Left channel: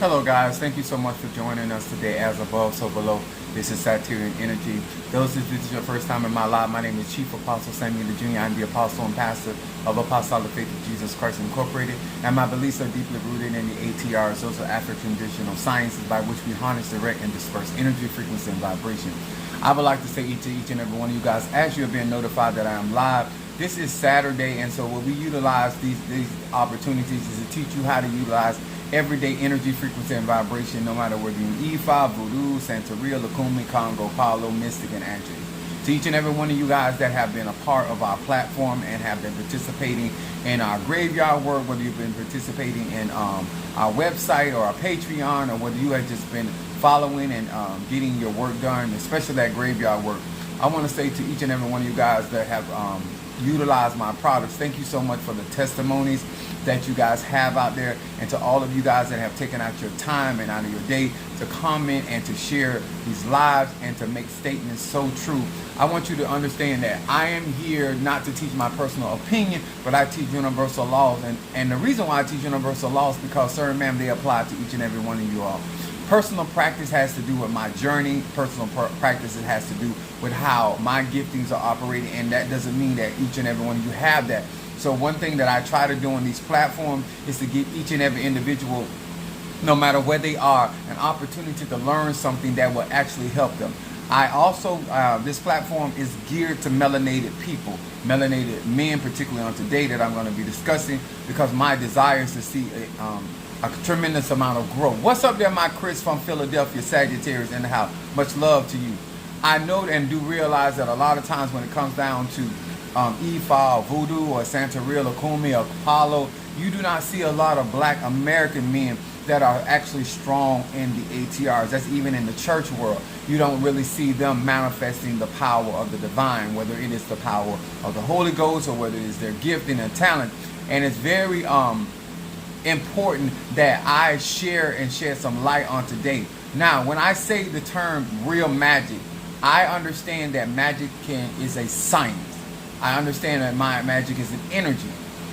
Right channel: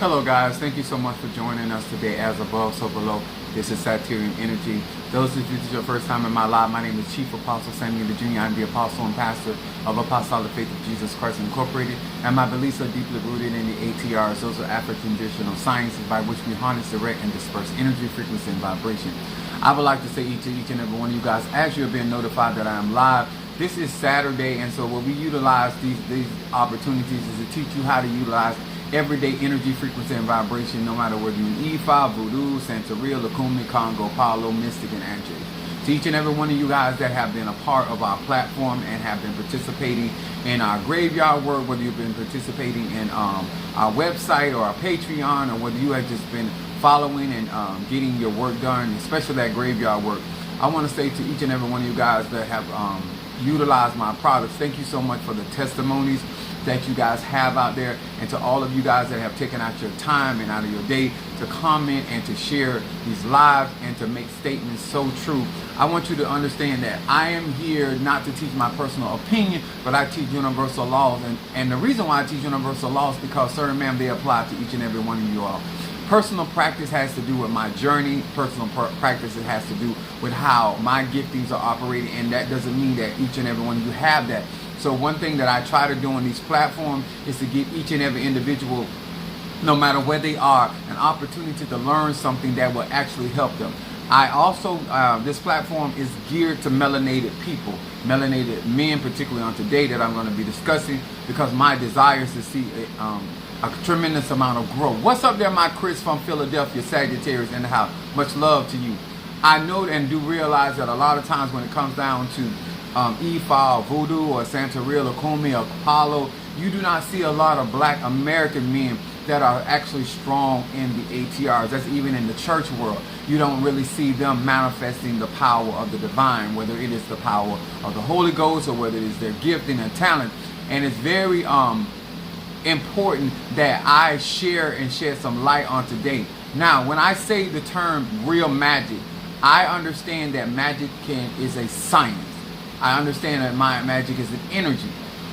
Hello guys, thank you so much for joining us today. As above, so below. This is Satyrian Energy. Those if this is your first time in my live, my name is Chief Apostle Samuel Jr. I'm the apostle and pastor of Apostolic Faith of Jesus Christ Incorporated, and my beliefs are deeply rooted in the ATRS, those are African traditional sciences by which we harness, direct, and disperse energy, frequency, and vibration. I would like to say to each and every one of you guys, as you're being notified that I am live, this is Saturday, and so what we utilize these opportunities is to teach you how to utilize everyday energy, frequency, and vibration, no matter whether you're Ifa, Voodoo, Santeria, Lukumi, Congo, Palo, Mystic, and Anjay. To each and every one of you guys that have been a part of our platform and have been participating in our graveyard work, whether you've been participating in our website or our Patreon, or whether you have just been following and getting your work done, especially that graveyard work, I want to say to each and every one of you guys that have utilized my products, thank you so much for the testimonies that you guys have out there, and to all of you guys that have taken out your time and out of your day to comment and to share these lives and to make statements so true. I want you to understand that I am here not to teach my personal opinion, but I teach universal laws, and the reason why I teach universal laws is because, sir and ma'am, they apply to each and every one of you all. Personal practice has to do with my journey. Personal practice it has to do with how my giftings are operating, and that doesn't mean that each and every one of you have that. So one thing that I try to do on these platforms is to give each and every individual, no matter where they are, an opportunity to learn something that will actually help them. I also, this platform is geared to melanated people, melanated men, particularly on today that I'm going to be discussing, because my desire is to see a tremendous amount of growth. What's up there, my Chris from Philadelphia, Sagittarius in the house? Much love to you. I know and do realize that a lot of times when it comes down to Ifa or Voodoo or Santeria, Lukumi or Apollo, you do not see a lot of black American men that are actually strong in the ATRs. That's even in the church world. You don't really see them manifesting the power of the divine, whether it is the power of the Holy Ghost or whether it is their gifting and talent. And it's very important that I share and shed some light on today. Now, when I say the term real magic, I understand that magic is a science. I understand that my magic is an energy.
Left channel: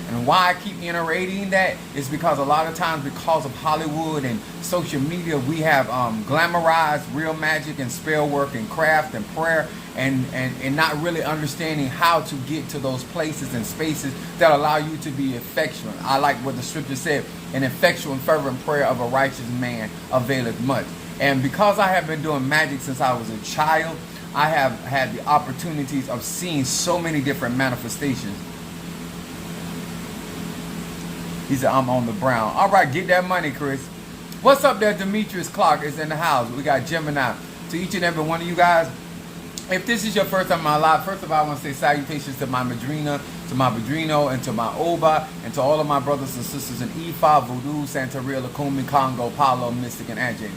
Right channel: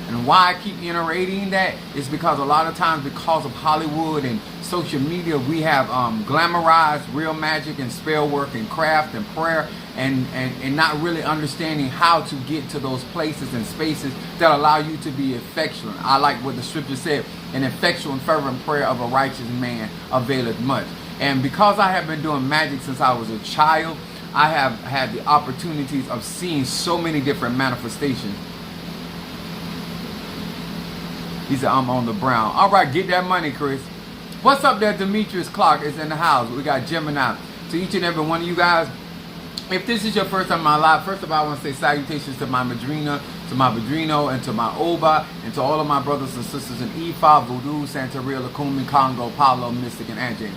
And why I keep iterating that is because a lot of times, because of Hollywood and social media, we have glamorized real magic and spell work and craft and prayer, and not really understanding how to get to those places and spaces that allow you to be effectual. I like what the scripture said, an effectual and fervent prayer of a righteous man availeth much. And because I have been doing magic since I was a child, I have had the opportunities of seeing so many different manifestations. He said, I'm on the brown. All right, get that money, Chris. What's up there? Demetrius Clark is in the house. We got Gemini. To each and every one of you guys, if this is your first time in my life, first of all, I want to say salutations to my Madrina, to my Padrino, and to my Oba, and to all of my brothers and sisters in Ifa, Voodoo, Santeria, Lukumi, Congo, Palo, Mystic, and Anjay.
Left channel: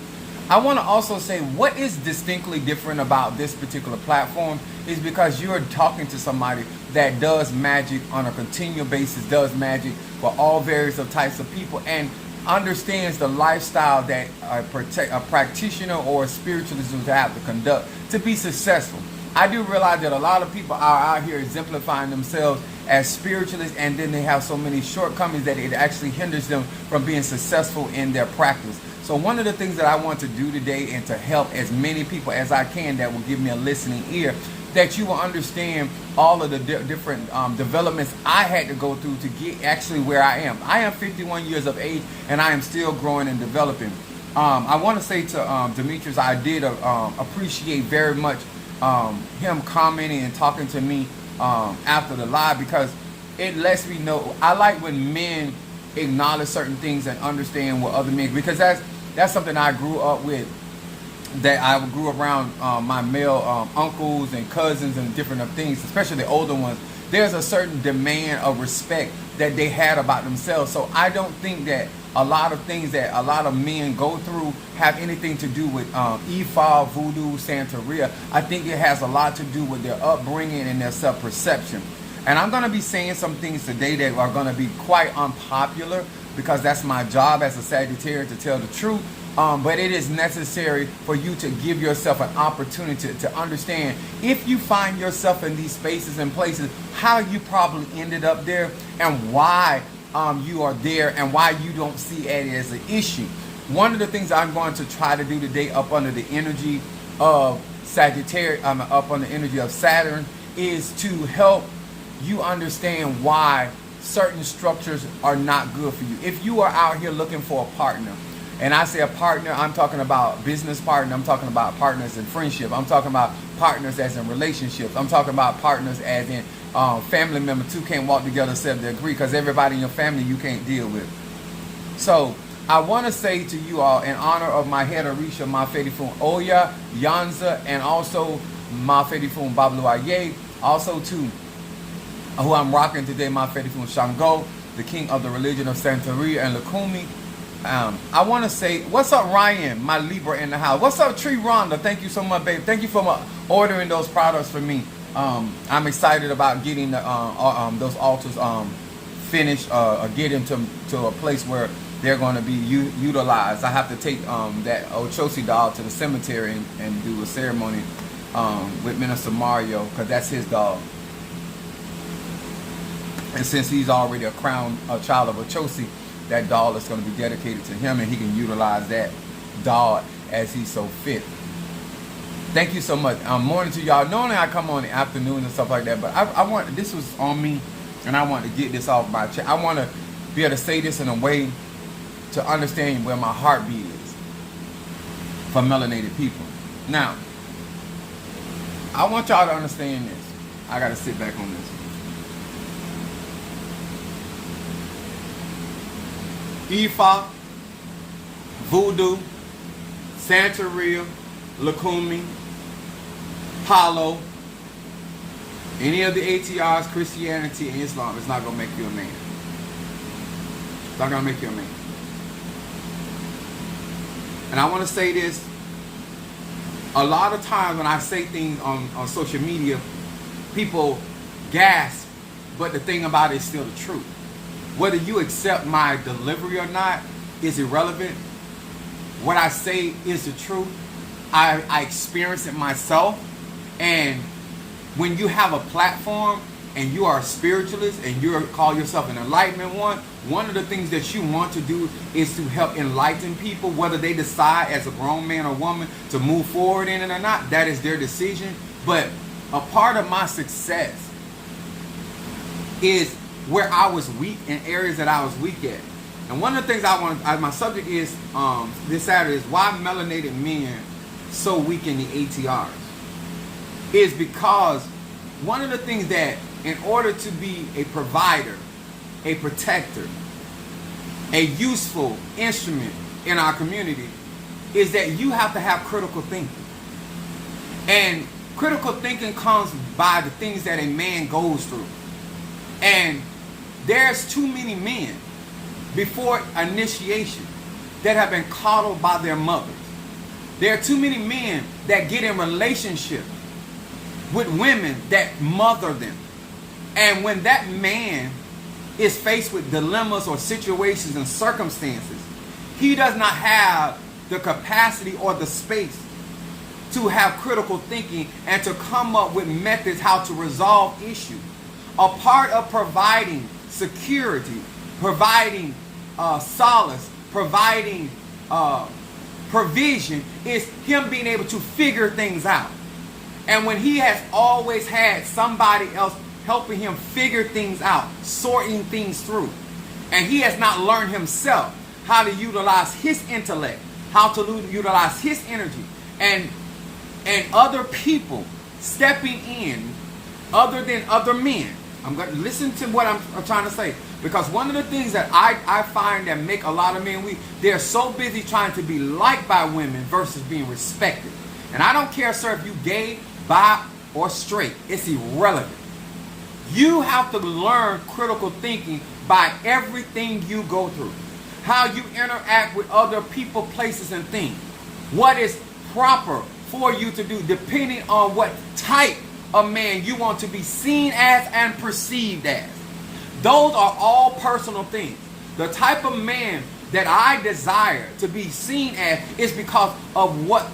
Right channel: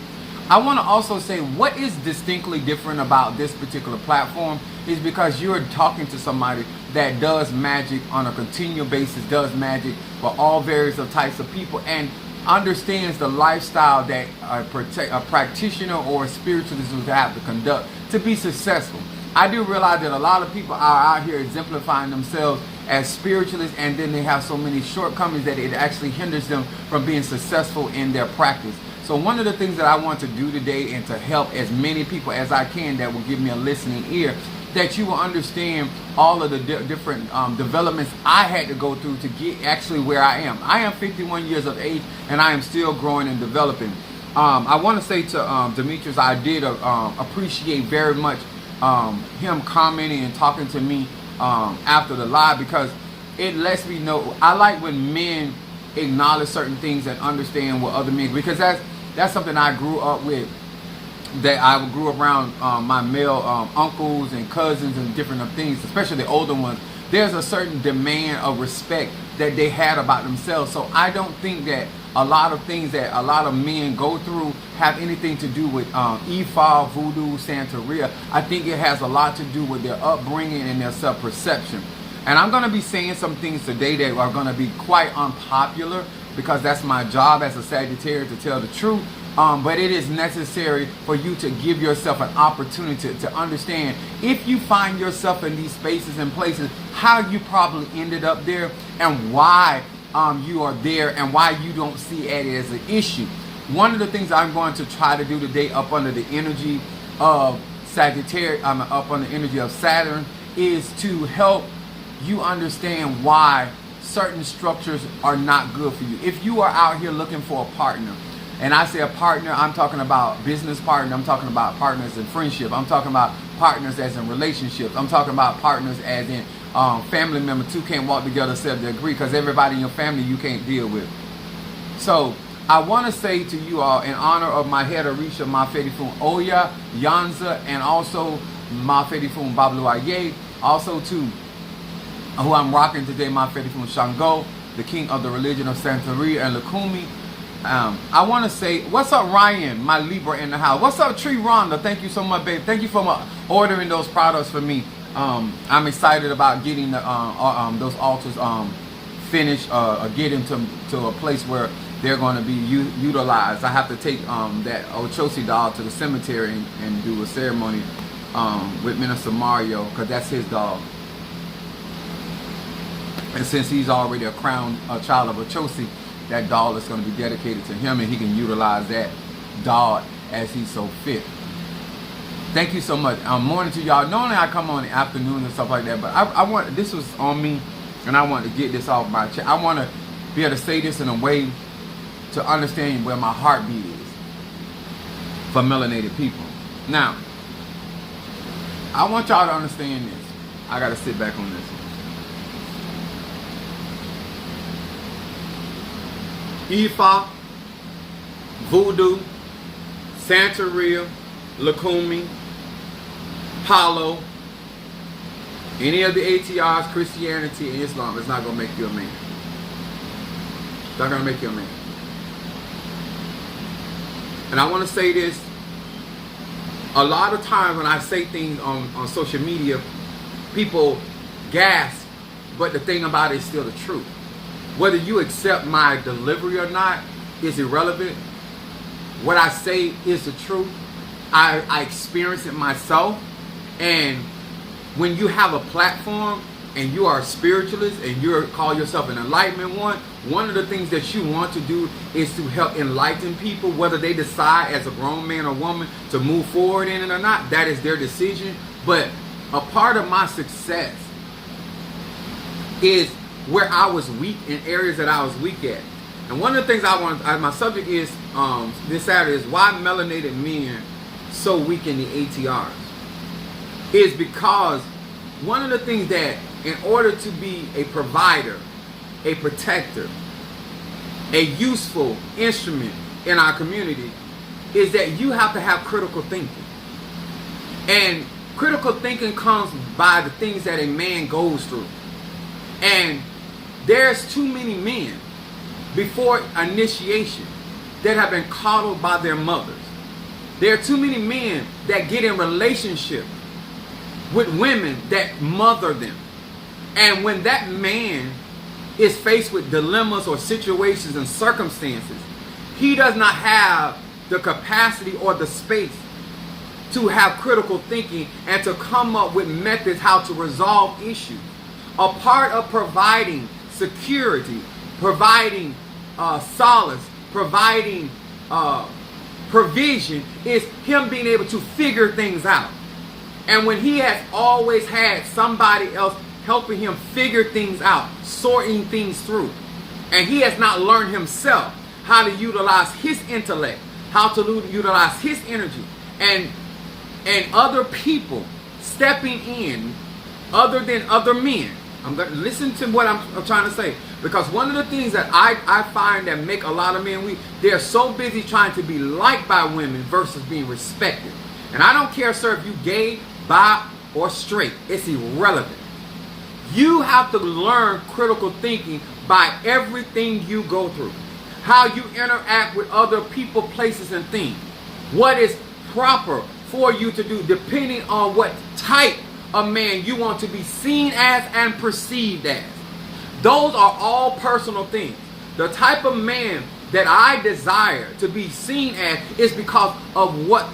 I want to also say what is distinctly different about this particular platform is because you're talking to somebody that does magic on a continual basis, does magic for all various types of people, and understands the lifestyle that a practitioner or a spiritualist would have to conduct to be successful. I do realize that a lot of people are out here exemplifying themselves as spiritualists, and then they have so many shortcomings that it actually hinders them from being successful in their practice. So one of the things that I want to do today, and to help as many people as I can that will give me a listening ear, that you will understand all of the different developments I had to go through to get actually where I am. I am 51 years of age, and I am still growing and developing. I want to say to Demetrius, I did appreciate very much him commenting and talking to me after the live, because it lets me know. I like when men acknowledge certain things and understand what other men, because that's something I grew up with, that I grew around my male uncles and cousins and different things, especially the older ones. There's a certain demand of respect that they had about themselves. So I don't think that a lot of things that a lot of men go through have anything to do with Ifa, Voodoo, Santeria. I think it has a lot to do with their upbringing and their self-perception. And I'm going to be saying some things today that are going to be quite unpopular, because that's my job as a Sagittarius, to tell the truth. But it is necessary for you to give yourself an opportunity to understand, if you find yourself in these spaces and places, how you probably ended up there, and why you are there, and why you don't see it as an issue. One of the things I'm going to try to do today up under the energy of Sagittarius, up under the energy of Saturn, is to help you understand why certain structures are not good for you. If you are out here looking for a partner, and I say a partner, I'm talking about business partner, I'm talking about partners in friendship, I'm talking about partners as in relationships, I'm talking about partners as in family members. Two can't walk together except they agree, because everybody in your family you can't deal with. So I want to say to you all, in honor of my head Orisha, Mafedifun Oya, Yanza, and also Mafedifun Babluaye, also to who I'm rocking today, Mafedifun Shango, the king of the religion of Santeria and Lukumi. I want to say, what's up, Ryan, my Libra in the house? What's up, Tree Rhonda? Thank you so much, babe. Thank you for ordering those products for me. I'm excited about getting those altars finished, get into a place where they're going to be utilized. I have to take that Ochosi dog to the cemetery and do a ceremony with Minister Mario, because that's his dog. And since he's already a child of Ochosi, that dog is going to be dedicated to him, and he can utilize that dog as he so fit. Thank you so much. Morning to y'all. Normally I come on in the afternoon and stuff like that, but I want, this was on me, and I want to get this off my chest. I want to be able to say this in a way to understand where my heartbeat is for melanated people. Now, I want y'all to understand this. I got to sit back on this. Ifa, Voodoo, Santeria, Lukumi, Palo, any of the ATRS, Christianity, and Islam is not going to make you a man. It's not going to make you a man. And I want to say this. A lot of times when I say things on social media, people gasp, but the thing about it is still the truth. Whether you accept my delivery or not is irrelevant. What I say is the truth. I experience it myself. And when you have a platform and you are a spiritualist and you call yourself an enlightenment one of the things that you want to do is to help enlighten people, whether they decide as a grown man or woman to move forward in it or not. That is their decision. But a part of my success is where I was weak, in areas that I was weak at. And one of the things my subject is this Saturday is why melanated men so weak in the ATRs. Is because one of the things that in order to be a provider, a protector, a useful instrument in our community is that you have to have critical thinking. And critical thinking comes by the things that a man goes through. And there's too many men before initiation that have been coddled by their mothers. There are too many men that get in relationship with women that mother them. And when that man is faced with dilemmas or situations and circumstances, he does not have the capacity or the space to have critical thinking and to come up with methods how to resolve issues. A part of providing security, providing solace, providing provision is him being able to figure things out. And when he has always had somebody else helping him figure things out, sorting things through, and he has not learned himself how to utilize his intellect, how to utilize his energy, and other people stepping in other than other men. I'm going to listen to what I'm trying to say, because one of the things that I find that make a lot of men weak, they're so busy trying to be liked by women versus being respected. And I don't care, sir, if you gay, bi, or straight. It's irrelevant. You have to learn critical thinking by everything you go through. How you interact with other people, places, and things. What is proper for you to do depending on what type of man you want to be seen as and perceived as. Those are all personal things. The type of man that I desire to be seen as is because of what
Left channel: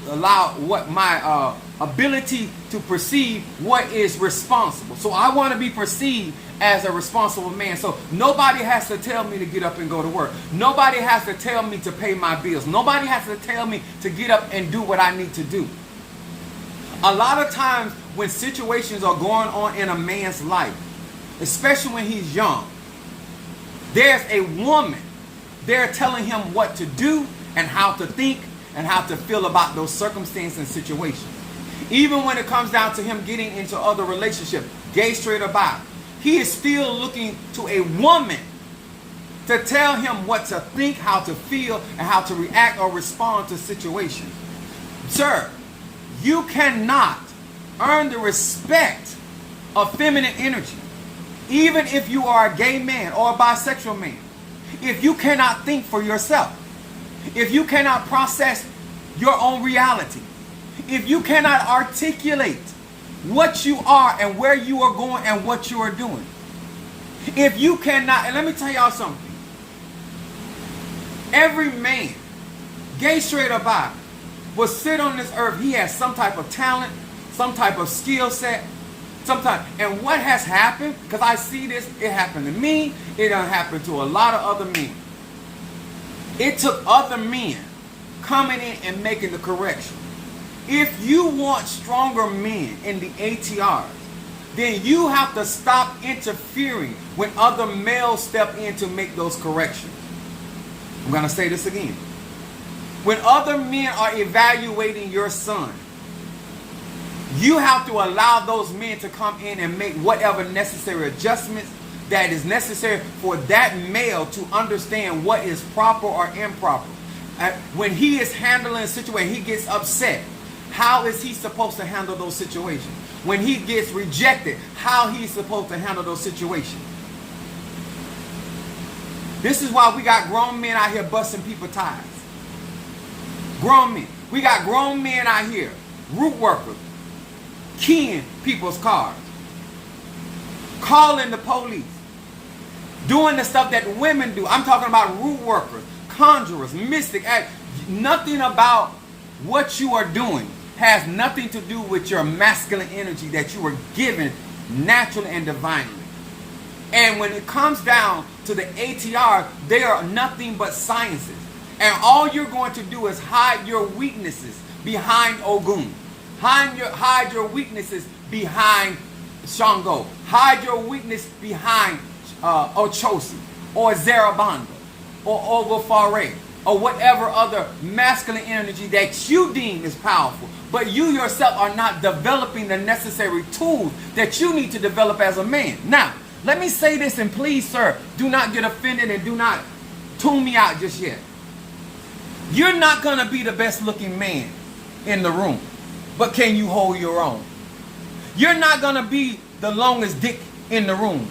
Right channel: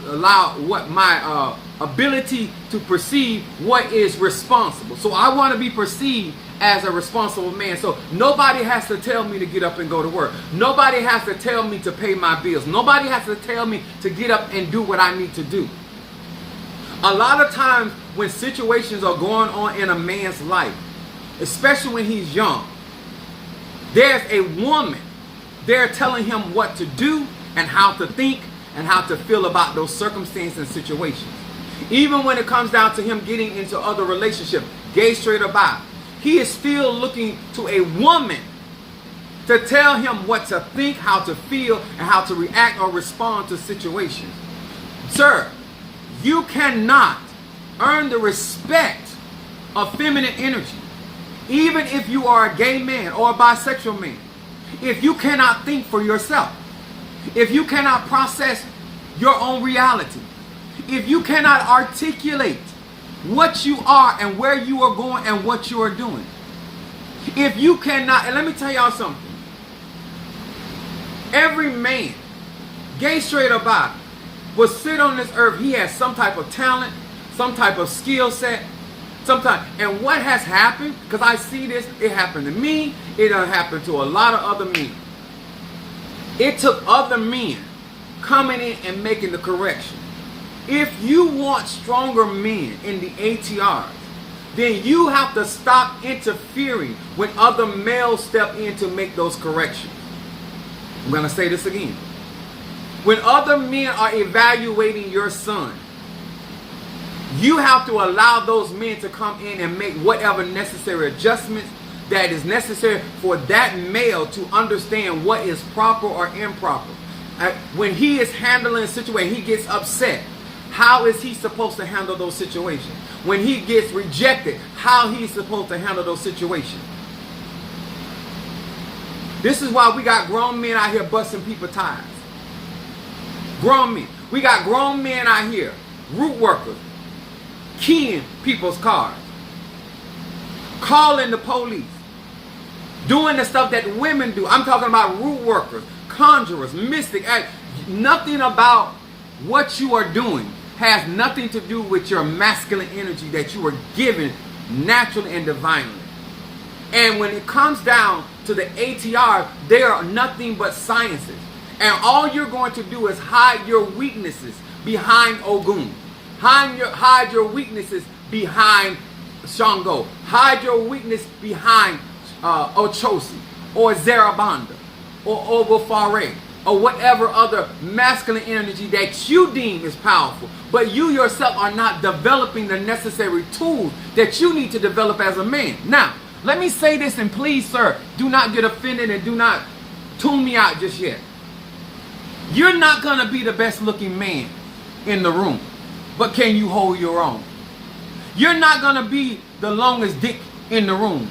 my ability to perceive what is responsible. So I want to be perceived as a responsible man. So nobody has to tell me to get up and go to work. Nobody has to tell me to pay my bills. Nobody has to tell me to get up and do what I need to do. A lot of times when situations are going on in a man's life, especially when he's young, there's a woman there telling him what to do and how to think and how to feel about those circumstances and situations. Even when it comes down to him getting into other relationships, gay, straight, or bi, he is still looking to a woman to tell him what to think, how to feel, and how to react or respond to situations. Sir, you cannot earn the respect of feminine energy, even if you are a gay man or a bisexual man, if you cannot think for yourself, if you cannot process your own reality, if you cannot articulate what you are and where you are going and what you are doing. If you cannot, and let me tell y'all something. Every man, gay, straight, or bi, will sit on this earth. He has some type of talent, some type of skill set, and what has happened, because I see this, it happened to me, it done happened to a lot of other men. It took other men coming in and making the correction. If you want stronger men in the ATRS, then you have to stop interfering when other males step in to make those corrections. I'm going to say this again. When other men are evaluating your son, you have to allow those men to come in and make whatever necessary adjustments that is necessary for that male to understand what is proper or improper. When he is handling a situation, he gets upset. How is he supposed to handle those situations? When he gets rejected, how he's supposed to handle those situations? This is why we got grown men out here busting people's tires. Grown men. We got grown men out here, root workers, keying people's cars, calling the police, doing the stuff that women do. I'm talking about root workers, conjurers, mystics. Nothing about what you are doing has nothing to do with your masculine energy that you were given naturally and divinely. And when it comes down to the ATR, they are nothing but sciences. And all you're going to do is hide your weaknesses behind Ogun. Hide your weaknesses behind Shango. Hide your weakness behind Ochosi or Zarabanda or Ogofare or whatever other masculine energy that you deem is powerful. But you yourself are not developing the necessary tools that you need to develop as a man. Now, let me say this, and please, sir, do not get offended and do not tune me out just yet. You're not going to be the best looking man in the room, but can you hold your own? You're not going to be the longest dick in the room,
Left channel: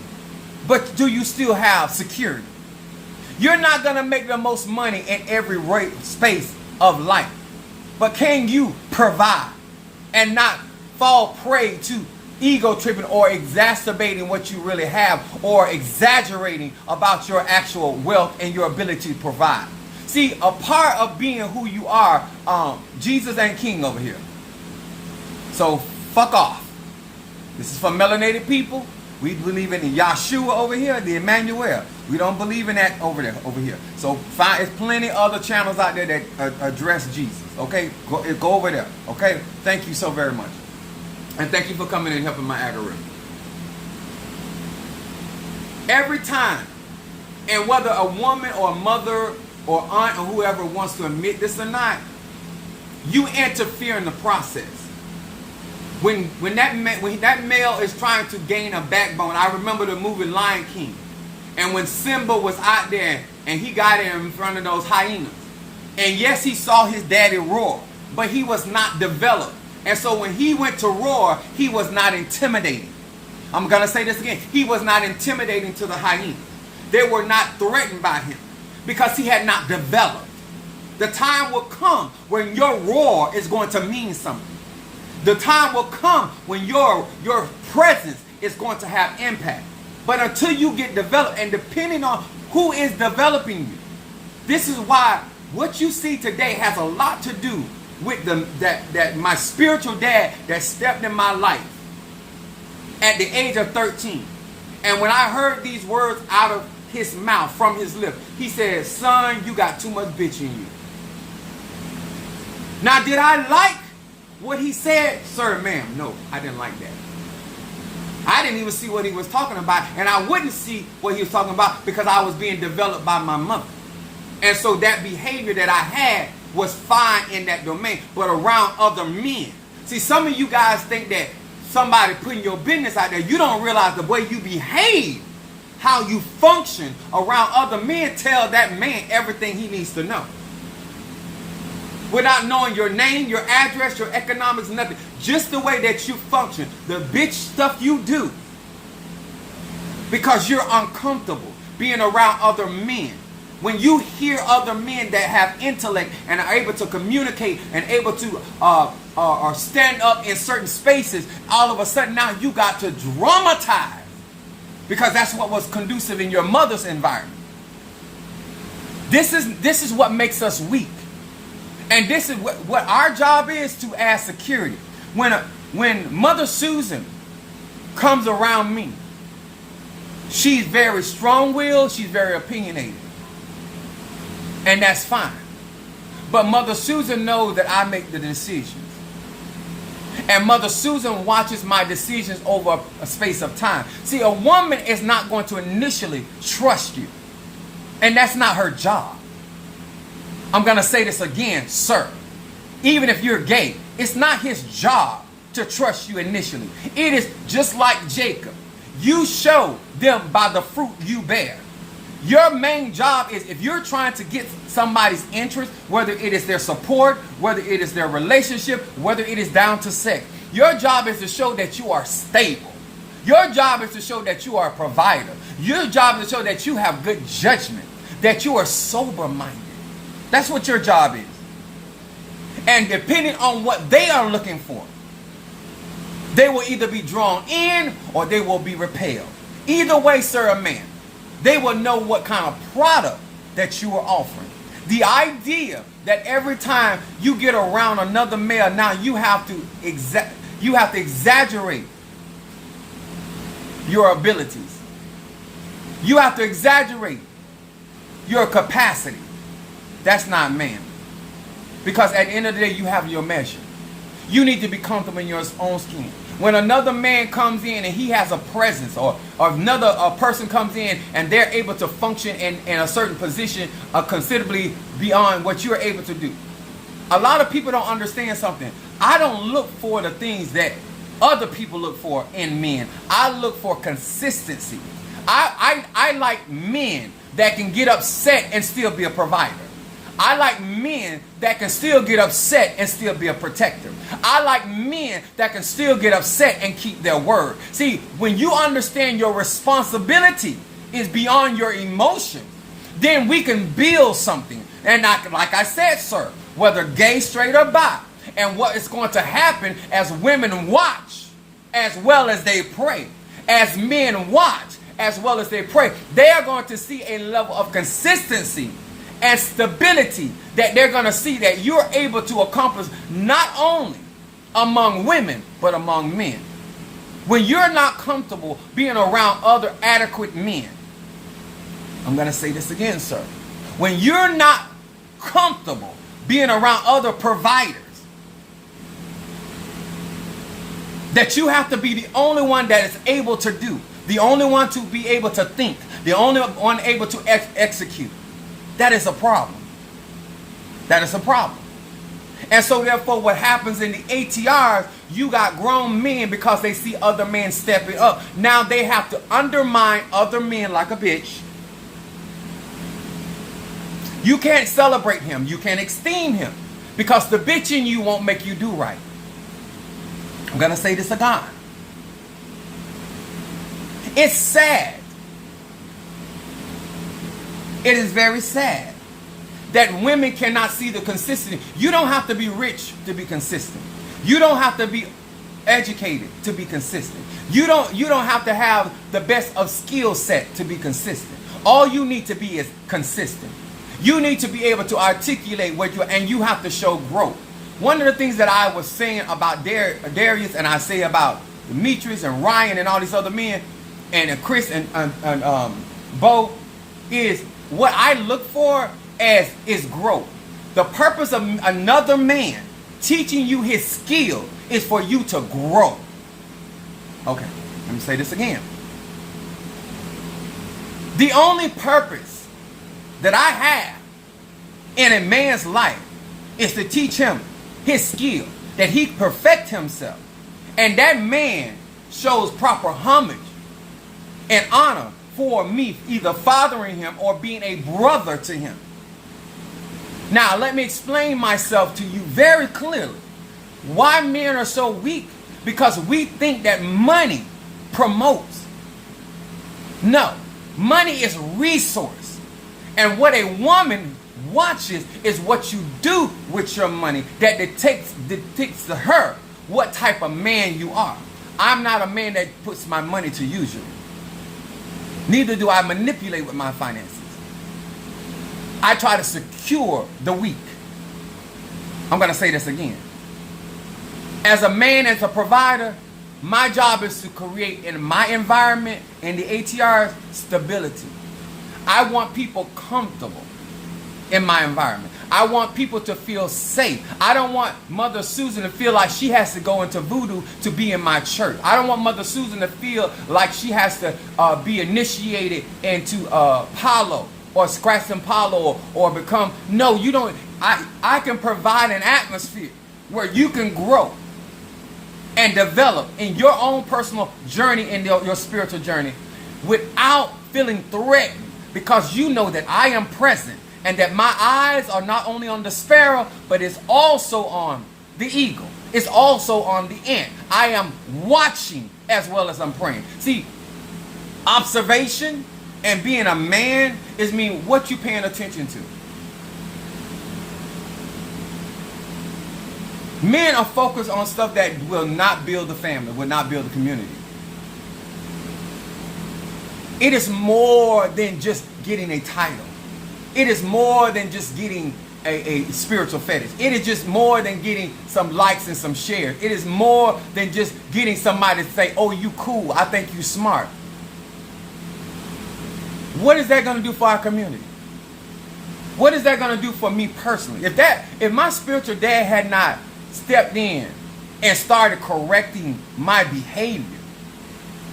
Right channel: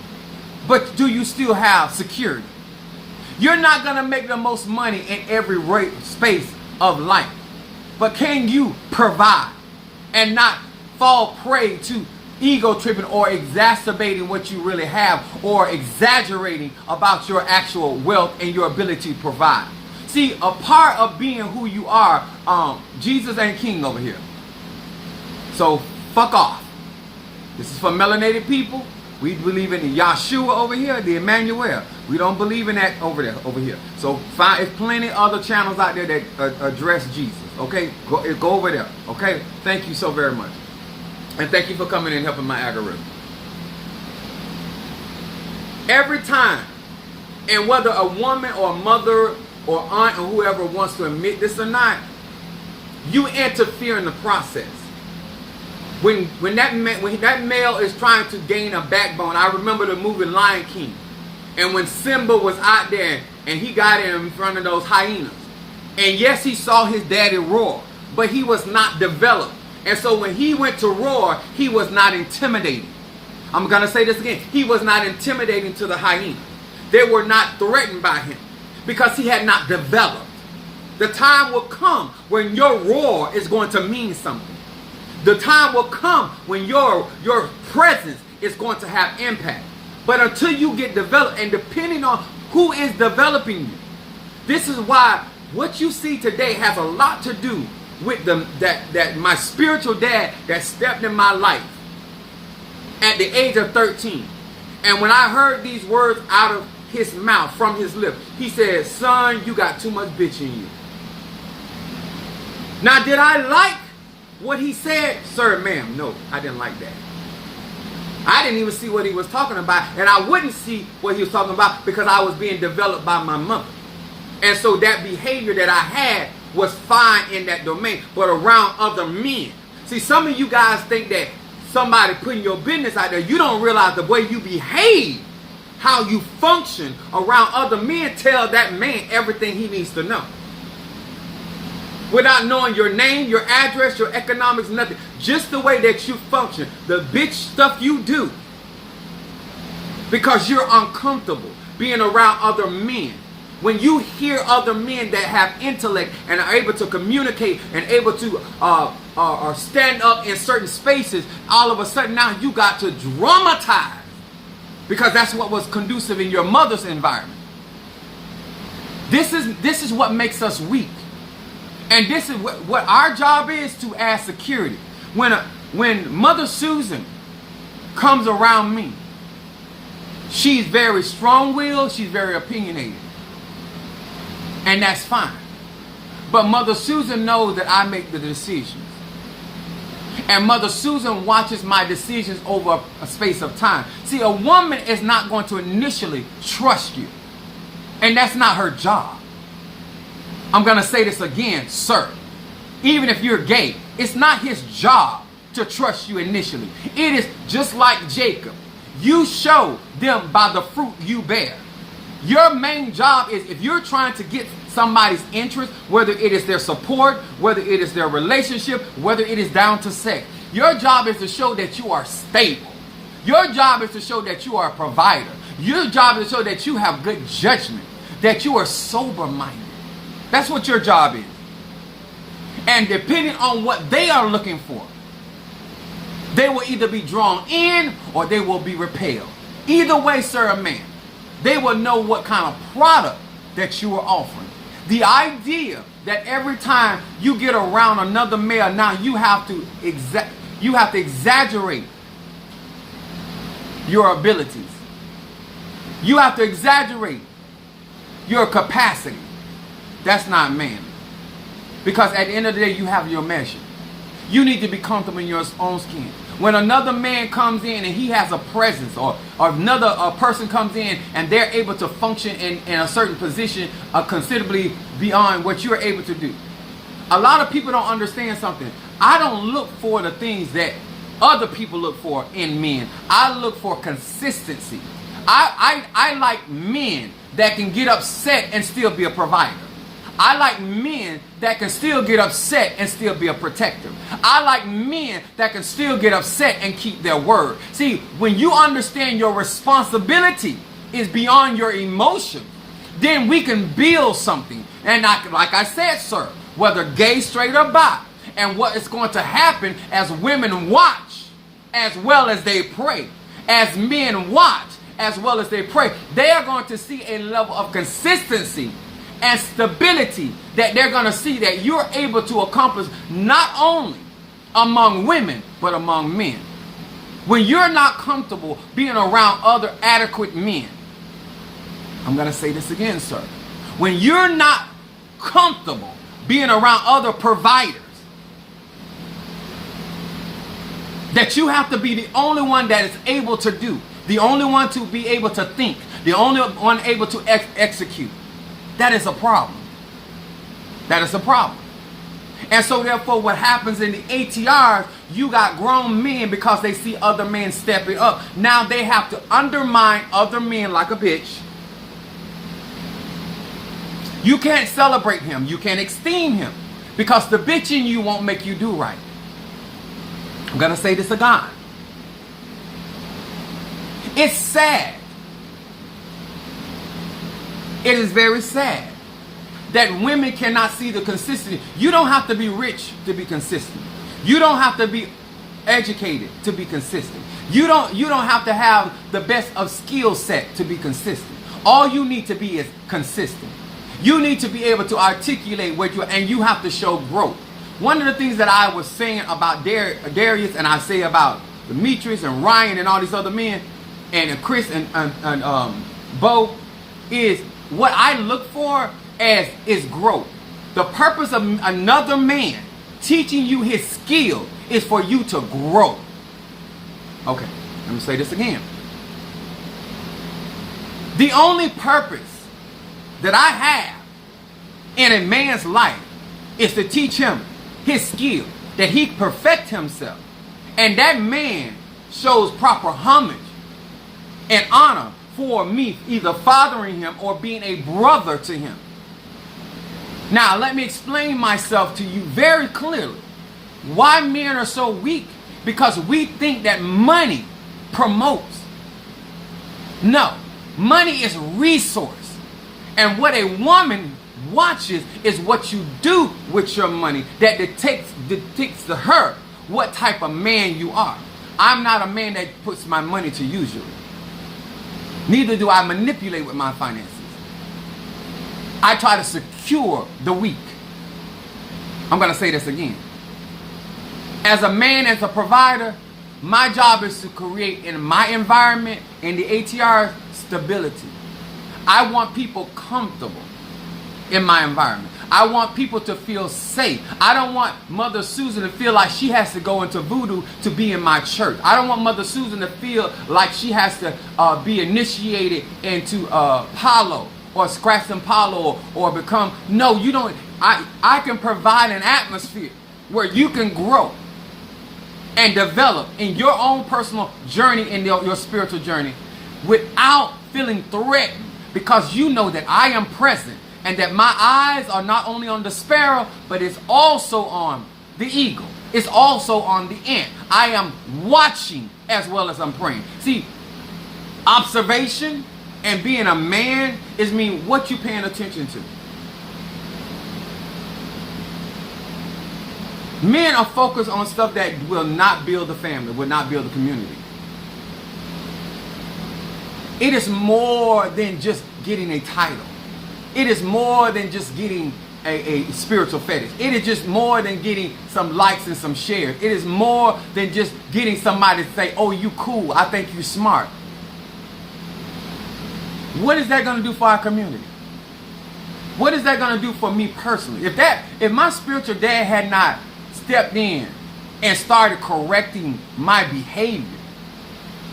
but do you still have security? You're not going to make the most money in every space of life, but can you provide and not fall prey to ego tripping or exacerbating what you really have or exaggerating about your actual wealth and your ability to provide? See, a part of being who you are, Jesus ain't king over here. So fuck off. This is for melanated people. We believe in Yahshua over here, the Emmanuel. We don't believe in that over here. So there's plenty other channels out there that address Jesus. Okay, go over there. Okay, thank you so very much, and thank you for coming and helping my algorithm. Every time, and whether a woman or a mother or aunt or whoever wants to admit this or not, you interfere in the process. When that male is trying to gain a backbone, I remember the movie Lion King, and when Simba was out there and he got in front of those hyenas, and yes, he saw his daddy roar, but he was not developed, and so when he went to roar, he was not intimidating. I'm gonna say this again: he was not intimidating to the hyenas. They were not threatened by him because he had not developed. The time will come when your roar is going to mean something. The time will come when your presence is going to have impact. But until you get developed, and depending on who is developing you, this is why what you see today has a lot to do with that my spiritual dad that stepped in my life at the age of 13. And when I heard these words out of his mouth, from his lips, he said, son, you got too much bitch in you. Now, did I like what he said? Sir, ma'am, no, I didn't like that. I didn't even see what he was talking about, and I wouldn't see what he was talking about because I was being developed by my mother. And so that behavior that I had was fine in that domain, but around other men. See, some of you guys think that somebody putting your business out there, you don't realize the way you behave, how you function around other men, tell that man everything he needs to know. Without knowing your name, your address, your economics, nothing. Just the way that you function, the bitch stuff you do. Because you're uncomfortable being around other men. When you hear other men that have intellect and are able to communicate and able to or stand up in certain spaces, all of a sudden now you got to dramatize. Because that's what was conducive in your mother's environment. This is what makes us weak. And this is what our job is, to add security. When Mother Susan comes around me, she's very strong-willed, she's very opinionated. And that's fine. But Mother Susan knows that I make the decisions. And Mother Susan watches my decisions over a space of time. See, a woman is not going to initially trust you. And that's not her job. I'm going to say this again, sir. Even if you're gay, it's not his job to trust you initially. It is just like Jacob. You show them by the fruit you bear. Your main job is, if you're trying to get somebody's interest, whether it is their support, whether it is their relationship, whether it is down to sex, your job is to show that you are stable. Your job is to show that you are a provider. Your job is to show that you have good judgment, that you are sober-minded. That's what your job is. And depending on what they are looking for, they will either be drawn in or they will be repelled. Either way, sir or ma'am, they will know what kind of product that you are offering. The idea that every time you get around another male, now you have to exaggerate your abilities. You have to exaggerate your capacity. That's not man. Because at the end of the day, you have your measure. You need to be comfortable in your own skin. When another man comes in and he has a presence, or another person comes in and they're able to function in a certain position considerably beyond what you're able to do. A lot of people don't understand something. I don't look for the things that other people look for in men. I look for consistency. I like men that can get upset and still be a provider. I like men that can still get upset and still be a protector. I like men that can still get upset and keep their word. See, when you understand your responsibility is beyond your emotion, then we can build something. And like I said, sir, whether gay, straight, or bi, and what is going to happen as women watch as well as they pray, as men watch as well as they pray, they are going to see a level of consistency and stability that they're going to see that you're able to accomplish not only among women, but among men. When you're not comfortable being around other adequate men, I'm going to say this again, sir. When you're not comfortable being around other providers, that you have to be the only one that is able to do, the only one to be able to think, the only one able to execute, that is a problem. That is a problem. And so therefore what happens in the ATRs, you got grown men because they see other men stepping up. Now they have to undermine other men like a bitch. You can't celebrate him. You can't esteem him. Because the bitch in you won't make you do right. I'm going to say this again. It's sad. It is very sad that women cannot see the consistency. You don't have to be rich to be consistent. You don't have to be educated to be consistent. You don't have to have the best of skill set to be consistent. All you need to be is consistent. You need to be able to articulate what you are, and you have to show growth. One of the things that I was saying about Darius, and I say about Demetrius and Ryan and all these other men, and Chris and Bo, is what I look for as is growth. The purpose of another man teaching you his skill is for you to grow. Okay, let me say this again. The only purpose that I have in a man's life is to teach him his skill, that he perfect himself, and that man shows proper homage and honor for me, either fathering him or being a brother to him. Now, let me explain myself to you very clearly. Why men are so weak? Because we think that money promotes. No, money is resource. And what a woman watches is what you do with your money that dictates to her what type of man you are. I'm not a man that puts my money to use. Neither do I manipulate with my finances. I try to secure the weak. I'm going to say this again. As a man, as a provider, my job is to create in my environment, in the ATRS, stability. I want people comfortable in my environment. I want people to feel safe. I don't want Mother Susan to feel like she has to go into voodoo to be in my church. I don't want Mother Susan to feel like she has to be initiated into Palo or scratch some Palo or become. No, you don't. I can provide an atmosphere where you can grow and develop in your own personal journey and your spiritual journey without feeling threatened, because you know that I am present and that my eyes are not only on the sparrow, but it's also on the eagle. It's also on the ant. I am watching as well as I'm praying. See, observation and being a man is mean what you paying attention to. Men are focused on stuff that will not build the family, will not build the community. It is more than just getting a title. It is more than just getting a spiritual fetish. It is just more than getting some likes and some shares. It is more than just getting somebody to say, oh, you cool, I think you smart. What is that going to do for our community? What is that going to do for me personally? If my spiritual dad had not stepped in and started correcting my behavior,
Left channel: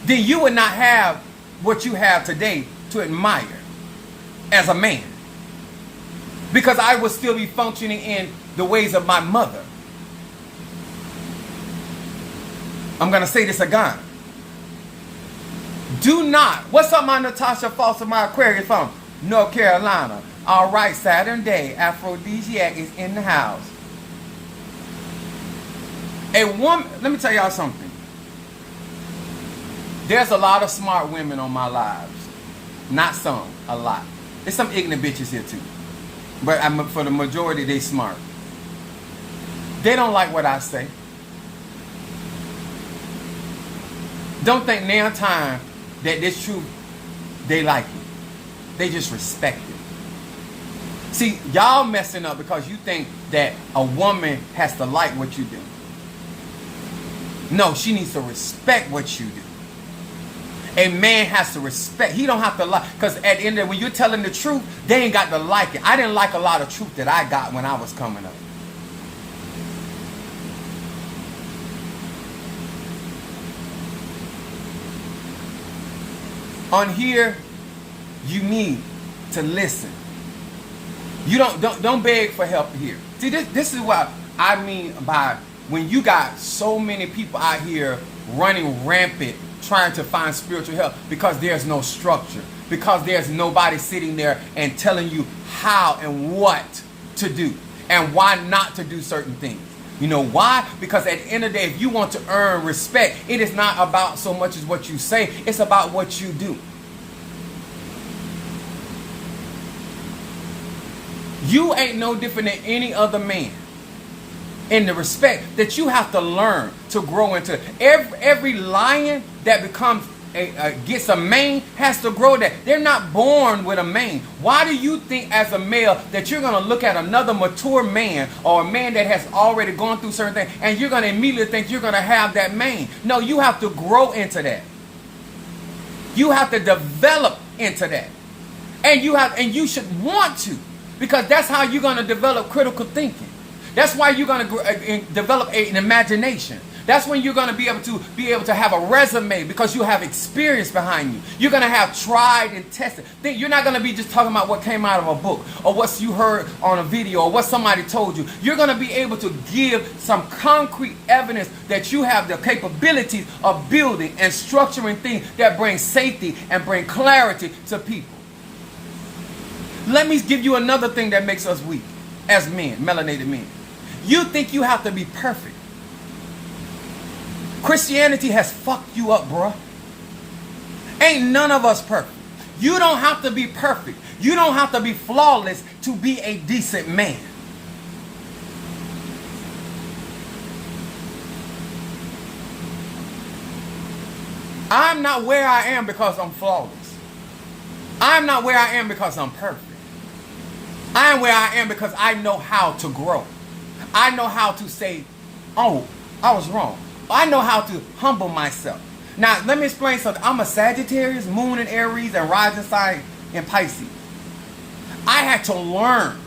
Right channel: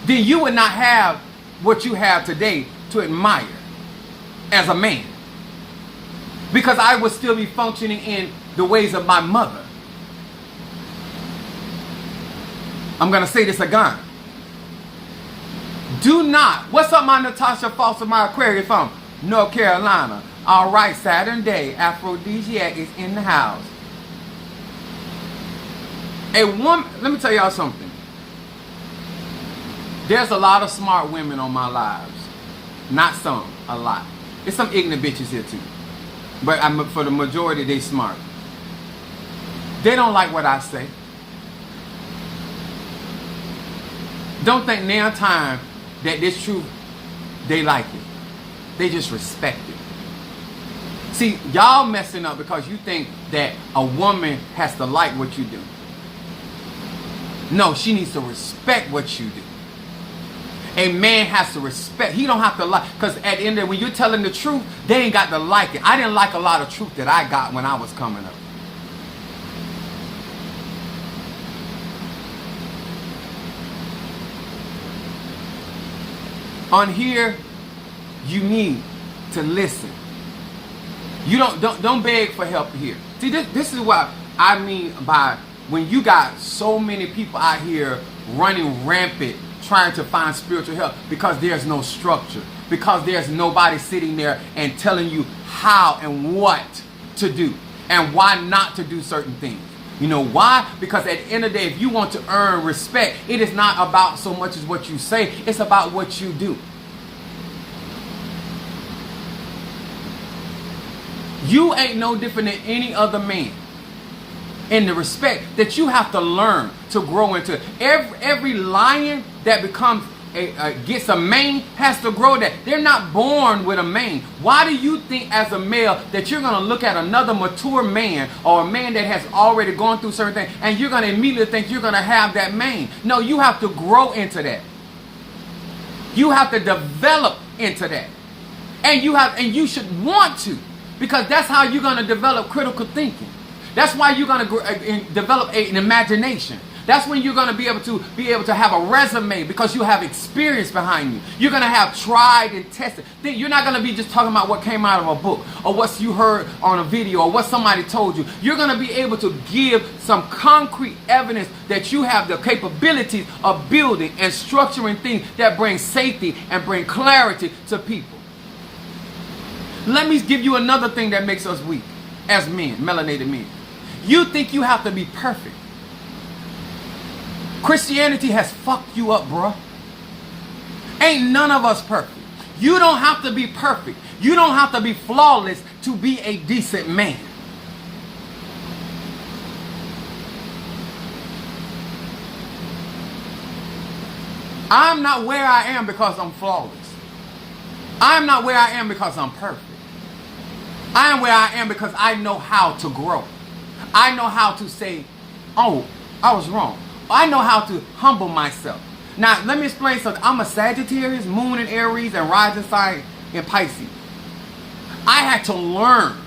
then you would not have what you have today to admire as a man. Because I would still be functioning in the ways of my mother. I'm going to say this again. Do not. What's up, my Natasha Foster, my Aquarius from North Carolina? All right, Saturn Day, Aphrodisiac is in the house. A woman, let me tell y'all something. There's a lot of smart women on my lives. Not some, a lot. There's some ignorant bitches here too. But for the majority, they smart. They don't like what I say. Don't think now time that this truth, they like it. They just respect it. See, y'all messing up because you think that a woman has to like what you do. No, she needs to respect what you do. A man has to respect. He don't have to like, because at the end of it, when you're telling the truth, they ain't got to like it. I didn't like a lot of truth that I got when I was coming up. On here, you need to listen. You don't beg for help here. See, this is what I mean by when you got so many people out here running rampant trying to find spiritual help, because there's no structure, because there's nobody sitting there and telling you how and what to do and why not to do certain things. You know why? Because at the end of the day, if you want to earn respect, it is not about so much as what you say, it's about what you do. You ain't no different than any other man in the respect that you have to learn to grow into. Every lion that becomes gets a mane has to grow that. They're not born with a mane. Why do you think as a male that you're going to look at another mature man or a man that has already gone through certain things and you're going to immediately think you're going to have that mane? No, you have to grow into that. You have to develop into that. And you should want to, because that's how you're going to develop critical thinking. That's why you're going to develop an imagination. That's when you're going to be able to have a resume, because you have experience behind you. You're going to have tried and tested. You're not going to be just talking about what came out of a book or what you heard on a video or what somebody told you. You're going to be able to give some concrete evidence that you have the capabilities of building and structuring things that bring safety and bring clarity to people. Let me give you another thing that makes us weak as men, melanated men. You think you have to be perfect. Christianity has fucked you up, bruh. Ain't none of us perfect. You don't have to be perfect. You don't have to be flawless to be a decent man. I'm not where I am because I'm flawless. I'm not where I am because I'm perfect. I am where I am because I know how to grow. I know how to say, oh, I was wrong. I know how to humble myself. Now, let me explain something. I'm a Sagittarius, Moon in Aries, and rising sign in Pisces. I had to learn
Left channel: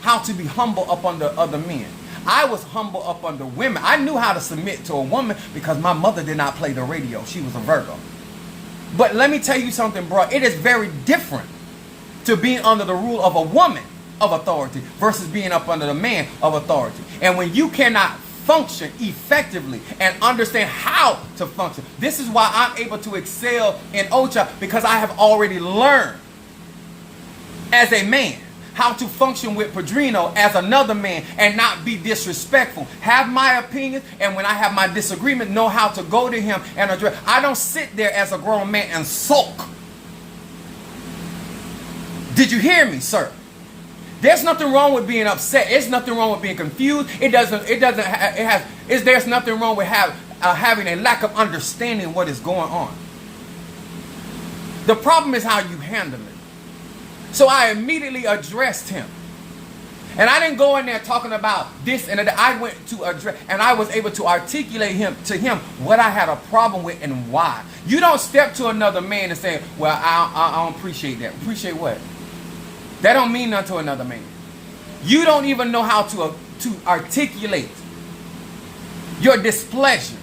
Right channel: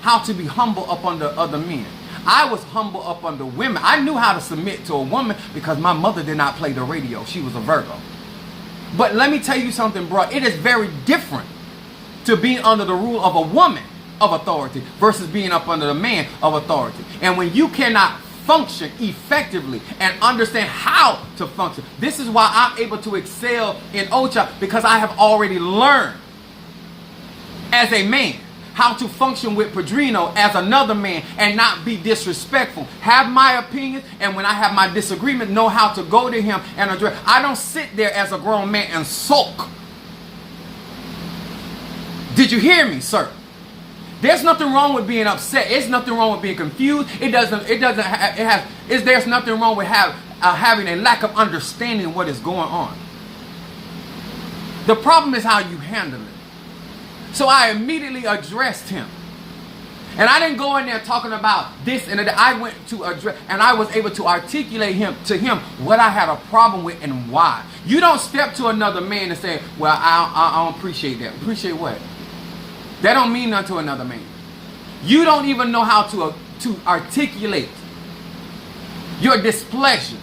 how to be humble up under other men. I was humble up under women. I knew how to submit to a woman because my mother did not play the radio. She was a Virgo. But let me tell you something, bro. It is very different to be under the rule of a woman of authority versus being up under the man of authority. And when you cannot function effectively and understand how to function, this is why I'm able to excel in OCHA, because I have already learned as a man how to function with Padrino as another man and not be disrespectful. Have my opinions, and when I have my disagreement, know how to go to him and address. I don't sit there as a grown man and sulk. Did you hear me, sir? There's nothing wrong with being upset. There's nothing wrong with being confused. There's nothing wrong with having a lack of understanding of what is going on. The problem is how you handle it. So I immediately addressed him. And I didn't go in there talking about this and that. I went to address, and I was able to articulate to him what I had a problem with and why. You don't step to another man and say, well, I don't appreciate that. Appreciate what? That don't mean nothing to another man. You don't even know how to articulate your displeasure.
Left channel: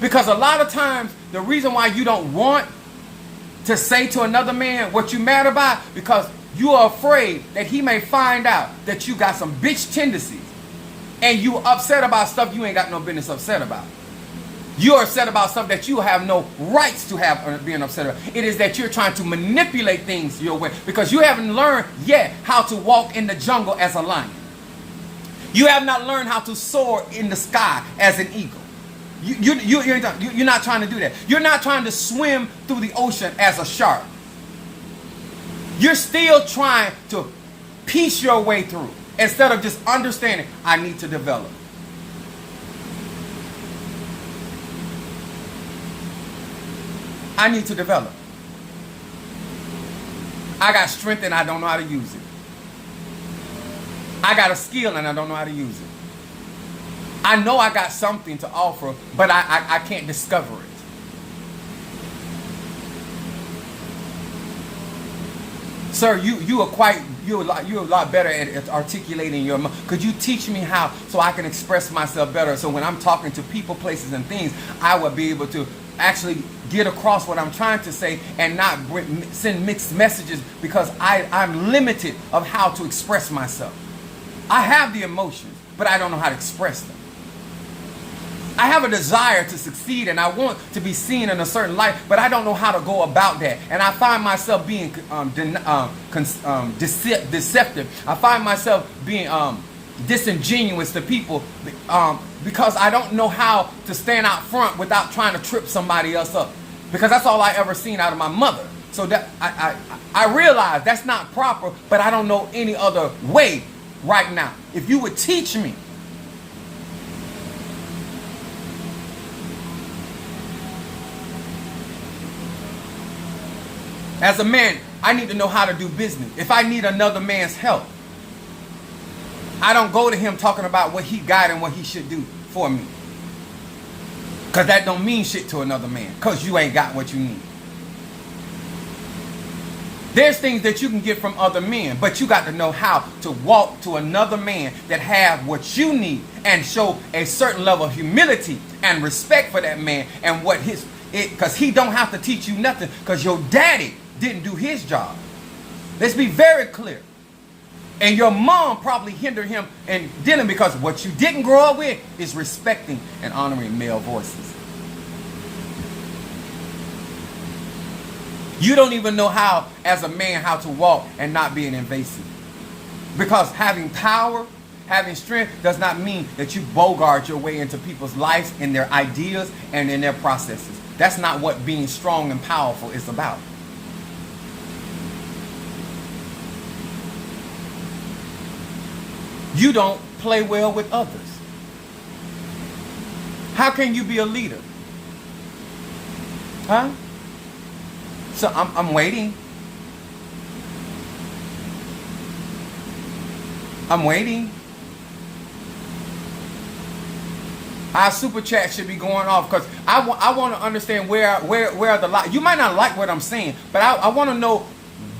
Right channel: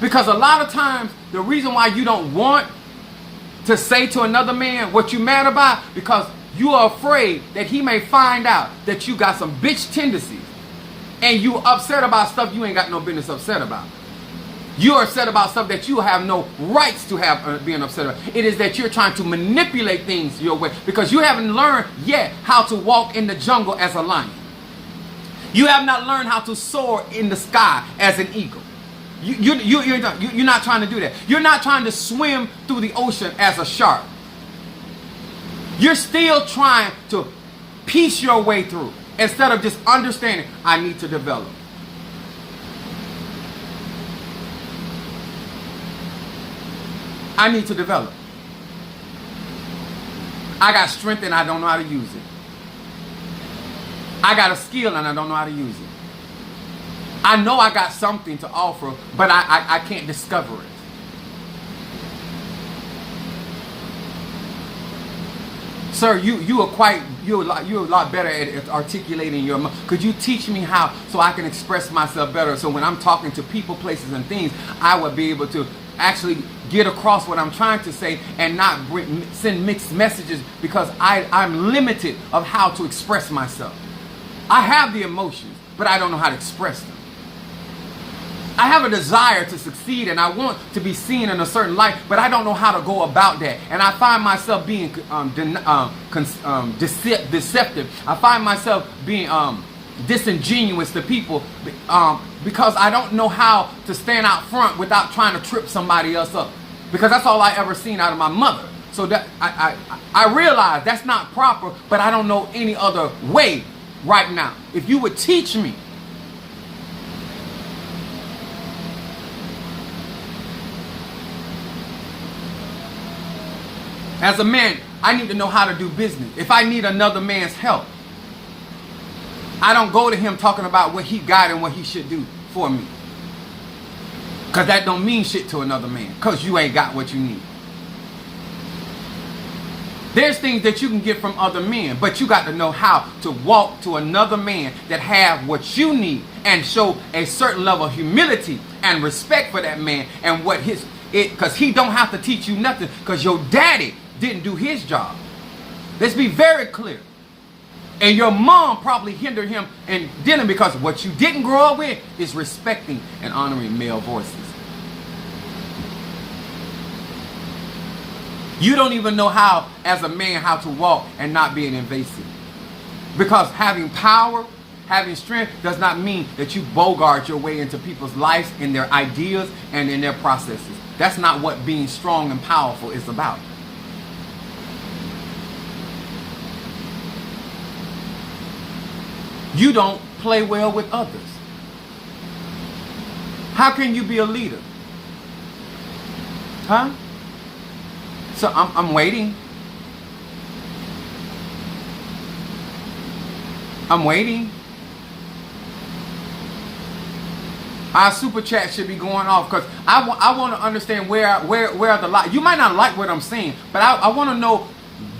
Because a lot of times, the reason why you don't want to say to another man what you're mad about, because you are afraid that he may find out that you got some bitch tendencies and you upset about stuff you ain't got no business upset about. You're upset about stuff that you have no rights to have being upset about. It is that you're trying to manipulate things your way because you haven't learned yet how to walk in the jungle as a lion. You have not learned how to soar in the sky as an eagle. You're not trying to do that. You're not trying to swim through the ocean as a shark. You're still trying to piece your way through instead of just understanding, I need to develop. I need to develop. I got strength and I don't know how to use it. I got a skill and I don't know how to use it. I know I got something to offer, but I can't discover it. Sir, you're a lot better at articulating your mind. Could you teach me how so I can express myself better? So when I'm talking to people, places, and things, I would be able to actually get across what I'm trying to say and not send mixed messages because I'm limited of how to express myself. I have the emotions, but I don't know how to express them. I have a desire to succeed and I want to be seen in a certain light, but I don't know how to go about that. And I find myself being deceptive. I find myself being disingenuous to people because I don't know how to stand out front without trying to trip somebody else up. Because that's all I ever seen out of my mother. So that I realize that's not proper, but I don't know any other way right now. If you would teach me. As a man, I need to know how to do business. If I need another man's help, I don't go to him talking about what he got and what he should do for me. Because that don't mean shit to another man. Because you ain't got what you need. There's things that you can get from other men, but you got to know how to walk to another man that have what you need and show a certain level of humility and respect for that man and what because he don't have to teach you nothing because your daddy didn't do his job. Let's be very clear. And your mom probably hindered him in dealing because what you didn't grow up with is respecting and honoring male voices. You don't even know how, as a man, how to walk and not being invasive. Because having power, having strength does not mean that you bogart your way into people's lives and their ideas and in their processes. That's not what being strong and powerful is about. You don't play well with others. How can you be a leader? Huh? So I'm waiting. I'm waiting. Our super chat should be going off because I want to understand where the lie. You might not like what I'm saying, but I want to know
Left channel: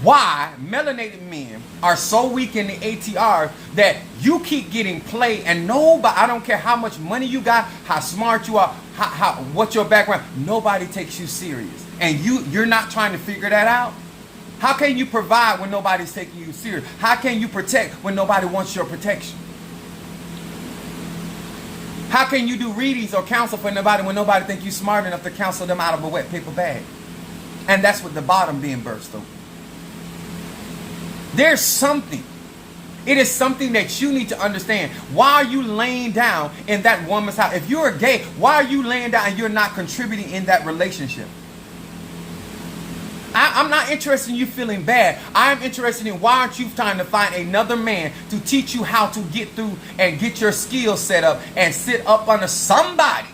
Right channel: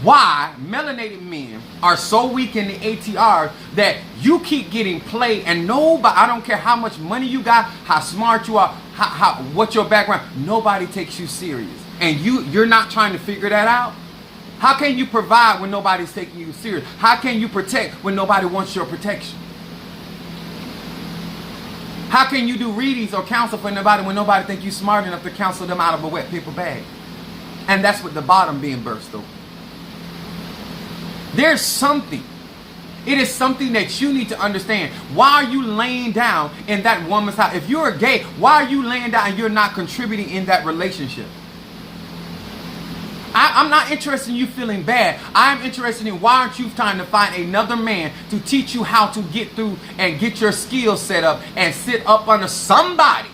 why melanated men are so weak in the ATRs that you keep getting played and nobody, I don't care how much money you got, how smart you are, what your background, nobody takes you serious. And you're not trying to figure that out? How can you provide when nobody's taking you serious? How can you protect when nobody wants your protection? How can you do readings or counsel for nobody when nobody thinks you're smart enough to counsel them out of a wet paper bag? And that's what the bottom being burst over. There's something. It is something that you need to understand. Why are you laying down in that woman's house? If you're gay, why are you laying down and you're not contributing in that relationship? I'm not interested in you feeling bad. I'm interested in why aren't you trying to find another man to teach you how to get through and get your skills set up and sit up under somebody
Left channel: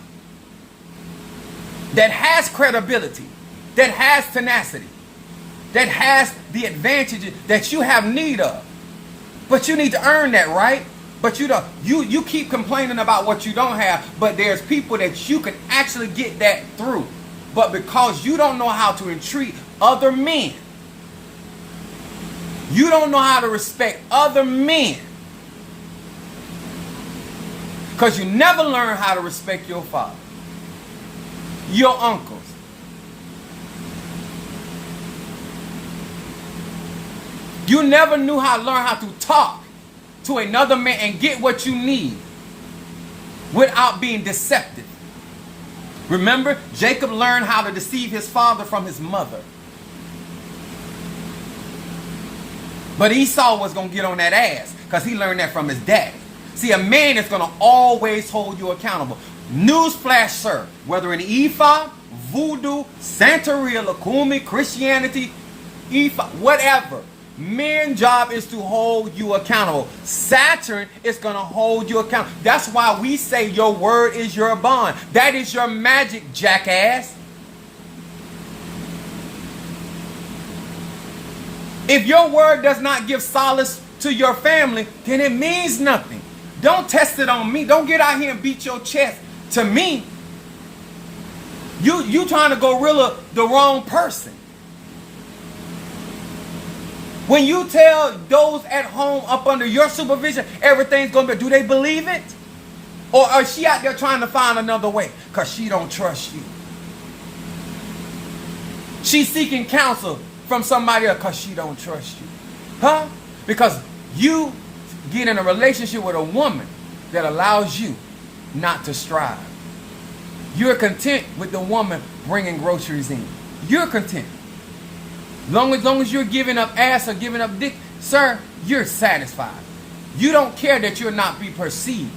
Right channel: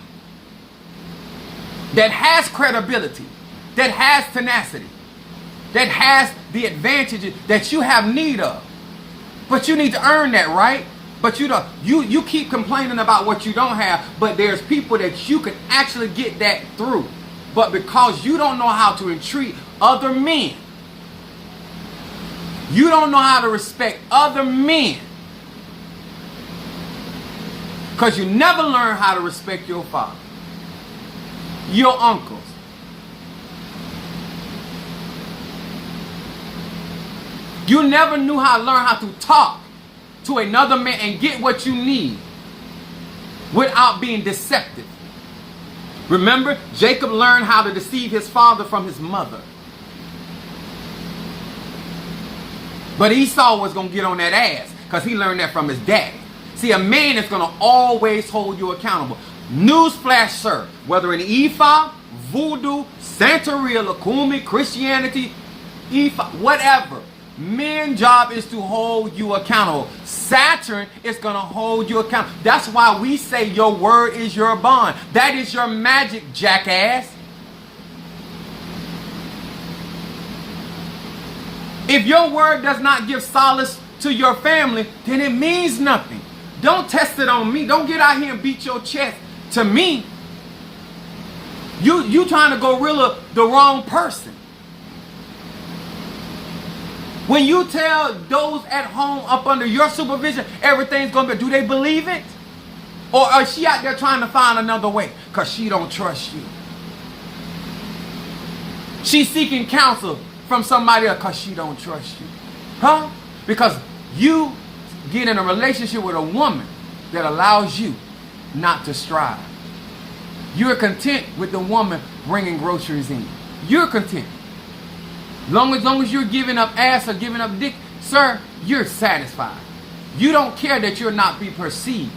that has credibility, that has tenacity, that has the advantages that you have need of. But you need to earn that, right? But you don't. You keep complaining about what you don't have, but there's people that you can actually get that through. But because you don't know how to entreat other men, you don't know how to respect other men, because you never learn how to respect your father, your uncles. You never knew how to learn how to talk to another man and get what you need without being deceptive. Remember, Jacob learned how to deceive his father from his mother. But Esau was going to get on that ass because he learned that from his daddy. See, a man is going to always hold you accountable. Newsflash, sir. Whether in Ifa, Voodoo, Santeria, Lakumi, Christianity, Ifa, whatever. Men's job is to hold you accountable. Saturn is going to hold you accountable. That's why we say your word is your bond. That is your magic, jackass. If your word does not give solace to your family, then it means nothing. Don't test it on me. Don't get out here and beat your chest to me. You trying to gorilla the wrong person. When you tell those at home up under your supervision, everything's going to be, do they believe it? Or is she out there trying to find another way? Because she don't trust you. She's seeking counsel from somebody else because she don't trust you. Huh? Because you get in a relationship with a woman that allows you not to strive. You're content with the woman bringing groceries in. You're content. Long as you're giving up ass or giving up dick, sir, you're satisfied. You don't care that you'll not be perceived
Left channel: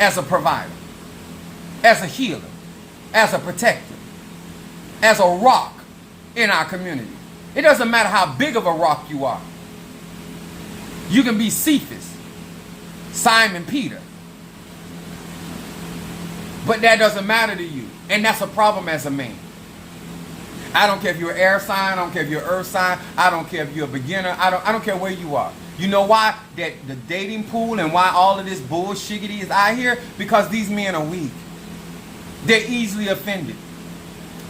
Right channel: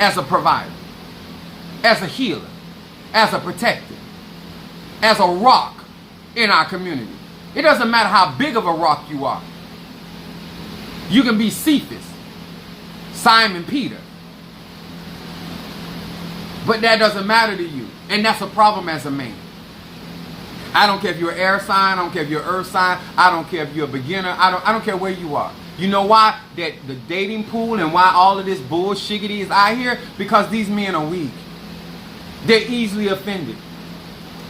as a provider, as a healer, as a protector, as a rock in our community. It doesn't matter how big of a rock you are. You can be Cephas, Simon Peter. But that doesn't matter to you. And that's a problem as a man. I don't care if you're an air sign. I don't care if you're an earth sign. I don't care if you're a beginner. I don't care where you are. You know why? That the dating pool and why all of this bullshiggity is out here? Because these men are weak. They're easily offended.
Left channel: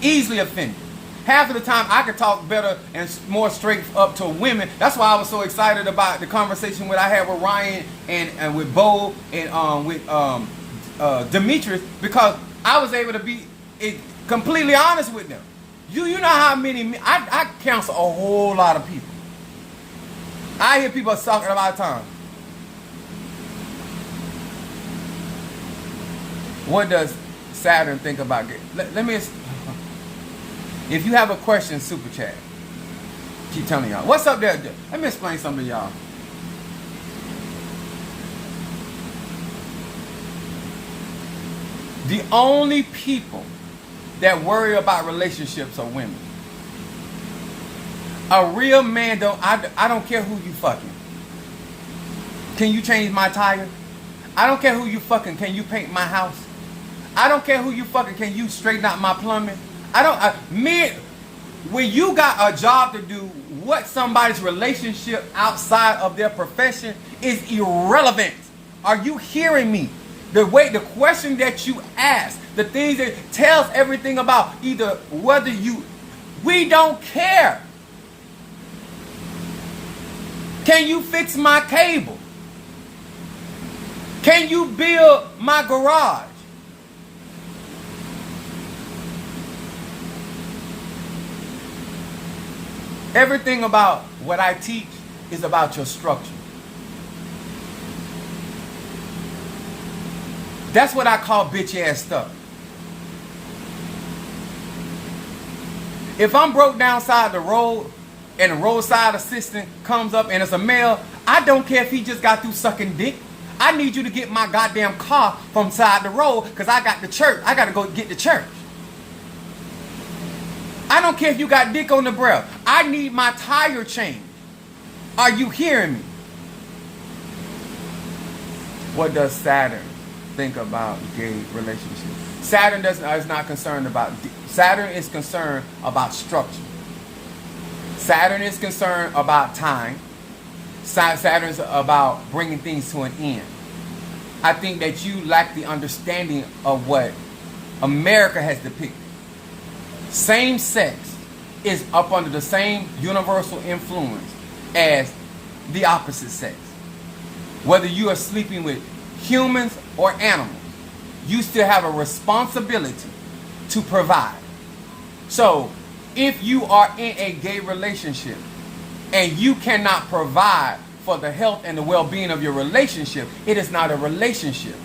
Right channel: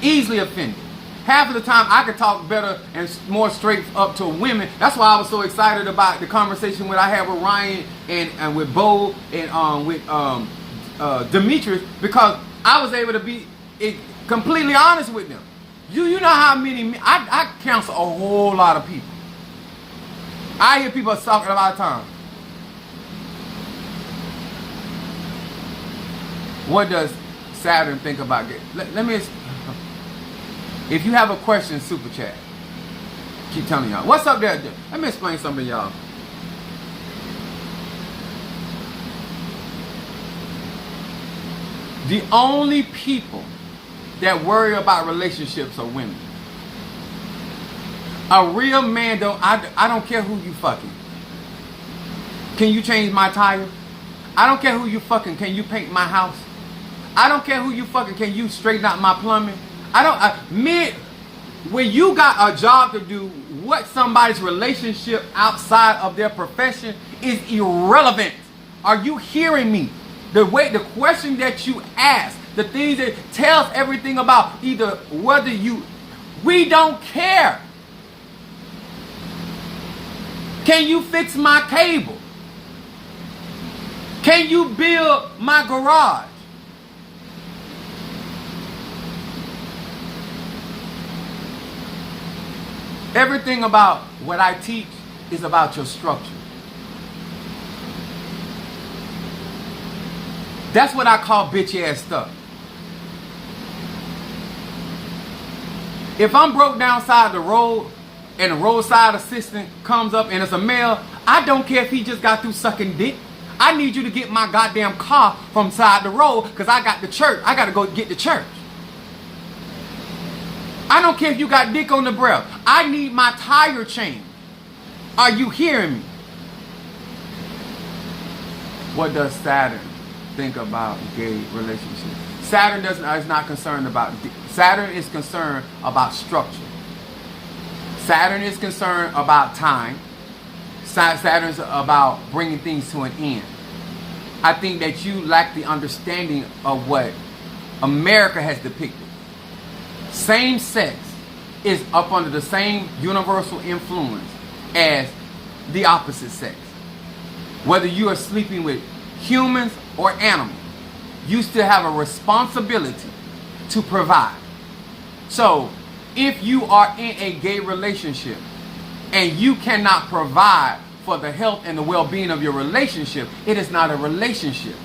Easily offended. half of the time I could talk better and more straight up to women. That's why I was so excited about the conversation I had with Ryan and with Bo and with Demetrius, because I was able to be completely honest with them. You know how many, I counsel a whole lot of people. I hear people talking about time. What does Saturn think about it? Let me, if you have a question, super chat. Keep telling y'all. What's up there? Let me explain something to y'all. The only people that worry about relationships are women. A real man I don't care who you fucking. Can you change my tire? I don't care who you fucking. Can you paint my house? I don't care who you fucking. Can you straighten out my plumbing? When you got a job to do, what somebody's relationship outside of their profession is irrelevant. Are you hearing me? The question that you ask, the things that tells everything about either whether we don't care. Can you fix my cable? Can you build my garage? Everything about what I teach is about your structure. That's what I call bitch ass stuff. If I'm broke down side the road and the roadside assistant comes up and it's a male, I don't care if he just got through sucking dick. I need you to get my goddamn car from side the road because I got the church. I got to go get the church. I don't care if you got dick on the breath. I need my tire changed. Are you hearing me? What does Saturn think about gay relationships? Saturn is not concerned about. Saturn is concerned about structure. Saturn is concerned about time. Saturn is about bringing things to an end. I think that you lack the understanding of what America has depicted. Same sex is up under the same universal influence as the opposite sex. Whether you are sleeping with humans or animals, you still have a responsibility to provide. So, if you are in a gay relationship and you cannot provide for the health and the well-being of your relationship, it is not a relationship.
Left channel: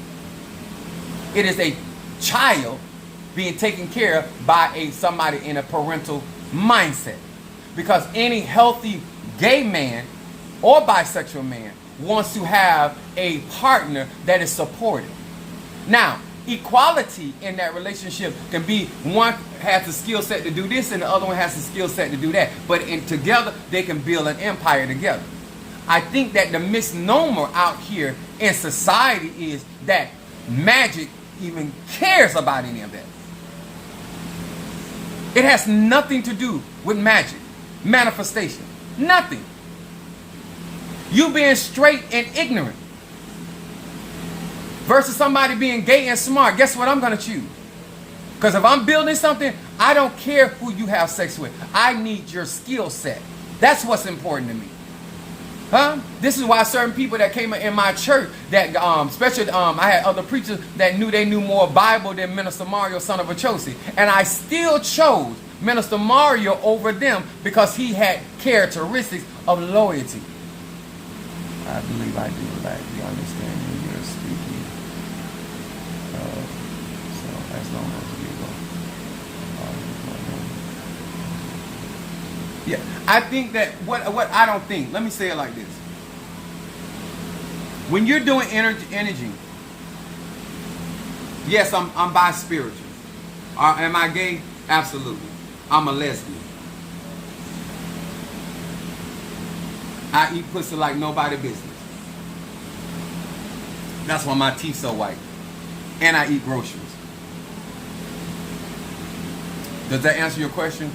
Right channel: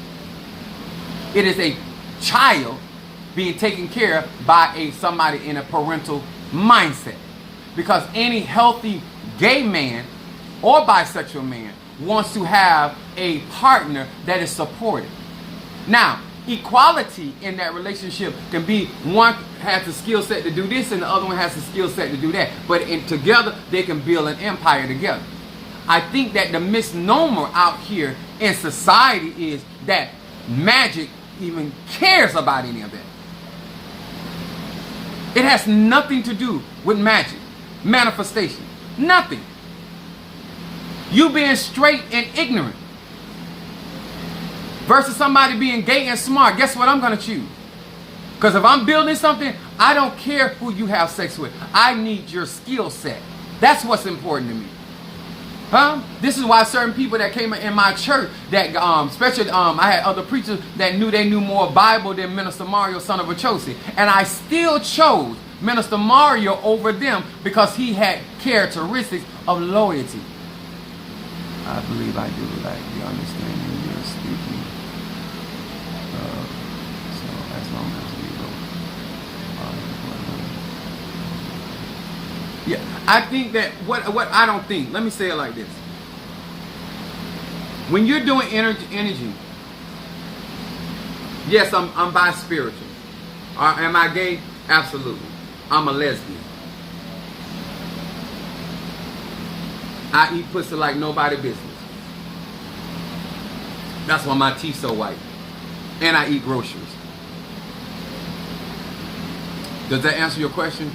It is a child being taken care of by somebody in a parental mindset. Because any healthy gay man or bisexual man wants to have a partner that is supportive. Now, equality in that relationship can be one has the skill set to do this and the other one has the skill set to do that. But together, they can build an empire together. I think that the misnomer out here in society is that magic even cares about any of that. It has nothing to do with magic, manifestation, nothing. You being straight and ignorant versus somebody being gay and smart, guess what I'm going to choose? Because if I'm building something, I don't care who you have sex with. I need your skill set. That's what's important to me. This is why certain people that came in my church, that especially I had other preachers that they knew more Bible than Minister Mario, son of Achosi. And I still chose Minister Mario over them because he had characteristics of loyalty. I believe I do lack the understanding you're speaking. So as long as we go. Yeah, I think that what I don't think. Let me say it like this. When you're doing energy, yes, I'm bi-spiritual. Am I gay? Absolutely. I'm a lesbian. I eat pussy like nobody business. That's why my teeth so white. And I eat groceries. Does that answer your question?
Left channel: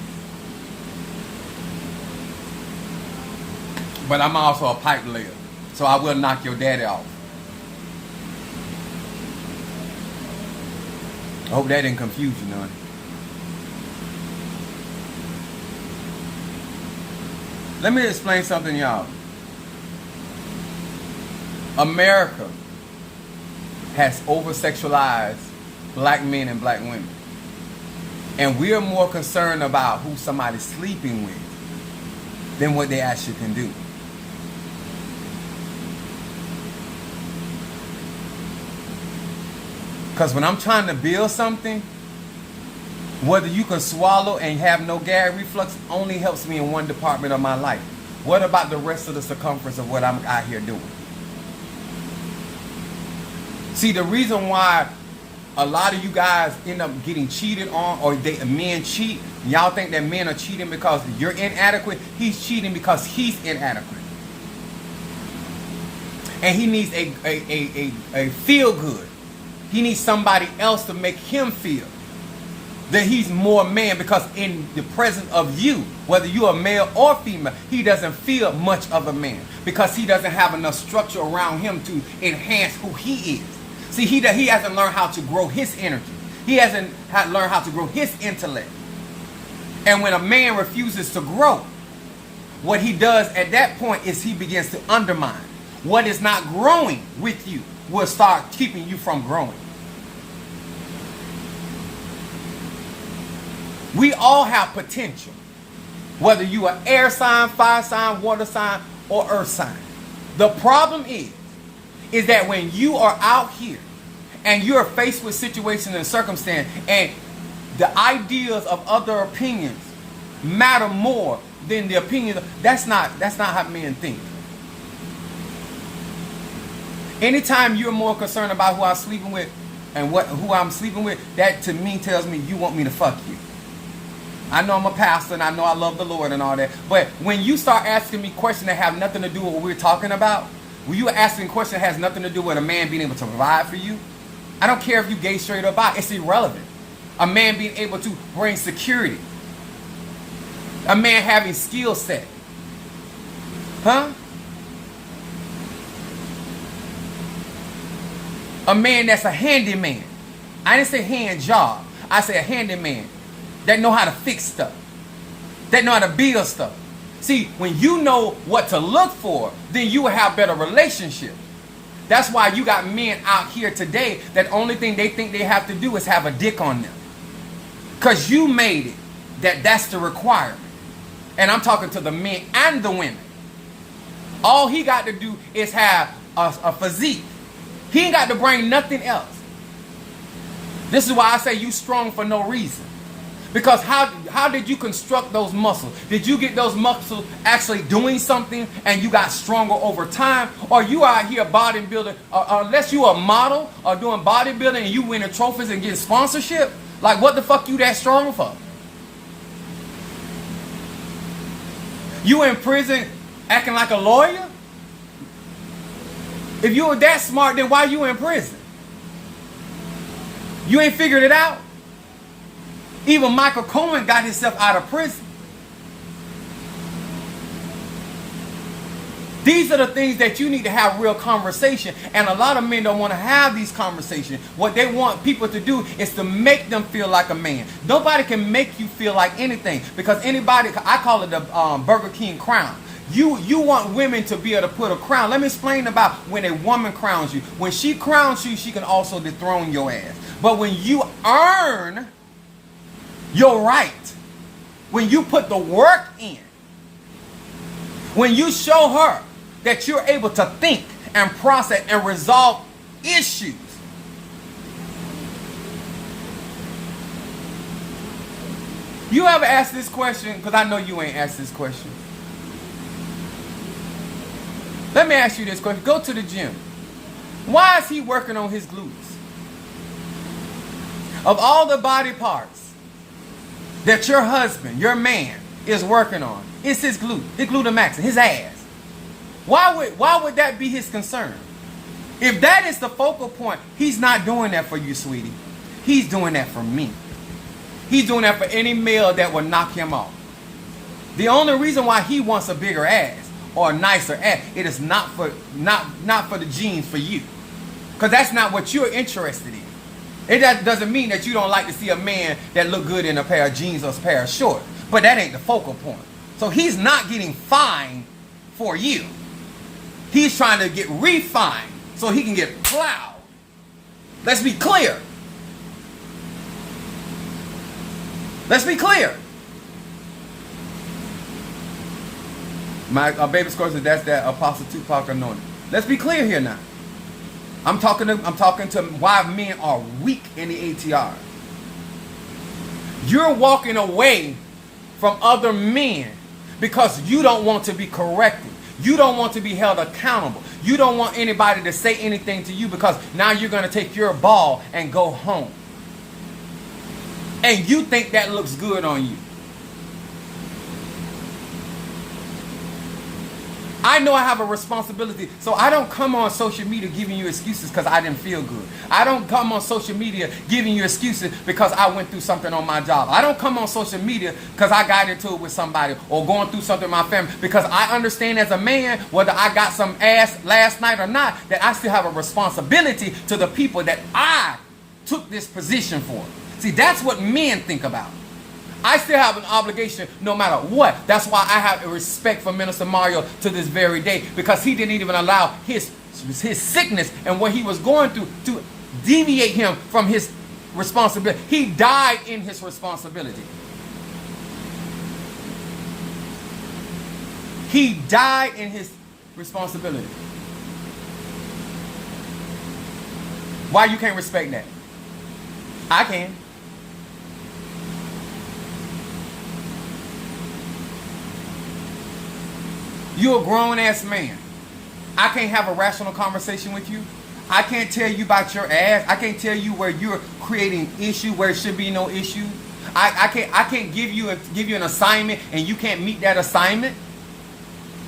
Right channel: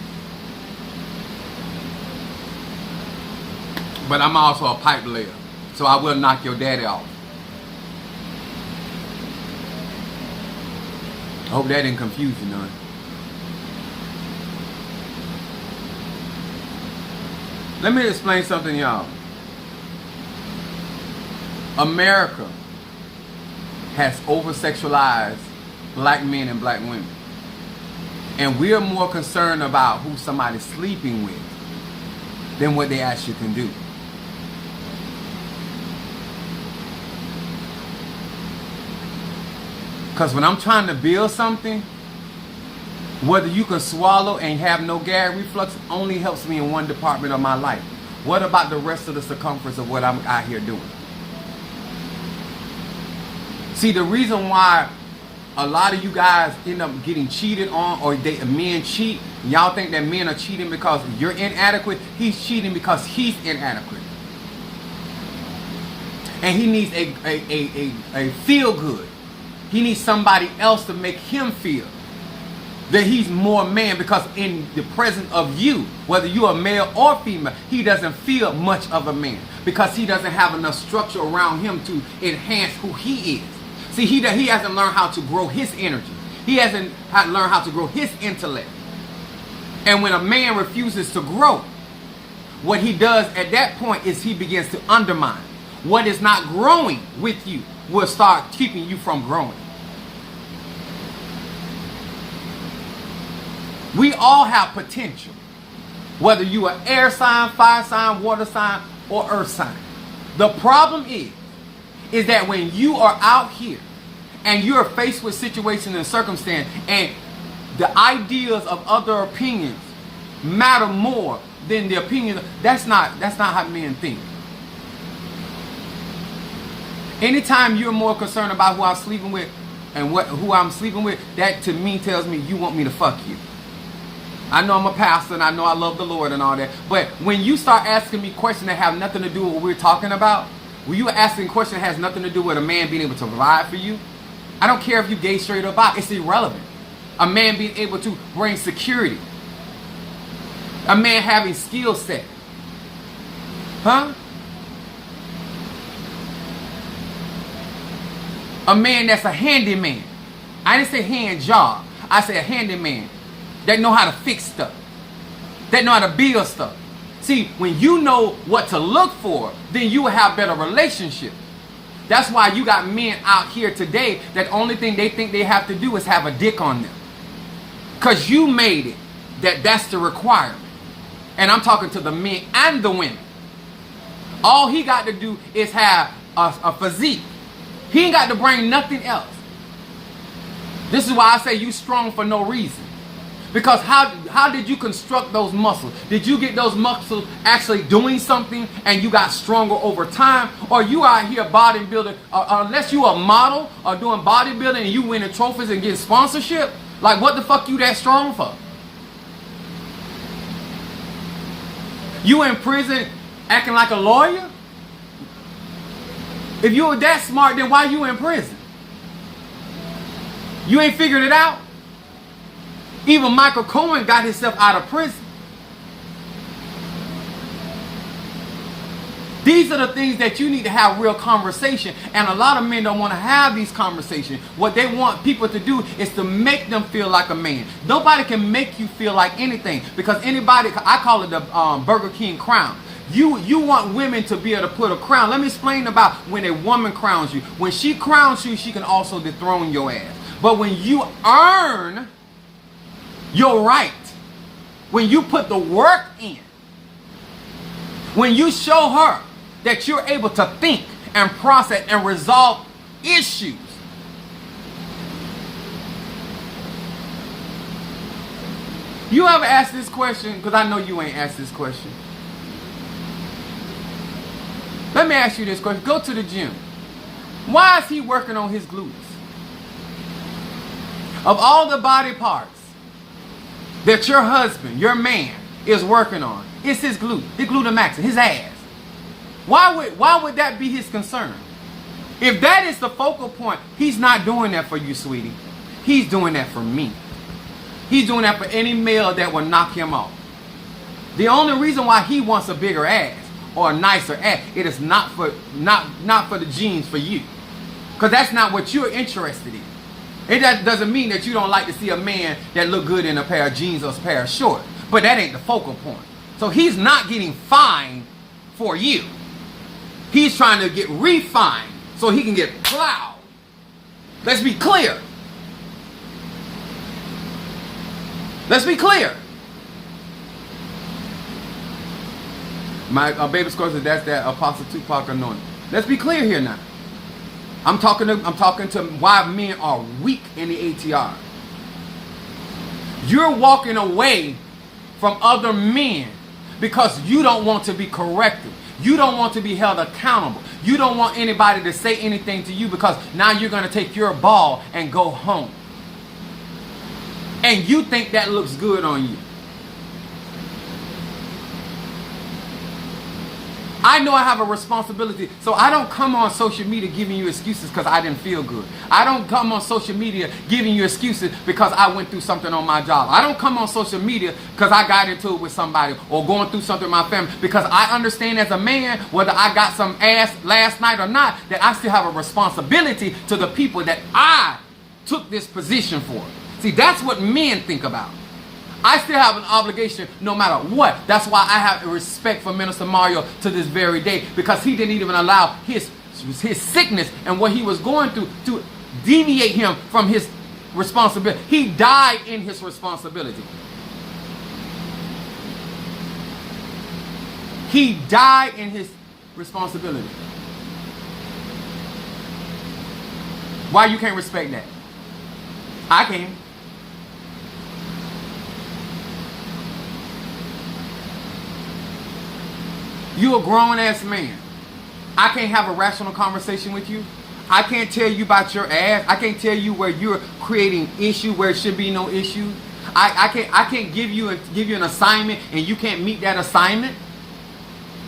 But I'm also a pipe layer, so I will knock your daddy off. I hope that didn't confuse you none. Let me explain something, y'all. America has over-sexualized black men and black women. And we are more concerned about who somebody's sleeping with than what they actually can do. Because when I'm trying to build something, whether you can swallow and have no gag reflux only helps me in one department of my life. What about the rest of the circumference of what I'm out here doing? See, the reason why a lot of you guys end up getting cheated on, or men cheat, y'all think that men are cheating because you're inadequate. He's cheating because he's inadequate. And he needs a feel good. He needs somebody else to make him feel that he's more man, because in the presence of you, whether you're a male or female, he doesn't feel much of a man because he doesn't have enough structure around him to enhance who he is. See, he hasn't learned how to grow his energy. He hasn't learned how to grow his intellect. And when a man refuses to grow, what he does at that point is he begins to undermine. What is not growing with you will start keeping you from growing. We all have potential, whether you are air sign, fire sign, water sign, or earth sign. The problem is that when you are out here and you're faced with situations and circumstances, and the ideas of other opinions matter more than the opinions, that's not how men think. Anytime you're more concerned about who I'm sleeping with and who I'm sleeping with, that to me tells me you want me to fuck you. I know I'm a pastor and I know I love the Lord and all that, but when you start asking me questions that have nothing to do with what we're talking about, when you are asking questions that has nothing to do with a man being able to provide for you, I don't care if you gay, straight, or bi, it's irrelevant. A man being able to bring security. A man having skill set. Huh? A man that's a handyman. I didn't say hand job. I said a handyman that know how to fix stuff. That know how to build stuff. See, when you know what to look for, then you will have better relationships. That's why you got men out here today that the only thing they think they have to do is have a dick on them. Because you made it that's the requirement. And I'm talking to the men and the women. All he got to do is have a physique. He ain't got to bring nothing else. This is why I say you strong for no reason. Because how did you construct those muscles? Did you get those muscles actually doing something and you got stronger over time? Or you out here bodybuilding, unless you a model or doing bodybuilding and you winning trophies and getting sponsorship? Like what the fuck you that strong for? You in prison acting like a lawyer? If you were that smart, then why you in prison? You ain't figured it out? Even Michael Cohen got himself out of prison. These are the things that you need to have real conversation. And a lot of men don't want to have these conversations. What they want people to do is to make them feel like a man. Nobody can make you feel like anything. Because anybody, I call it the Burger King crown. You want women to be able to put a crown. Let me explain about when a woman crowns you. When she crowns you, she can also dethrone your ass. But when you earn your right, when you put the work in, when you show her that you're able to think and process and resolve issues, you ever ask this question? Because I know you ain't asked this question. Let me ask you this question. Go to the gym. Why is he working on his glutes? Of all the body parts that your husband, your man, is working on, it's his glutamax, his ass. Why would that be his concern? If that is the focal point, he's not doing that for you, sweetie. He's doing that for me. He's doing that for any male that will knock him off. The only reason why he wants a bigger ass or a nicer ass, it is not for the genes for you. Because that's not what you're interested in. It doesn't mean that you don't like to see a man that look good in a pair of jeans or a pair of shorts. But that ain't the focal point. So he's not getting fined for you. He's trying to get refined so he can get plowed. Let's be clear. Let's be clear. My baby score says that's that Apostle Tupac anointing. Let's be clear here now. I'm talking to why men are weak in the ATR. You're walking away from other men because you don't want to be corrected. You don't want to be held accountable. You don't want anybody to say anything to you because now you're going to take your ball and go home. And you think that looks good on you. I know I have a responsibility, so I don't come on social media giving you excuses because I didn't feel good. I don't come on social media giving you excuses because I went through something on my job. I don't come on social media because I got into it with somebody or going through something in my family, because I understand as a man, whether I got some ass last night or not, that I still have a responsibility to the people that I took this position for. See, that's what men think about. I still have an obligation no matter what. That's why I have a respect for Minister Mario to this very day, because he didn't even allow his sickness and what he was going through to deviate him from his responsibility. He died in his responsibility. He died in his responsibility. Why you can't respect that? I can. You're a grown-ass man. I can't have a rational conversation with you. I can't tell you about your ass. I can't tell you where you're creating issue where it should be no issue. I can't give you an assignment and you can't meet that assignment.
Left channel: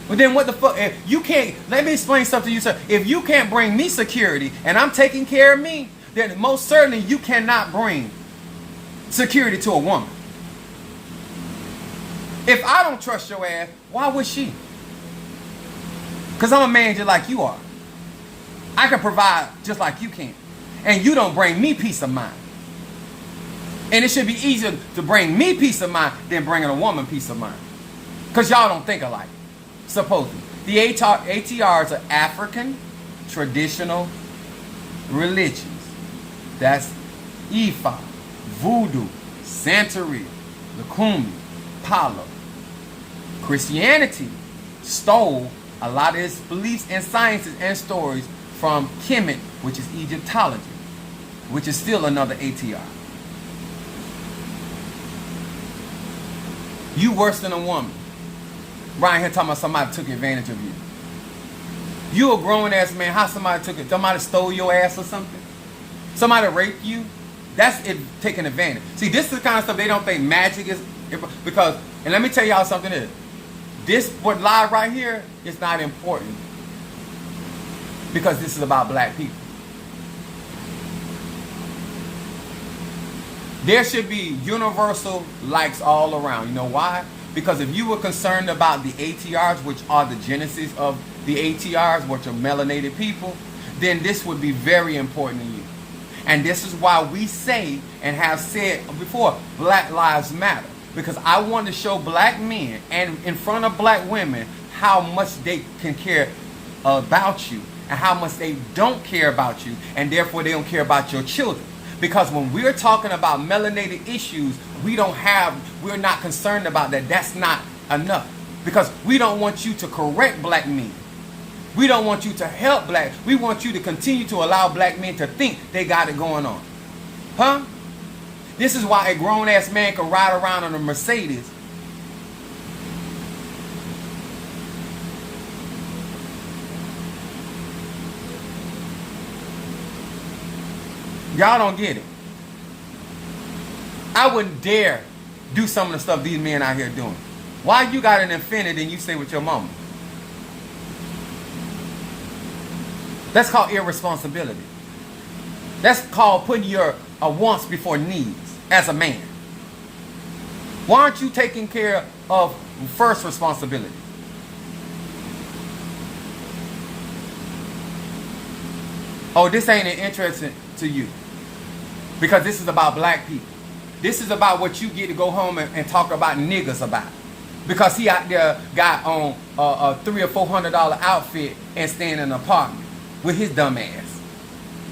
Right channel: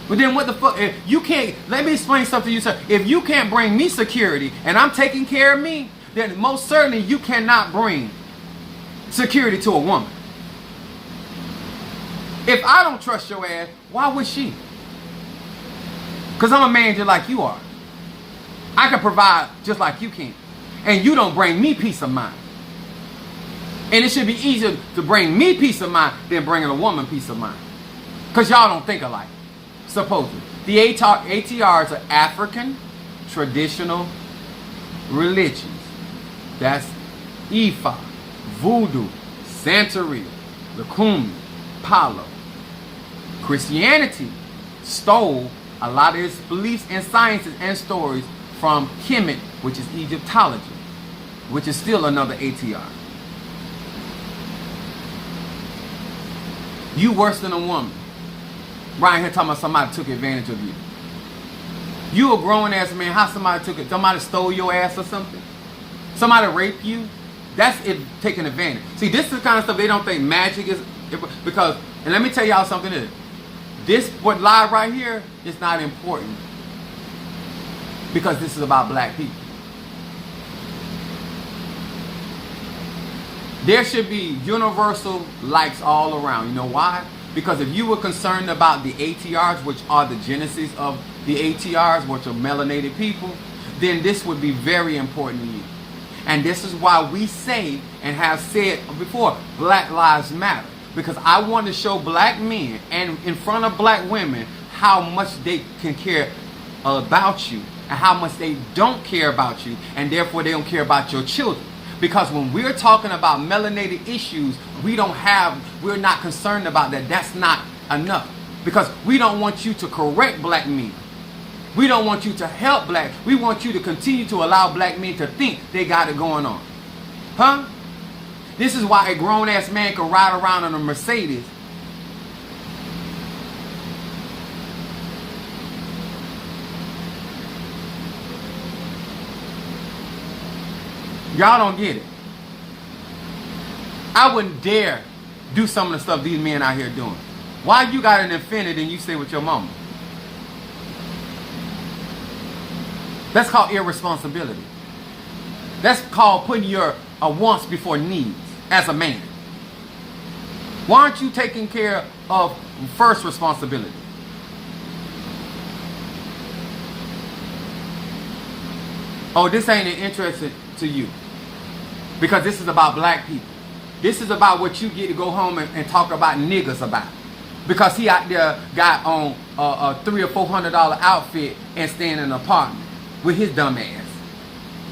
But then what the fuck? If you can't, let me explain something to you, sir. If you can't bring me security and I'm taking care of me, then most certainly you cannot bring security to a woman. If I don't trust your ass, why would she? Because I'm a man just like you are. I can provide just like you can. And you don't bring me peace of mind. And it should be easier to bring me peace of mind than bringing a woman peace of mind. Because y'all don't think alike, supposedly. The ATRs are African traditional religions. That's Ifa, Voodoo, Santeria, Lukumi, Palo. Christianity stole a lot of its beliefs and sciences and stories from Kemet, which is Egyptology, which is still another ATR. You worse than a woman. Right here talking about somebody took advantage of you. You a grown ass man. How somebody took it? Somebody stole your ass or something? Somebody raped you? That's it, taking advantage. See, this is the kind of stuff they don't think magic is, because, and let me tell y'all something is, this what live right here is not important, because this is about black people. There should be universal likes all around. You know why? Because if you were concerned about the ATRs, which are the genesis of the ATRs, which are melanated people, then this would be very important to you. And this is why we say and have said before, Black Lives Matter. Because I want to show black men and in front of black women how much they can care about you and how much they don't care about you, and therefore they don't care about your children. Because when we're talking about melanated issues, we're not concerned about that. That's not enough. Because we don't want you to correct black men. We don't want you to help black. We want you to continue to allow black men to think they got it going on. Huh? This is why a grown-ass man can ride around on a Mercedes. Y'all don't get it. I wouldn't dare do some of the stuff these men out here doing. Why you got an Infiniti and you stay with your mama? That's called irresponsibility. That's called putting your wants before needs as a man. Why aren't you taking care of first responsibility? Oh, this ain't interesting to you. Because this is about black people. This is about what you get to go home and talk about niggas about. Because he out there got on a $300 or $400 outfit and staying in an apartment with his dumb ass.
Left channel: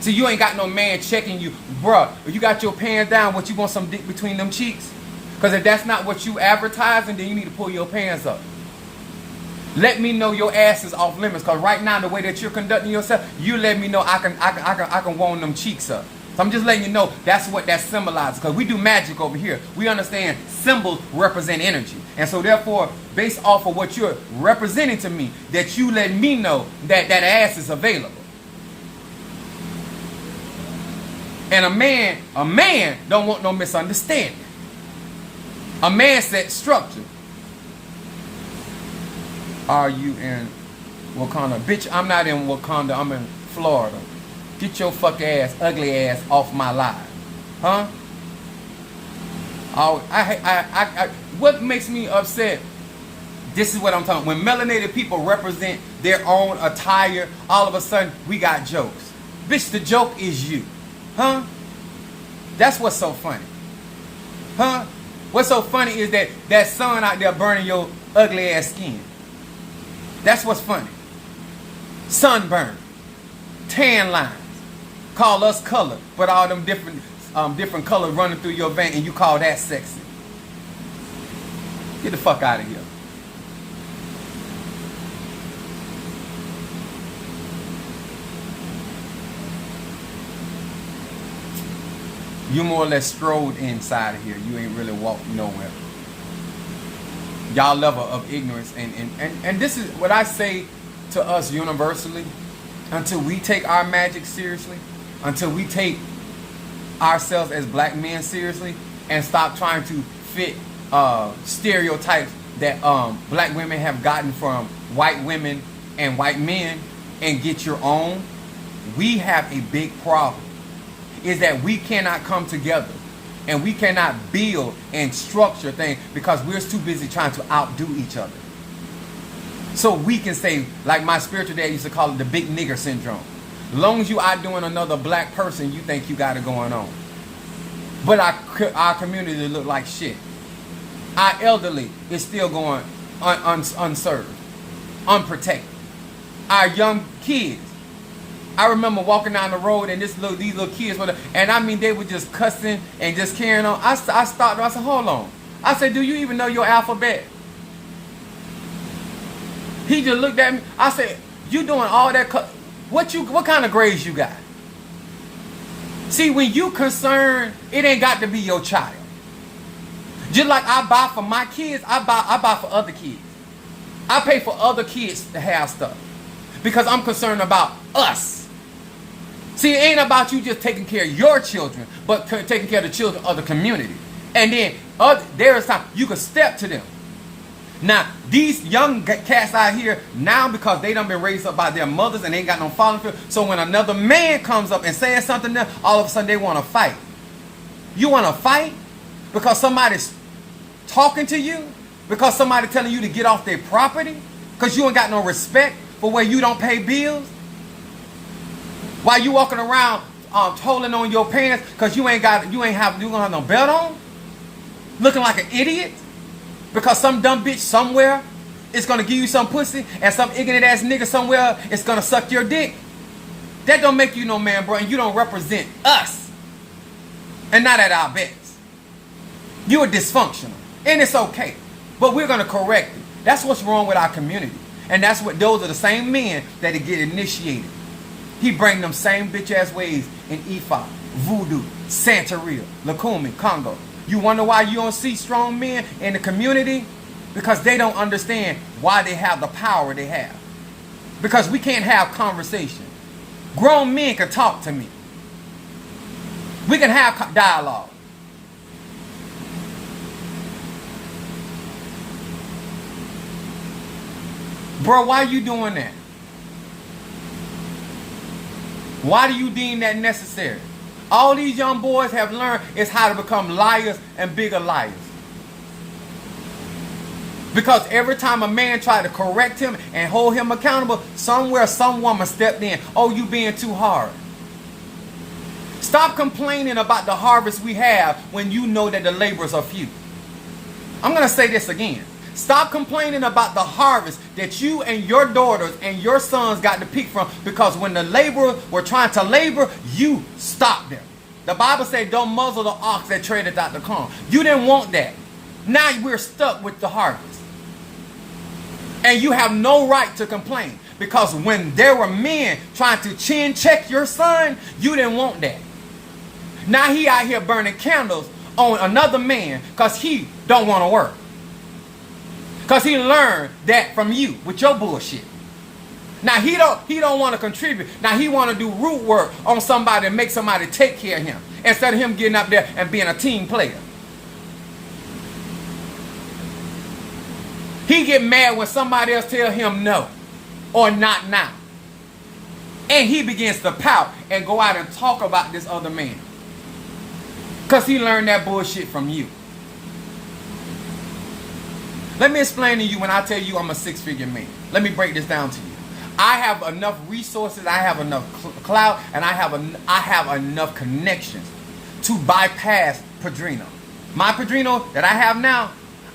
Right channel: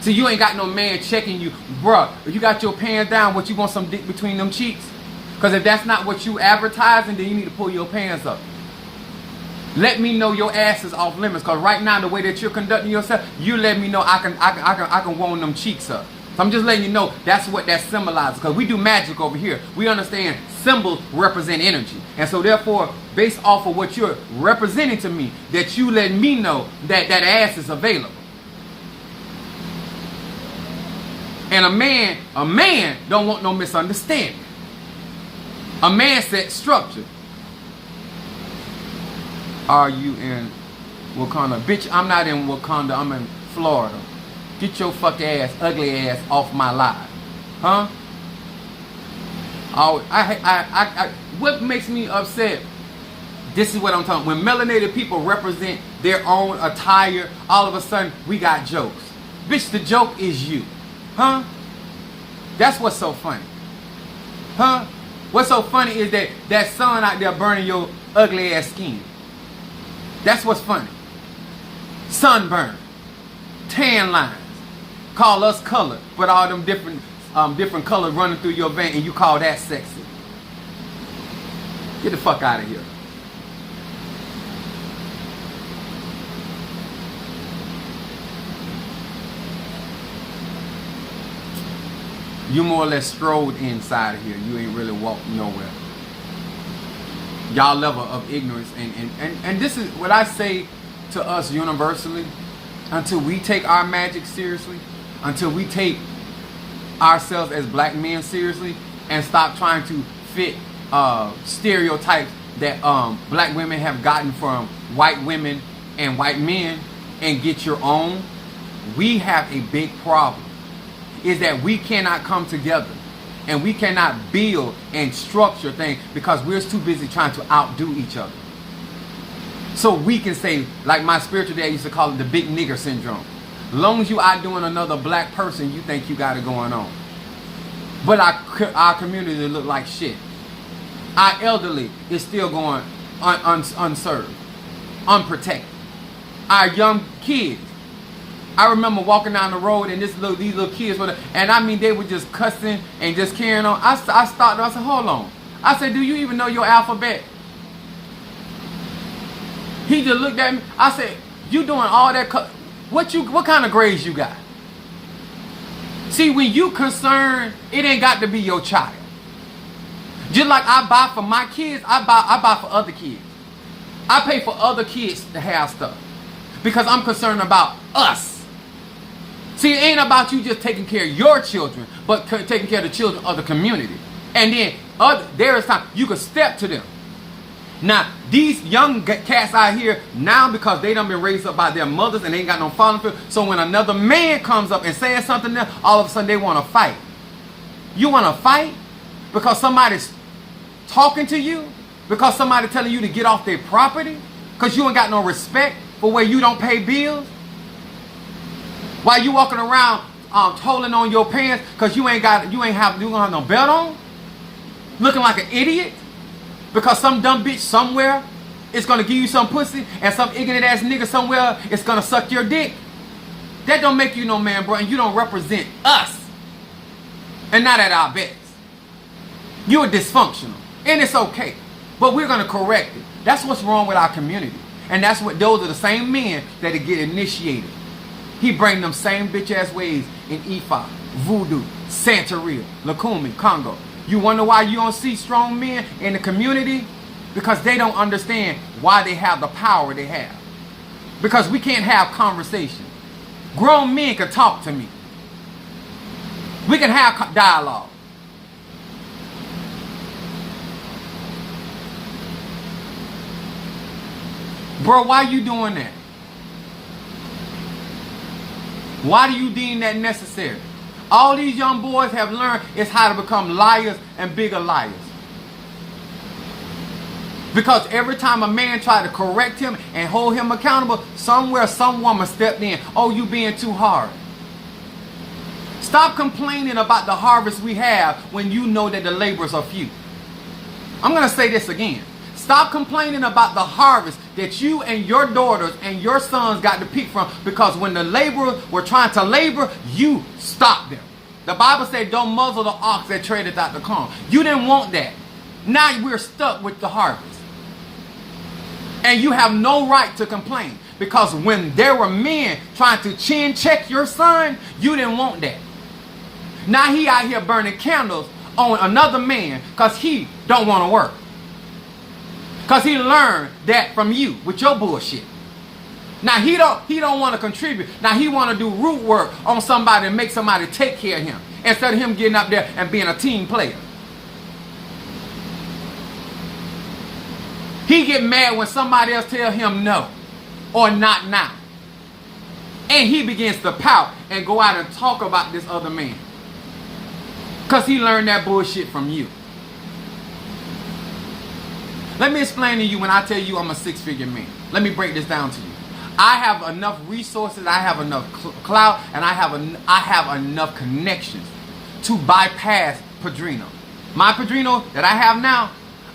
See, you ain't got no man checking you. Bruh, if you got your pants down, what, you want some dick between them cheeks? Because if that's not what you advertising, then you need to pull your pants up. Let me know your ass is off limits. Because right now, the way that you're conducting yourself, you let me know I can warm them cheeks up. So I'm just letting you know that's what that symbolizes. Because we do magic over here. We understand symbols represent energy. And so therefore, based off of what you're representing to me, that you let me know that that ass is available. And a man don't want no misunderstanding. A man set structure. Are you in Wakanda? Bitch, I'm not in Wakanda. I'm in Florida. Get your fuck ass, ugly ass off my live. Huh? What makes me upset? This is what I'm talking. When melanated people represent their own attire, all of a sudden we got jokes. Bitch, the joke is you. Huh? That's what's so funny. Huh? What's so funny is that sun out there burning your ugly ass skin. That's what's funny. Sunburn. Tan lines. Call us color, but all them different colors running through your vein, and you call that sexy. Get the fuck out of here. You more or less strolled inside of here. You ain't really walked nowhere. Y'all level of ignorance. And this is what I say to us universally. Until we take our magic seriously, until we take ourselves as black men seriously, and stop trying to fit stereotypes that black women have gotten from white women and white men, and get your own, we have a big problem. Is that we cannot come together and we cannot build and structure things because we're too busy trying to outdo each other. So we can say, like my spiritual dad used to call it, the big nigger syndrome. As long as you outdoing another black person, you think you got it going on. But our community look like shit. Our elderly is still going unserved, unprotected. Our young kids. I remember walking down the road and these little kids were, and I mean they were just cussing and just carrying on. I stopped. I said, hold on. I said, do you even know your alphabet? He just looked at me. I said, you doing all that? What kind of grades you got? See, when you concerned, it ain't got to be your child. Just like I buy for my kids, I buy for other kids. I pay for other kids to have stuff because I'm concerned about us. See, it ain't about you just taking care of your children, but taking care of the children of the community. And then there is time you can step to them. Now, these young cats out here, now because they done been raised up by their mothers and they ain't got no falling field, so when another man comes up and says something to them, all of a sudden they want to fight. You want to fight because somebody's talking to you? Because somebody telling you to get off their property? Because you ain't got no respect for where you don't pay bills? While you walking around holding on your pants because you don't have no belt on? Looking like an idiot? Because some dumb bitch somewhere is going to give you some pussy and some ignorant ass nigga somewhere is going to suck your dick. That don't make you no man, bro, and you don't represent us. And not at our best. You're dysfunctional. And it's okay. But we're going to correct it. That's what's wrong with our community. And that's what those are the same men that get initiated. He bring them same bitch ass ways in Ifa, Voodoo, Santeria, Lukumi, Congo. You wonder why you don't see strong men in the community? Because they don't understand why they have the power they have. Because we can't have conversation. Grown men can talk to me. We can have dialogue. Bro, why are you doing that? Why do you deem that necessary? All these young boys have learned is how to become liars and bigger liars. Because every time a man tried to correct him and hold him accountable, somewhere some woman stepped in. Oh, you being too hard. Stop complaining about the harvest we have when you know that the laborers are few. I'm going to say this again. Stop complaining about the harvest that you and your daughters and your sons got to pick from, because when the laborers were trying to labor, you stopped them. The Bible said, don't muzzle the ox that treadeth out the corn. You didn't want that. Now we're stuck with the harvest. And you have no right to complain, because when there were men trying to chin check your son, you didn't want that. Now he out here burning candles on another man because he don't want to work. Because he learned that from you with your bullshit. Now he don't want to contribute. Now he want to do root work on somebody and make somebody take care of him, instead of him getting up there and being a team player. He get mad when somebody else tell him no or not now. And he begins to pout and go out and talk about this other man. Because he learned that bullshit from you. Let me explain to you when I tell you I'm a six-figure man. Let me break this down to you. I have enough resources, I have enough clout, and I have enough connections to bypass Padrino. My Padrino that I have now,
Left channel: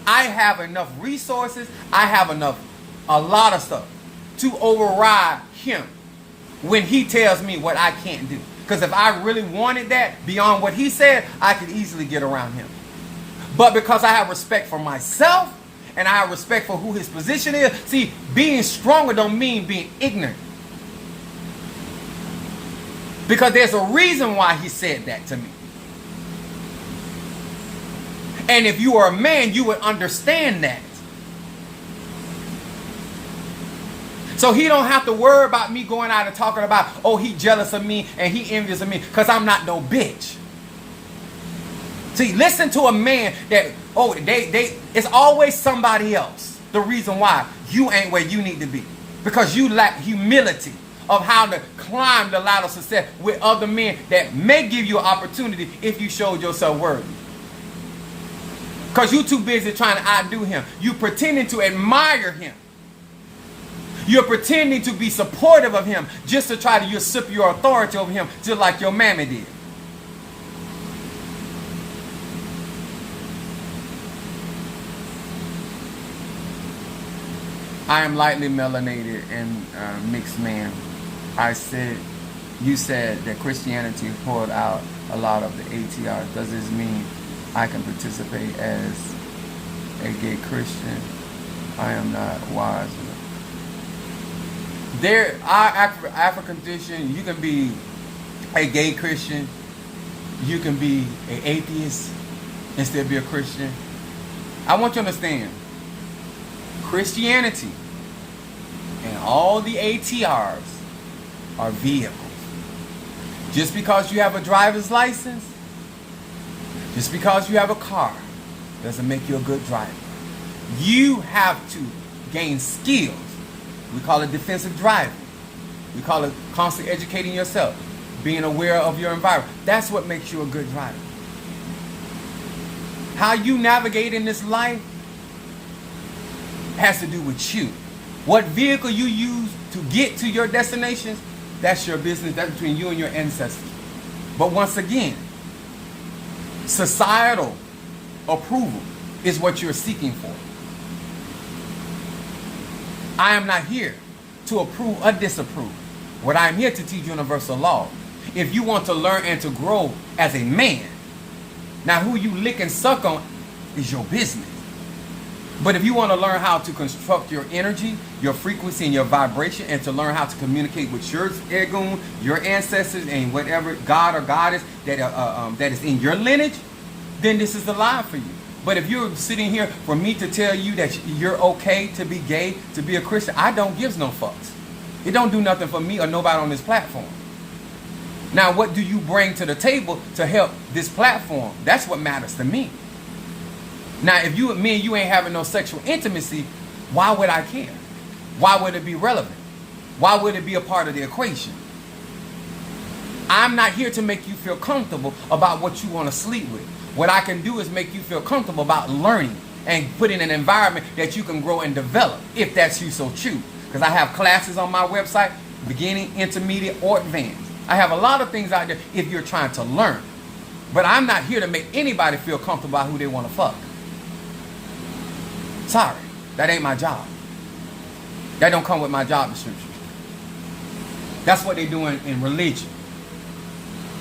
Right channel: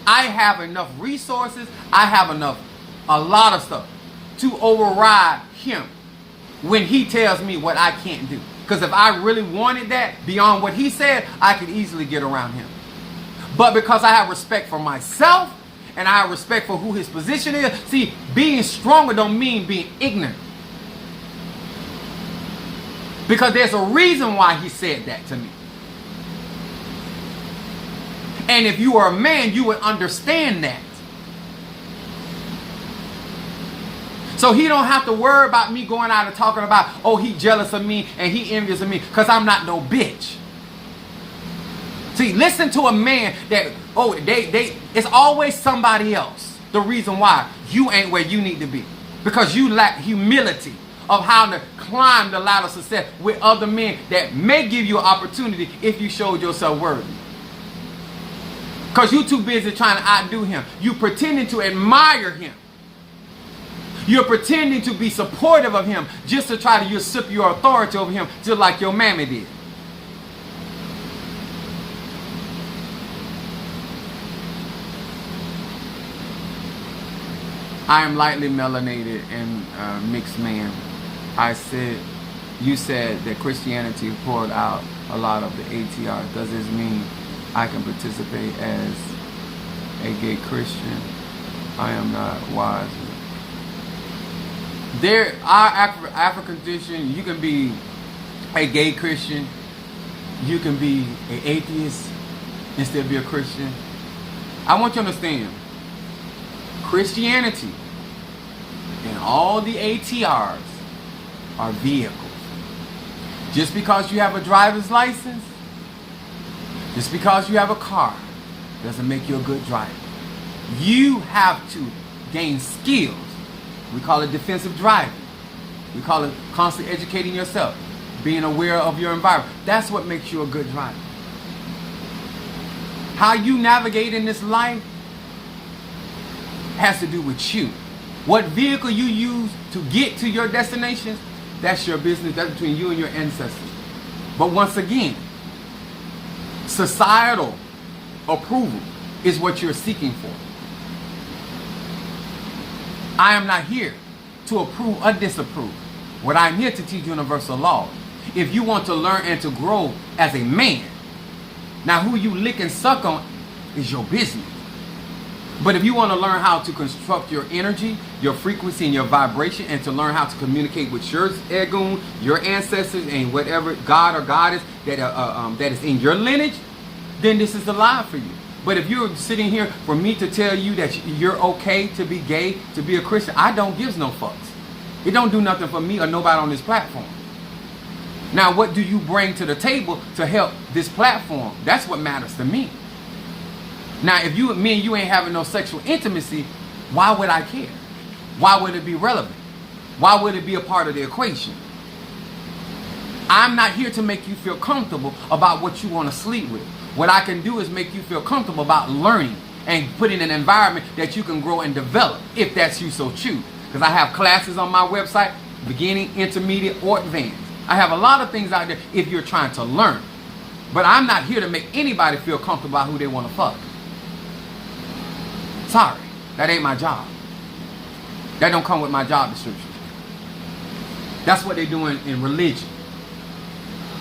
I have enough resources, I have a lot of stuff to override him when he tells me what I can't do. Because if I really wanted that beyond what he said, I could easily get around him. But because I have respect for myself, and I have respect for who his position is. See, being stronger don't mean being ignorant. Because there's a reason why he said that to me. And if you are a man, you would understand that. So he don't have to worry about me going out and talking about, oh, he jealous of me and he envious of me, because I'm not no bitch. See, listen to a man that, oh, it's always somebody else. The reason why you ain't where you need to be. Because you lack humility of how to climb the ladder of success with other men that may give you an opportunity if you showed yourself worthy. Because you too busy trying to outdo him. You pretending to admire him. You're pretending to be supportive of him just to try to usurp your authority over him, just like your mammy did. I am lightly melanated and mixed man. You said that Christianity poured out a lot of the ATRS. Does this mean I can participate as a gay Christian? I am not wise. Our African tradition, you can be a gay Christian, you can be an atheist and still be a Christian. I want you to understand, Christianity and all the ATRs are vehicles. Just because you have a driver's license, just because you have a car, doesn't make you a good driver. You have to gain skills. We call it defensive driving. We call it constantly educating yourself, being aware of your environment. That's what makes you a good driver. How you navigate in this life has to do with you. What vehicle you use to get to your destinations, that's your business. That's between you and your ancestors. But once again, societal approval is what you're seeking for. I am not here to approve or disapprove. What I'm here to teach universal law. If you want to learn and to grow as a man, now who you lick and suck on is your business. But if you want to learn how to construct your energy, your frequency, and your vibration, and to learn how to communicate with your Egun, your ancestors, and whatever God or goddess that is in your lineage, then this is the live for you. But if you're sitting here for me to tell you that you're okay to be gay, to be a Christian, I don't give no fucks. It don't do nothing for me or nobody on this platform. Now, what do you bring to the table to help this platform? That's what matters to me. Now, if me and you ain't having no sexual intimacy, why would I care? Why would it be relevant? Why would it be a part of the equation? I'm not here to make you feel comfortable about what you want to sleep with. What I can do is make you feel comfortable about learning and put in an environment that you can grow and develop, if that's you so choose. Because I have classes on my website, beginning, intermediate, or advanced. I have a lot of things out there if you're trying to learn. But I'm not here to make anybody feel comfortable about who they want to fuck. Sorry. That ain't my job. That don't come with my job description. That's what they doing in religion.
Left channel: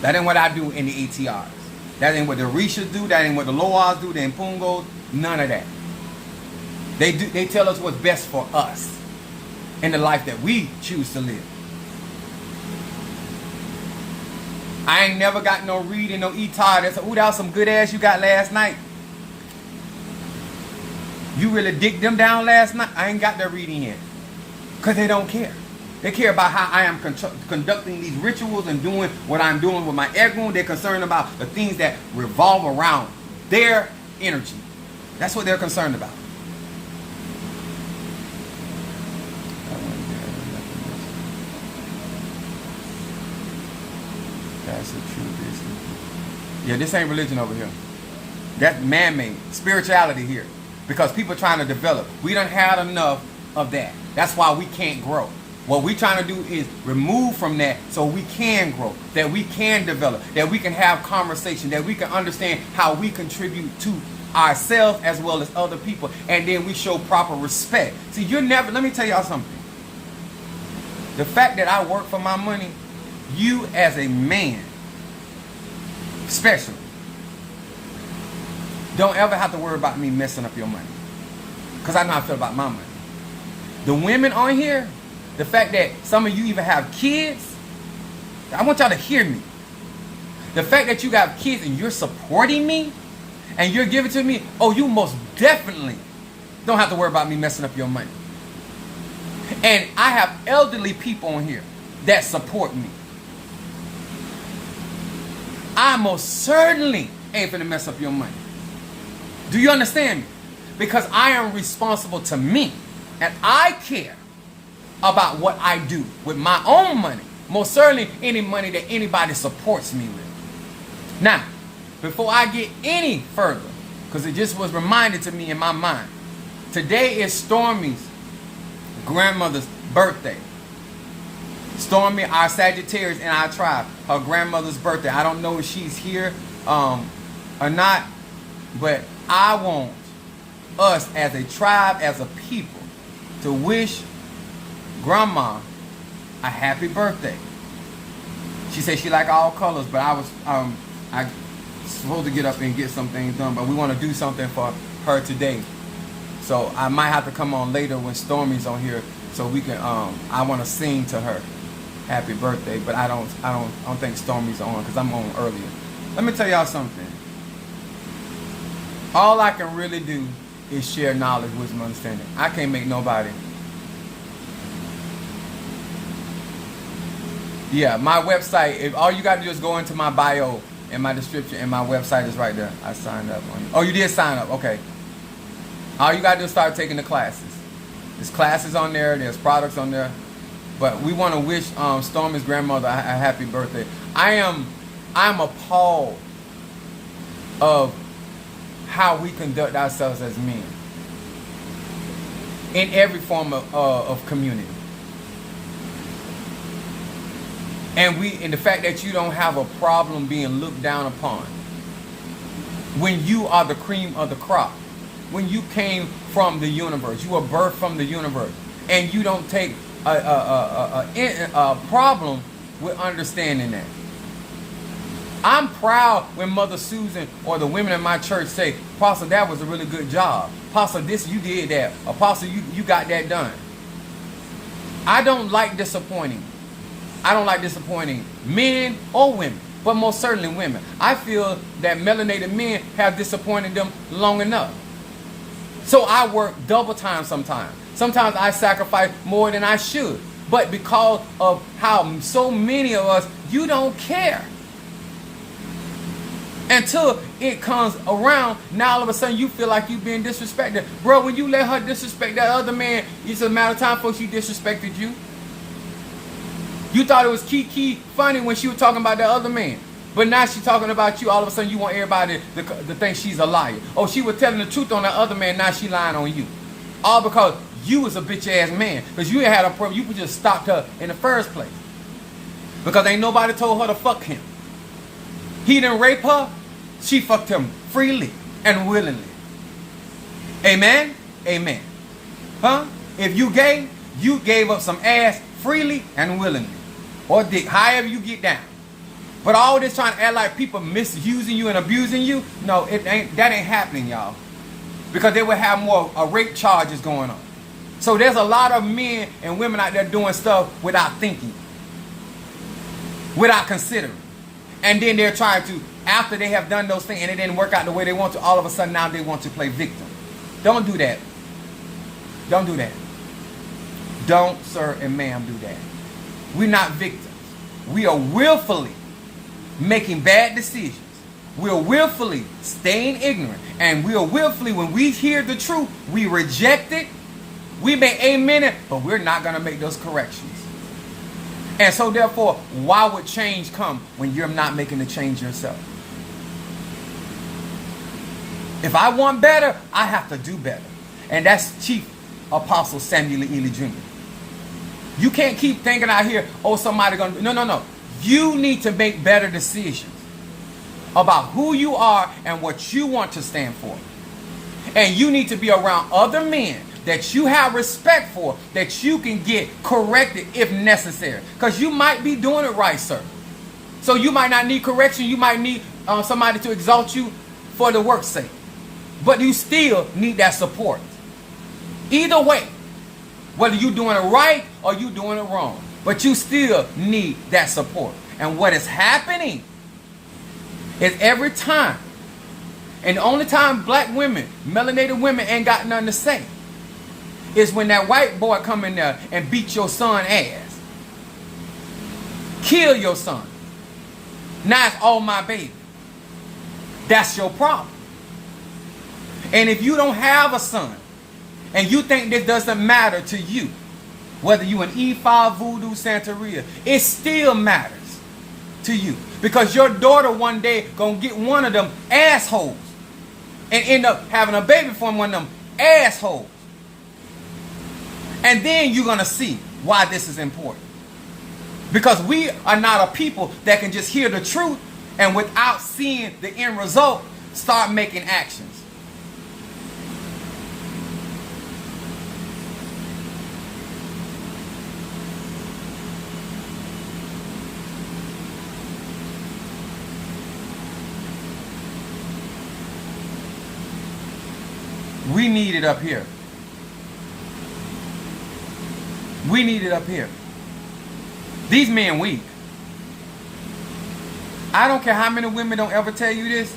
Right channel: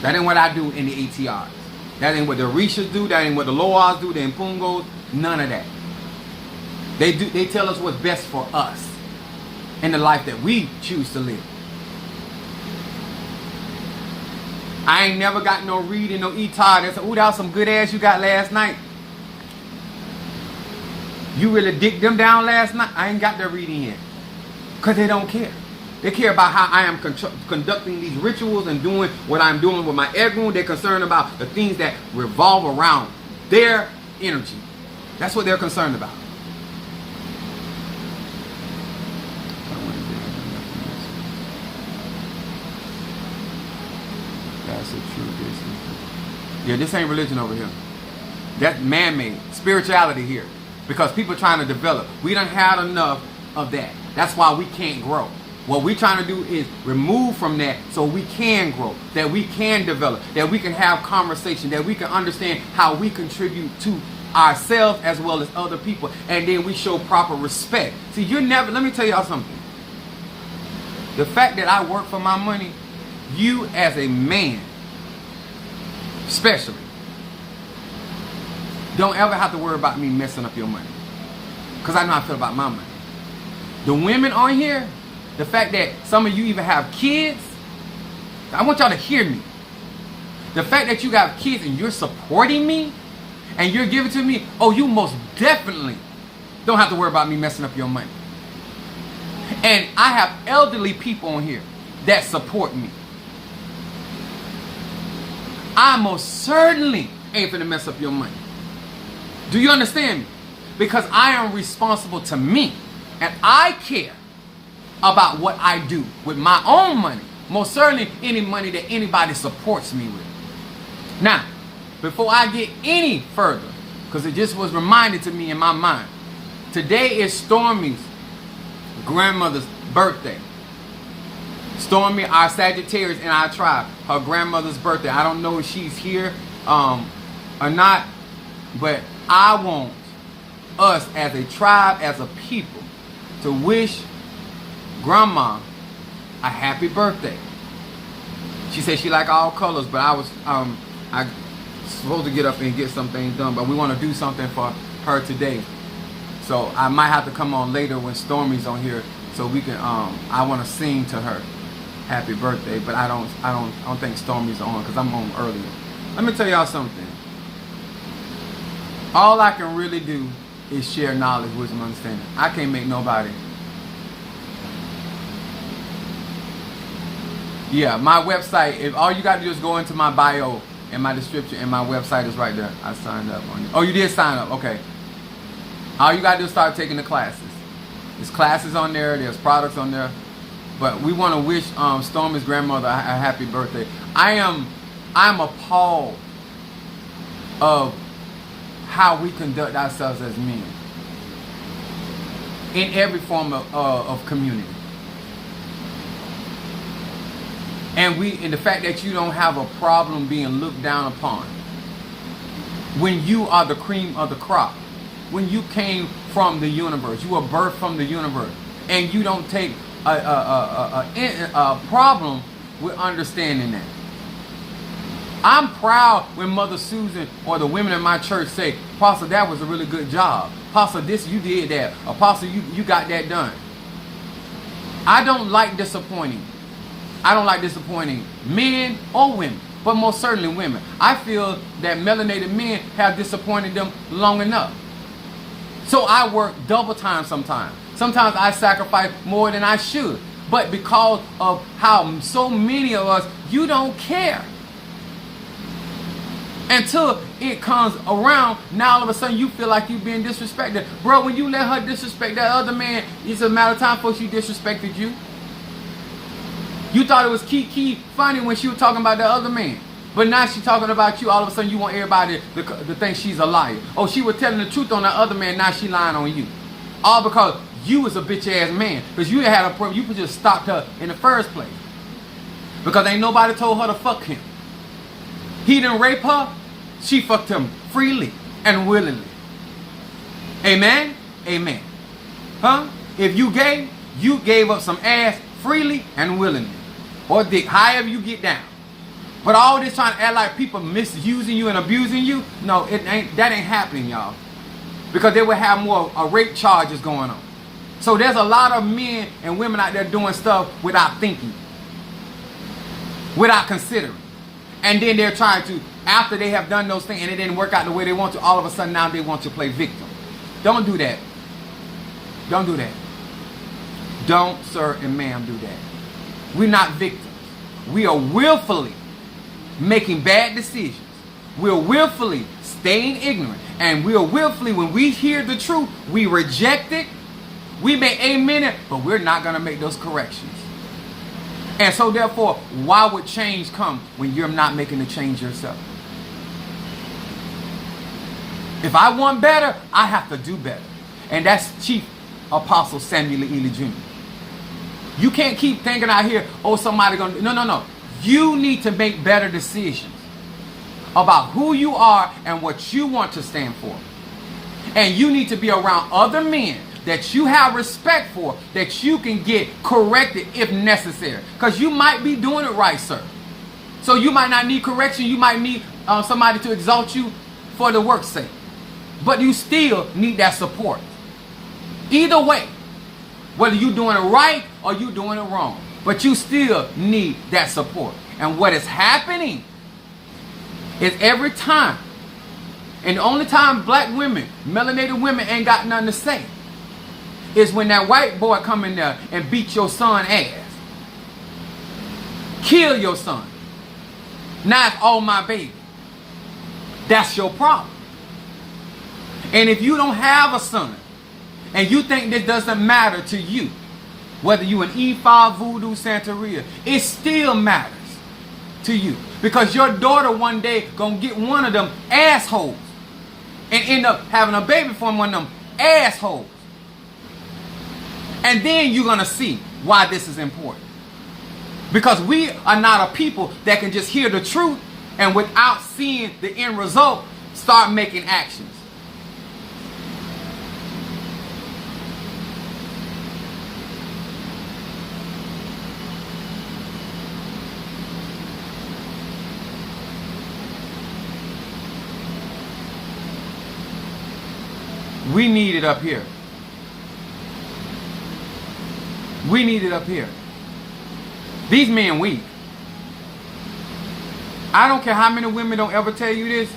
That ain't what I do in the ATRS. That ain't what the Orishas do. That ain't what the Loas do. The Impungos. None of that. They tell us what's best for us in the life that we choose to live. I ain't never got no reading, no etar. That's, ooh, that was some good ass you got last night. You really dicked them down last night? I ain't got that reading yet. Because they don't care. They care about how I am conducting these rituals and doing what I'm doing with my egun. They're concerned about the things that revolve around their energy. That's what they're concerned about. That's it, true. Yeah, this ain't religion over here. That's man-made. Spirituality here. Because people are trying to develop. We done had enough of that. That's why we can't grow. What we're trying to do is remove from that so we can grow, that we can develop, that we can have conversation, that we can understand how we contribute to ourselves as well as other people, and then we show proper respect. See, you're never, let me tell y'all something. The fact that I work for my money, you as a man, especially, don't ever have to worry about me messing up your money. Because I know how I feel about my money. The women on here, the fact that some of you even have kids, I want y'all to hear me. The fact that you got kids and you're supporting me and you're giving to me, oh, you most definitely don't have to worry about me messing up your money. And I have elderly people on here that support me. I most certainly ain't finna mess up your money. Do you understand me? Because I am responsible to me. And I care about what I do with my own money. Most certainly any money that anybody supports me with. Now, before I get any further, because it just was reminded to me in my mind, today is Stormy's grandmother's birthday. Stormy, our Sagittarius in our tribe, her grandmother's birthday. I don't know if she's here or not, but I want us as a tribe, as a people, to wish Grandma a happy birthday. She said she like all colors, but I supposed to get up and get some things done, but we want to do something for her today. So I might have to come on later when Stormy's on here, so we can. I want to sing to her happy birthday, but I don't think Stormy's on because I'm on earlier. Let me tell y'all something. All I can really do is share knowledge, wisdom, understanding. I can't make nobody. Yeah, my website, if all you got to do is go into my bio and my description, and my website is right there. I signed up on you. Oh, you did sign up. Okay. All you got to do is start taking the classes. There's classes on there. There's products on there. But we want to wish Stormy's grandmother a happy birthday. I'm appalled of how we conduct ourselves as men in every form of community. And the fact that you don't have a problem being looked down upon when you are the cream of the crop, when you came from the universe, you were birthed from the universe, and you don't take a problem with understanding that. I'm proud when Mother Susan or the women in my church say, Apostle, that was a really good job. Apostle, this, you did that. Apostle, you got that done. I don't like disappointing. I don't like disappointing men or women, but most certainly women. I feel that melanated men have disappointed them long enough. So I work double time sometimes. Sometimes I sacrifice more than I should. But because of how so many of us, you don't care. Until it comes around, now all of a sudden you feel like you're being disrespected. Bro, when you let her disrespect that other man, it's a matter of time before she disrespected you. You thought it was key funny when she was talking about that other man. But now she's talking about you. All of a sudden you want everybody to think she's a liar. Oh, she was telling the truth on that other man. Now she lying on you. All because you was a bitch ass man. Because you had a problem. You could just stop her in the first place. Because ain't nobody told her to fuck him. He didn't rape her. She fucked him freely and willingly. Amen? Amen. Huh? If you gay, you gave up some ass freely and willingly. Or dick, however you get down. But all this trying to act like people misusing you and abusing you, no, that ain't happening, y'all. Because they will have more rape charges going on. So there's a lot of men and women out there doing stuff without thinking. Without considering. And then they're trying to, after they have done those things and it didn't work out the way they want to, all of a sudden now they want to play victim. Don't do that. Don't do that. Don't, sir and ma'am, do that. We're not victims. We are willfully making bad decisions. We're willfully staying ignorant. And we are willfully, when we hear the truth, we reject it. We may amen it, but we're not going to make those corrections. And so therefore, why would change come when you're not making the change yourself? If I want better, I have to do better. And that's Chief Apostle Samuel Ely Jr. You can't keep thinking out here, oh, somebody gonna... No. You need to make better decisions about who you are and what you want to stand for. And you need to be around other men that you have respect for, that you can get corrected if necessary. Because you might be doing it right, sir. So you might not need correction. You might need somebody to exalt you for the work's sake. But you still need that support. Either way, whether you're doing it right or you're doing it wrong, but you still need that support. And what is happening is every time, and the only time black women, melanated women ain't got nothing to say, is when that white boy come in there and beat your son ass. Kill your son. Now it's all my baby. That's your problem. And if you don't have a son, and you think this doesn't matter to you, whether you an E5, Voodoo, Santeria, it still matters to you. Because your daughter one day gonna get one of them assholes and end up having a baby from one of them assholes. And then you're gonna see why this is important. Because we are not a people that can just hear the truth and without seeing the end result, start making actions. We need it up here. We need it up here. These men weak. I don't care how many women don't ever tell you this.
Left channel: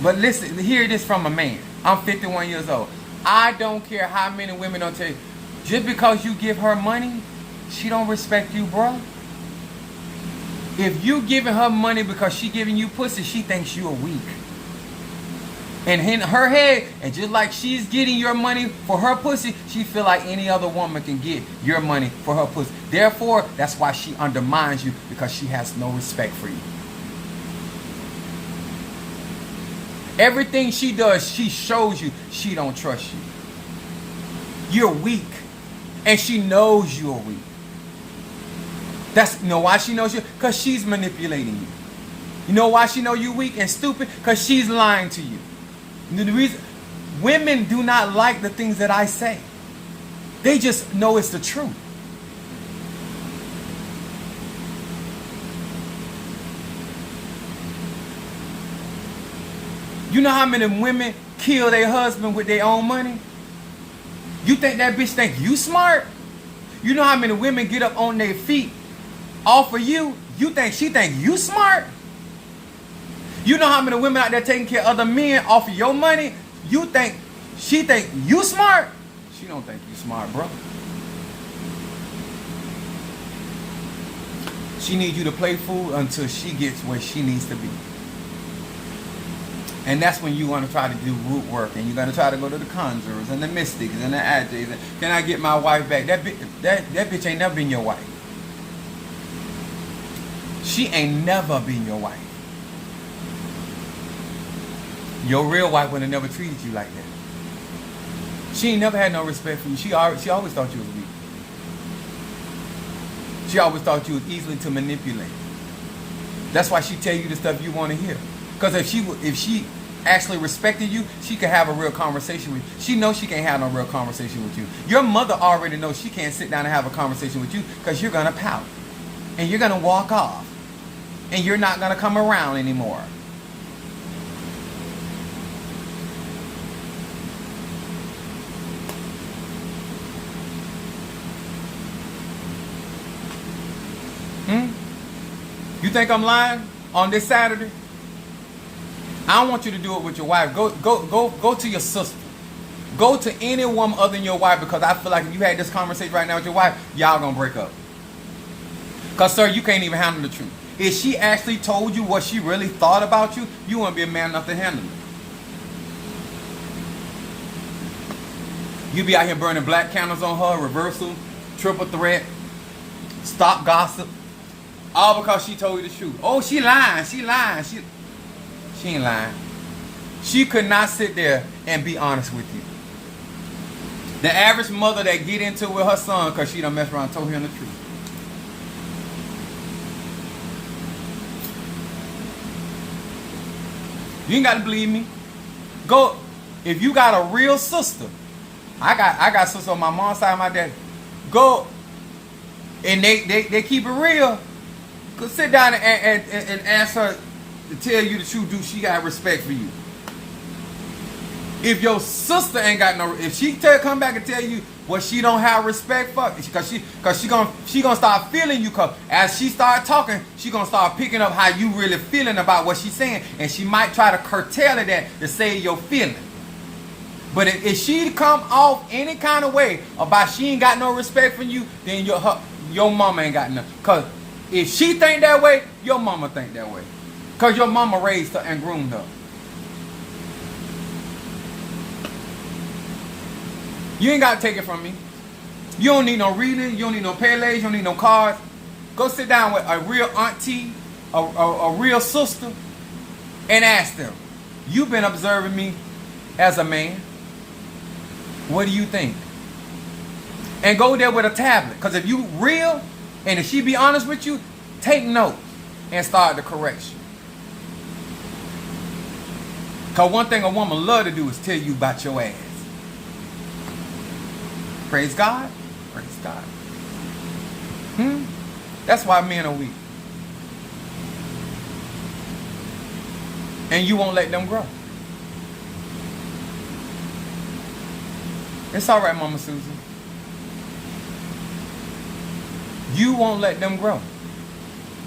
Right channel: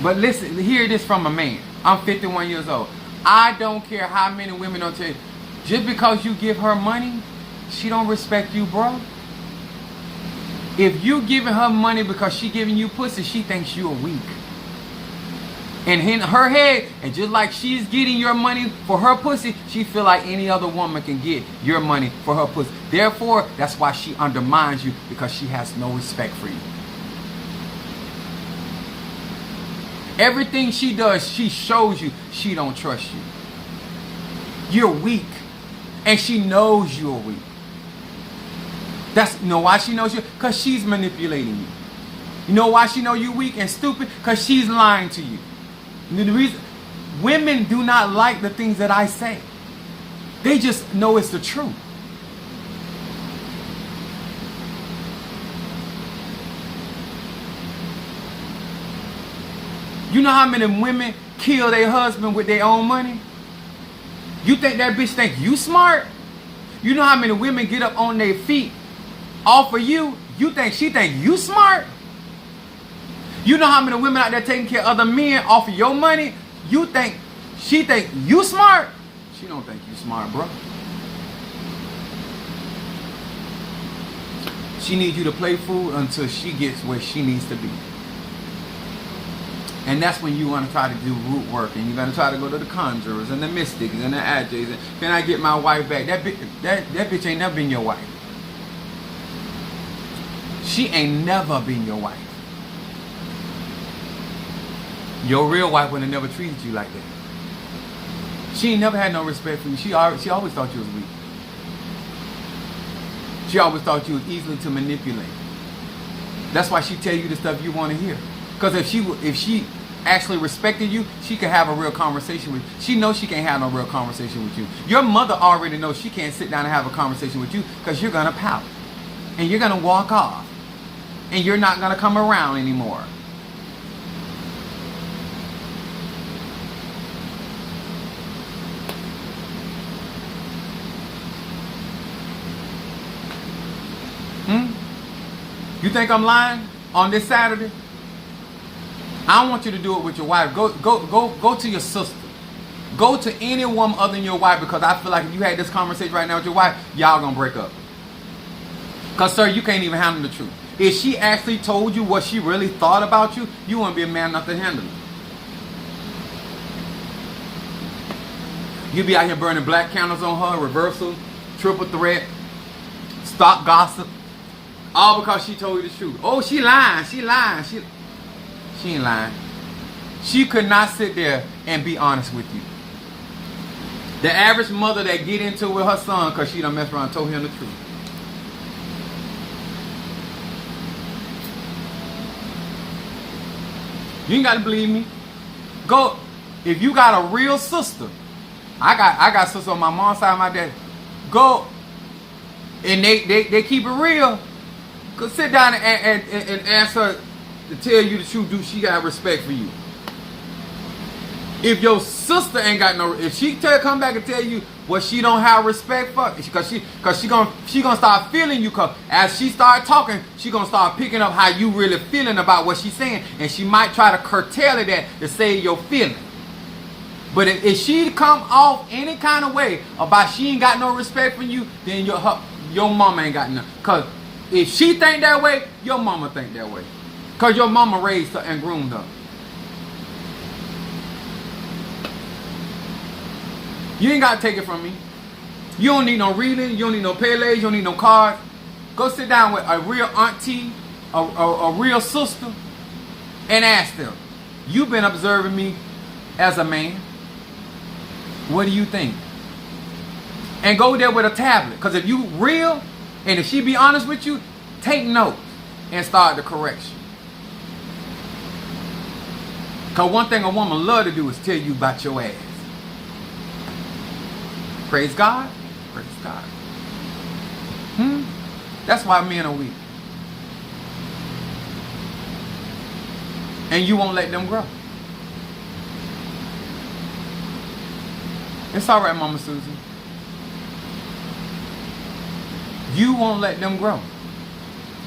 But listen, hear this from a man. I'm 51 years old. I don't care how many women don't tell you. Just because you give her money, she don't respect you, bro. If you giving her money because she giving you pussy, she thinks you are weak. And in her head, and just like she's getting your money for her pussy, she feel like any other woman can get your money for her pussy. Therefore, that's why she undermines you, because she has no respect for you. Everything she does, she shows you she don't trust you. You're weak. And she knows you're weak. You know why she knows you? Because she's manipulating you. You know why she know you're weak and stupid? Because she's lying to you. The reason women do not like the things that I say. They just know it's the truth. You know how many women kill their husband with their own money? You think that bitch think you smart? You know how many women get up on their feet off of you? You think she think you smart? You know how many women out there taking care of other men off of your money? You think she think you smart? She don't think you smart, bro. She needs you to play fool until she gets where she needs to be. And that's when you want to try to do root work, and you're going to try to go to the conjurers and the mystics and the ATRS. And can I get my wife back? That bitch ain't never been your wife. She ain't never been your wife. Your real wife would have never treated you like that. She ain't never had no respect for you. She always thought you was weak. She always thought you was easily to manipulate. That's why she tell you the stuff you want to hear. Because if she actually respected you, she can have a real conversation with you. She knows she can't have no real conversation with you. Your mother already knows she can't sit down and have a conversation with you because you're going to pout. And you're going to walk off. And you're not going to come around anymore. You think I'm lying on this Saturday? I don't want you to do it with your wife. Go to your sister. Go to any woman other than your wife, because I feel like if you had this conversation right now with your wife, y'all gonna break up. Because, sir, you can't even handle the truth. If she actually told you what she really thought about you, you wouldn't be a man enough to handle it. You be out here burning black candles on her, reversal, triple threat, stop gossip. All because she told you the truth. Oh, she lying. She lying. She ain't lying. She could not sit there and be honest with you. The average mother that get into it with her son because she done messed around and told him the truth. You ain't got to believe me. Go. If you got a real sister. I got sisters on my mom's side and my dad. Go. And they keep it real. Go sit down and ask her to tell you the truth. Do she got respect for you? If your sister ain't got no, if she come back and tell you what she don't have respect for, because she gonna start feeling you. Cause as she start talking, she gonna start picking up how you really feeling about what she's saying, and she might try to curtail it that to say your feeling. But if she come off any kind of way about she ain't got no respect for you, then your mama ain't got none. Cause if she think that way, your mama think that way. Because your mama raised her and groomed her. You ain't got to take it from me. You don't need no reading. You don't need no paylays. You don't need no cards. Go sit down with a real auntie, a real sister, and ask them, you've been observing me as a man. What do you think? And go there with a tablet. Because if you real, and if she be honest with you, take notes and start the correction. Because one thing a woman love to do is tell you about your ass. Praise God. Praise God. That's why men are weak. And you won't let them grow. It's all right, Mama Susan. You won't let them grow.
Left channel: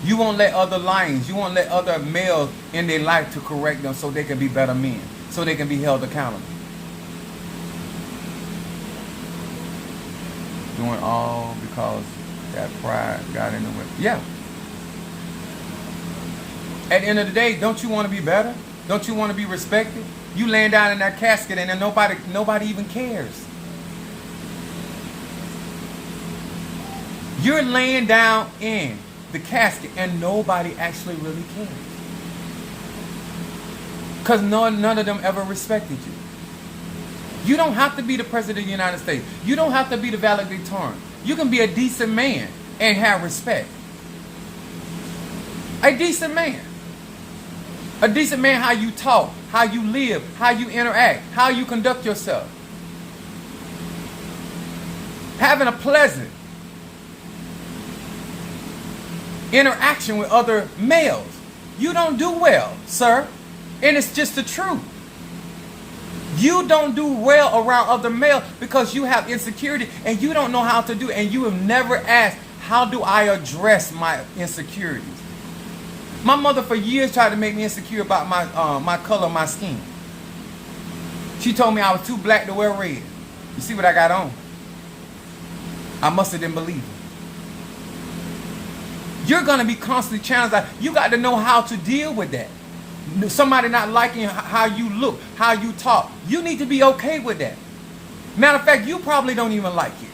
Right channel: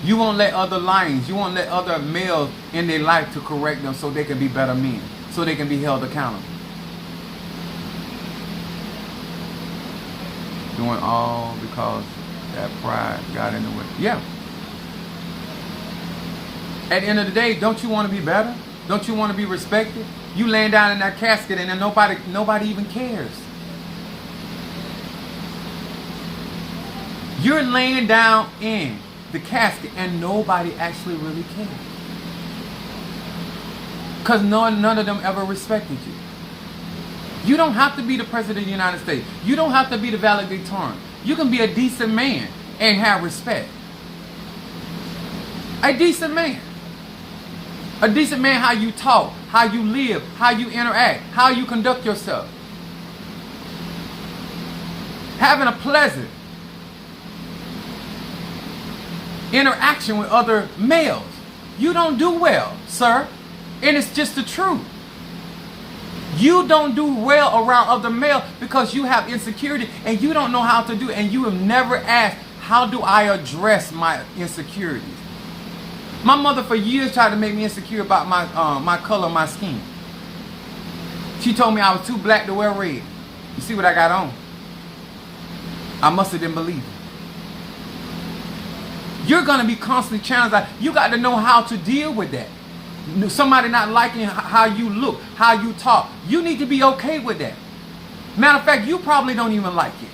You won't let other lions, you won't let other males in their life to correct them so they can be better men, so they can be held accountable. Doing all because that pride got in the way. Yeah. At the end of the day, don't you want to be better? Don't you want to be respected? You laying down in that casket and then nobody even cares. You're laying down in the casket and nobody actually really cares. Because none of them ever respected you. You don't have to be the president of the United States. You don't have to be the valedictorian. You can be a decent man and have respect. A decent man. A decent man, how you talk, how you live, how you interact, how you conduct yourself. Having a pleasant interaction with other males. You don't do well, sir. And it's just the truth. You don't do well around other males because you have insecurity and you don't know how to do it. And you have never asked, how do I address my insecurities? My mother for years tried to make me insecure about my color of my skin. She told me I was too black to wear red. You see what I got on? I must have didn't believe her. You're going to be constantly challenged. You got to know how to deal with that. Somebody not liking how you look, how you talk. You need to be okay with that. Matter of fact, you probably don't even like it.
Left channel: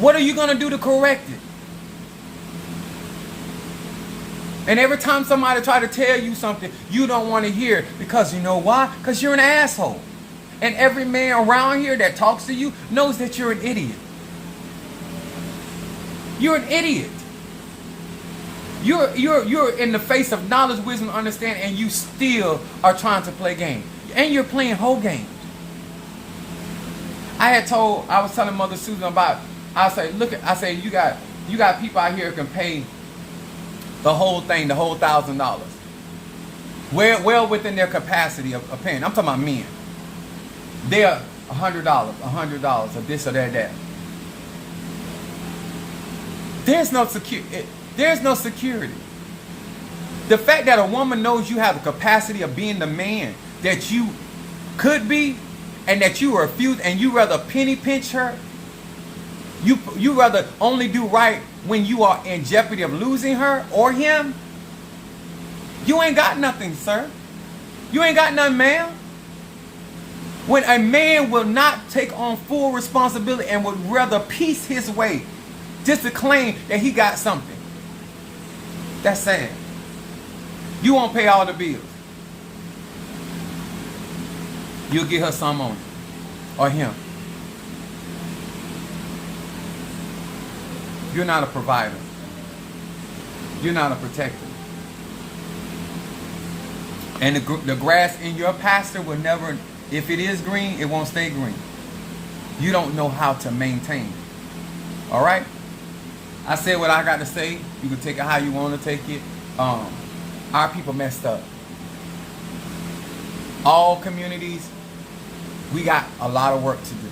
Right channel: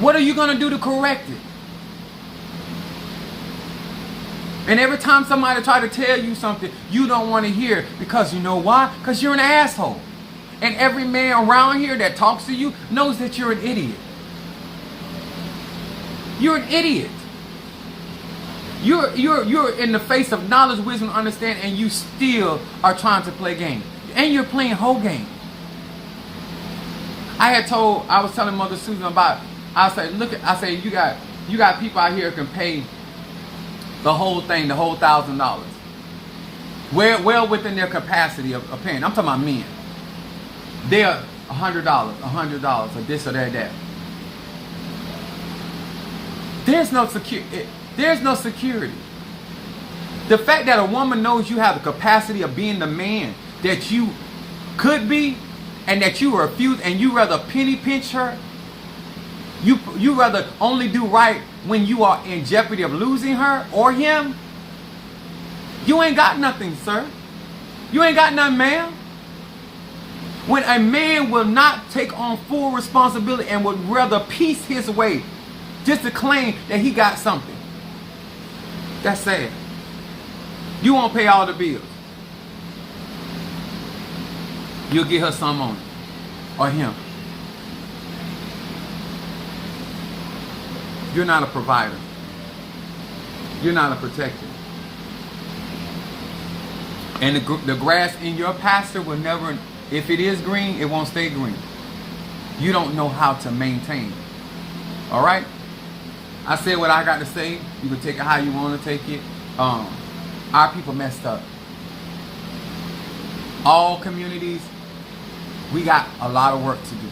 What are you going to do to correct it? And every time somebody try to tell you something, you don't want to hear because you know why? Because you're an asshole. And every man around here that talks to you knows that you're an idiot. You're an idiot. You're in the face of knowledge, wisdom, understanding, and you still are trying to play game. And you're playing whole game. I was telling Mother Susan about, I said, you got people out here who can pay the whole thing, the whole $1,000. Well within their capacity of paying. I'm talking about men. They're $100, or this or that. There's no security. The fact that a woman knows you have the capacity of being the man that you could be, and that you refuse, and you rather penny pinch her, you rather only do right when you are in jeopardy of losing her or him, you ain't got nothing, sir. You ain't got nothing, ma'am. When a man will not take on full responsibility and would rather piece his way just to claim that he got something, that's sad. You won't pay all the bills. You'll get her some on it. Or him. You're not a provider. You're not a protector. And the grass in your pasture will never, if it is green, it won't stay green. You don't know how to maintain it. All right? I said what I got to say. You can take it how you want to take it. Our people messed up. All communities, we got a lot of work to do.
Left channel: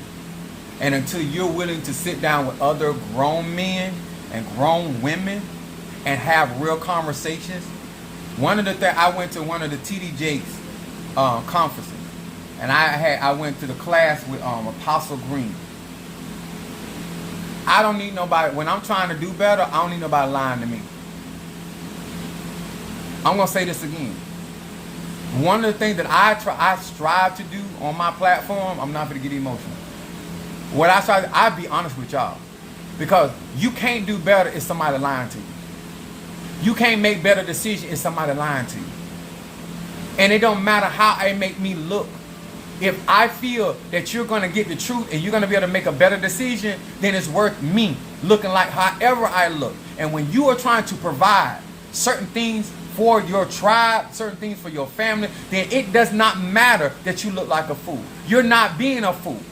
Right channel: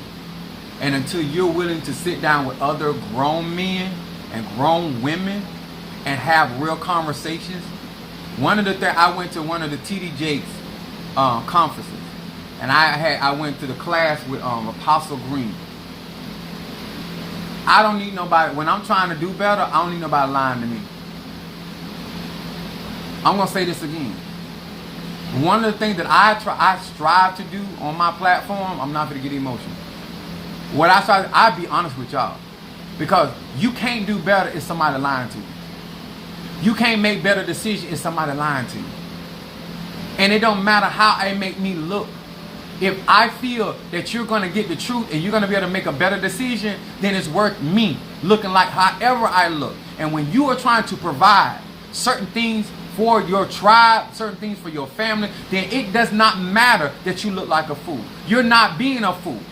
And until you're willing to sit down with other grown men and grown women and have real conversations. One of the things, I went to one of the TD Jakes conferences, and I went to the class with Apostle Green. I don't need nobody, when I'm trying to do better, I don't need nobody lying to me. I'm going to say this again. One of the things that I strive to do on my platform, I'm not going to get emotional. What I'll be honest with y'all. Because you can't do better if somebody lying to you. You can't make better decisions if somebody lying to you. And it don't matter how it make me look. If I feel that you're going to get the truth and you're going to be able to make a better decision, then it's worth me looking like however I look. And when you are trying to provide certain things for your tribe, certain things for your family, then it does not matter that you look like a fool. You're not being a fool.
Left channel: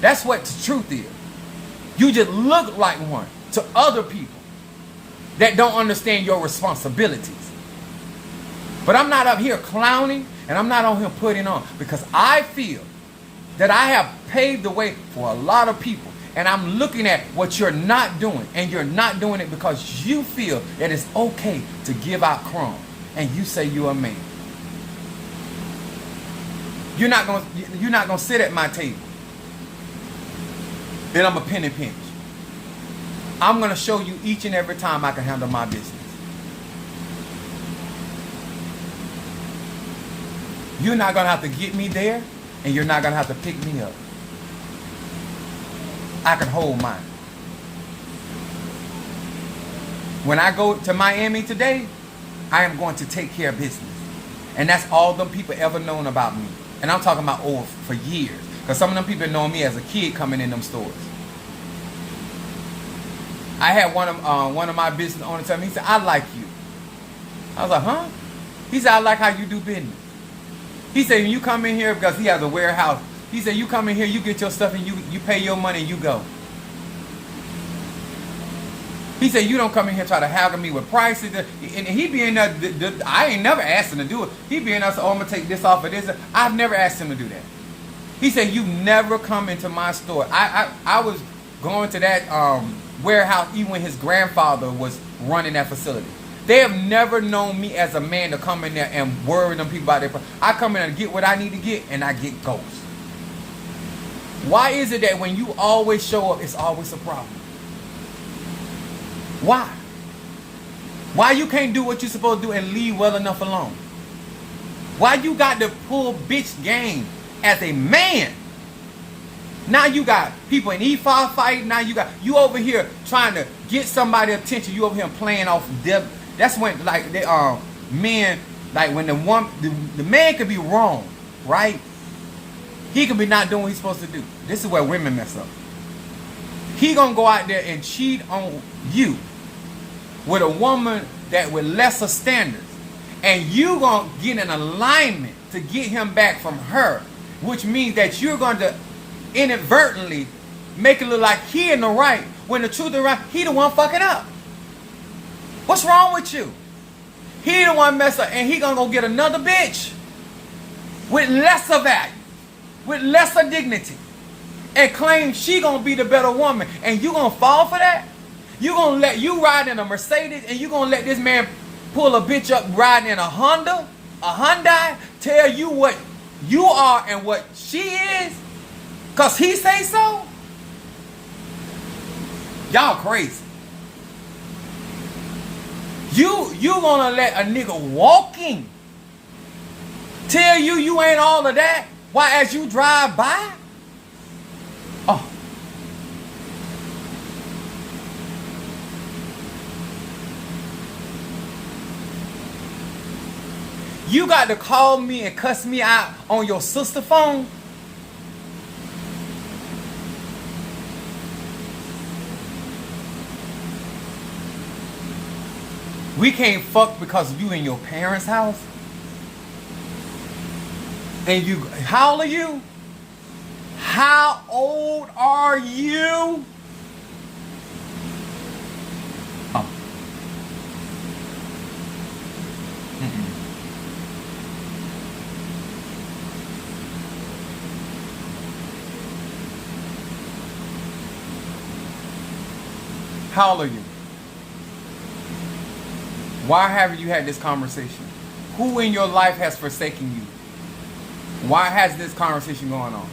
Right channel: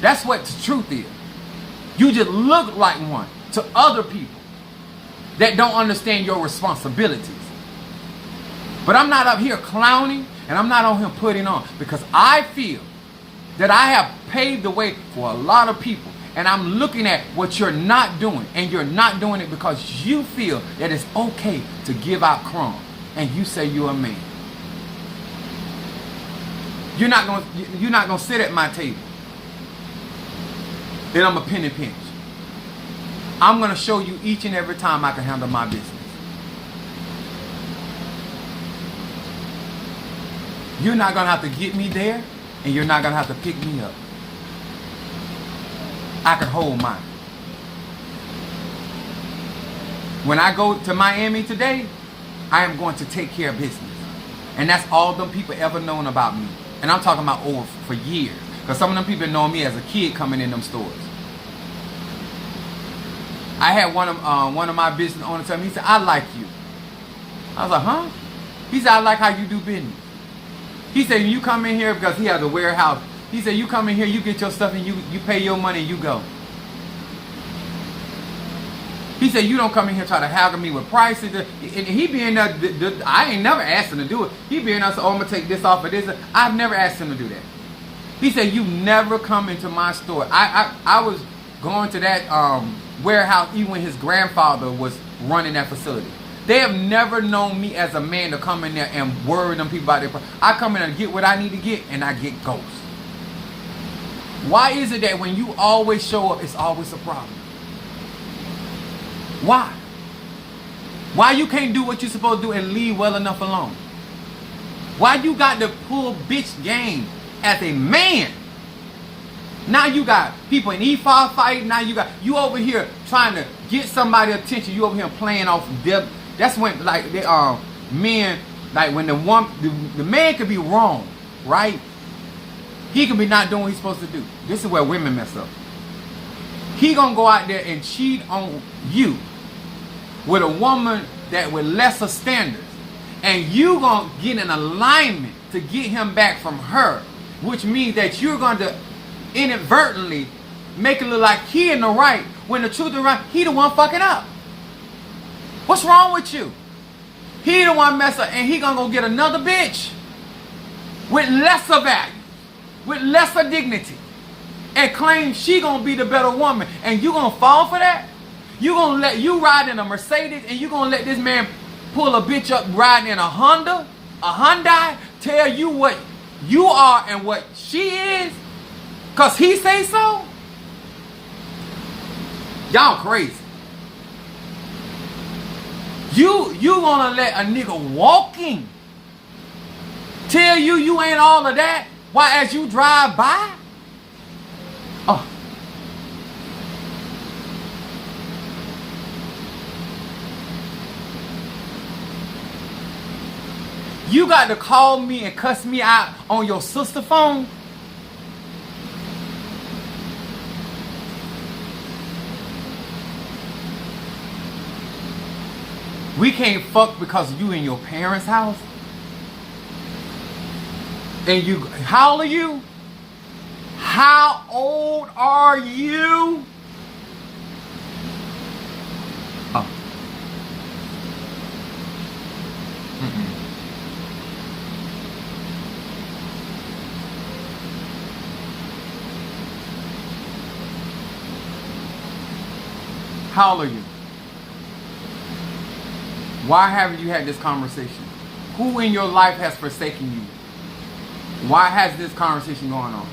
That's what the truth is. You just look like one to other people that don't understand your responsibilities. But I'm not up here clowning, and I'm not on here putting on, because I feel that I have paved the way for a lot of people. And I'm looking at what you're not doing, and you're not doing it because you feel that it's okay to give out crumbs, and you say you're a man. You're not gonna sit at my table. Then I'm a penny pinch. I'm gonna show you each and every time I can handle my business. You're not gonna have to get me there, and you're not gonna have to pick me up. I can hold mine. When I go to Miami today, I am going to take care of business. And that's all them people ever known about me. And I'm talking about over for years. Because some of them people know me as a kid coming in them stores. I had one of my business owners tell me, he said, I like you. I was like, huh? He said, I like how you do business. He said, when you come in here, because he has a warehouse, he said, you come in here, you get your stuff, and you pay your money, and you go. He said, you don't come in here try to haggle me with prices. And he be in there, I ain't never asked him to do it. He be in there, so I'm going to take this off of this. I've never asked him to do that. He said, you never come into my store. I was going to that warehouse even when his grandfather was running that facility. They have never known me as a man to come in there and worry them people about their price. I come in and get what I need to get, and I get ghost. Why is it that when you always show up, it's always a problem? Why? Why you can't do what you're supposed to do and leave well enough alone? Why you got to pull bitch game as a man? Now you got people in E5 fighting. Now you over here trying to get somebody's attention. You over here playing off them. That's when like they men, like when the man could be wrong, right? He could be not doing what he's supposed to do. This is where women mess up. He gonna go out there and cheat on you with a woman that with lesser standards, and you gonna get in alignment to get him back from her, which means that you're going to inadvertently make it look like he in the right, when the truth is right, he the one fucking up. What's wrong with you? He the one mess up, and he gonna go get another bitch with lesser value, with lesser dignity, and claim she gonna be the better woman, and you gonna fall for that? You gonna let you ride in a Mercedes, and you gonna let this man pull a bitch up riding in a Honda, a Hyundai, tell you what you are and what she is, cause he say so? Y'all crazy. You gonna let a nigga walking tell you you ain't all of that, why as you drive by? Oh. You got to call me and cuss me out on your sister phone? We can't fuck because you in your parents' house? And you, how old are you? How old are you? Oh. How old are you? Why haven't you had this conversation? Who in your life has forsaken you? Why has this conversation going on?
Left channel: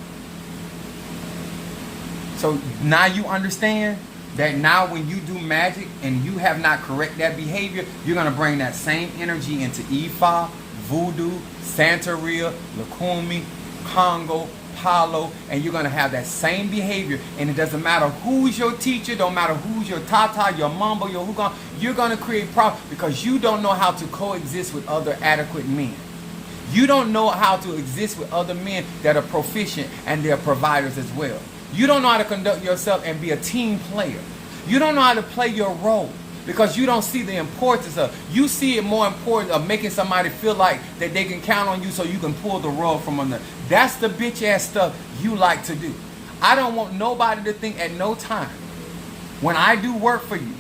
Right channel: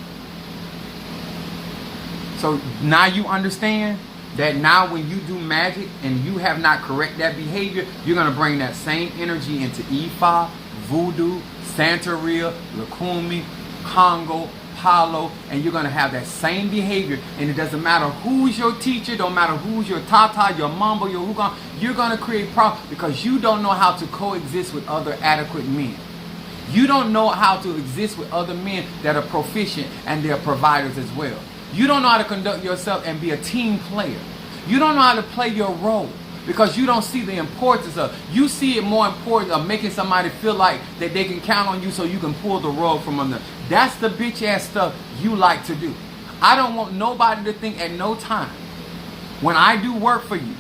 So now you understand that now when you do magic and you have not correct that behavior, you're going to bring that same energy into Ifa, Voodoo, Santeria, Lukumi, Congo, Palo, and you're going to have that same behavior. And it doesn't matter who's your teacher, don't matter who's your tata, your mambo, your hookah, you're going to create problems because you don't know how to coexist with other adequate men. You don't know how to exist with other men that are proficient and they're providers as well. You don't know how to conduct yourself and be a team player. You don't know how to play your role because you don't see the importance of, you see it more important of making somebody feel like that they can count on you so you can pull the rug from under. That's the bitch ass stuff you like to do. I don't want nobody to think at no time when I do work for you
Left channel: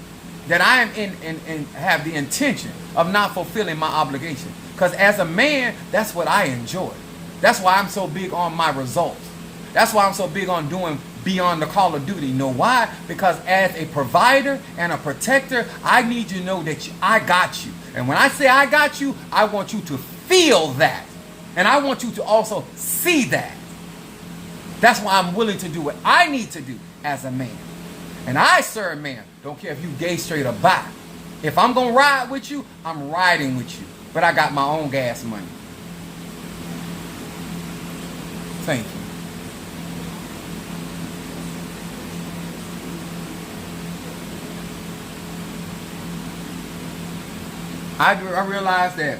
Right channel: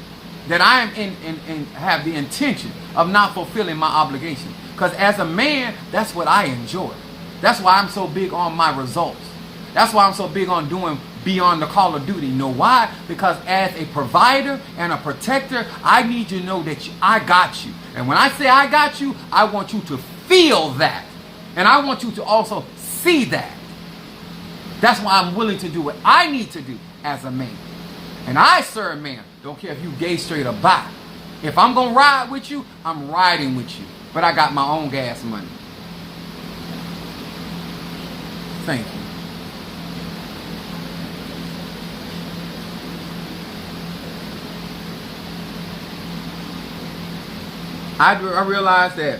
that I am in have the intention of not fulfilling my obligation. Because as a man, that's what I enjoy. That's why I'm so big on my results. That's why I'm so big on doing beyond the call of duty. You know why? Because as a provider and a protector, I need you to know that I got you. And when I say I got you, I want you to feel that. And I want you to also see that. That's why I'm willing to do what I need to do as a man. And I, sir, man, don't care if you gay, straight, or bi. If I'm going to ride with you, I'm riding with you. But I got my own gas money. Thank you. I realize that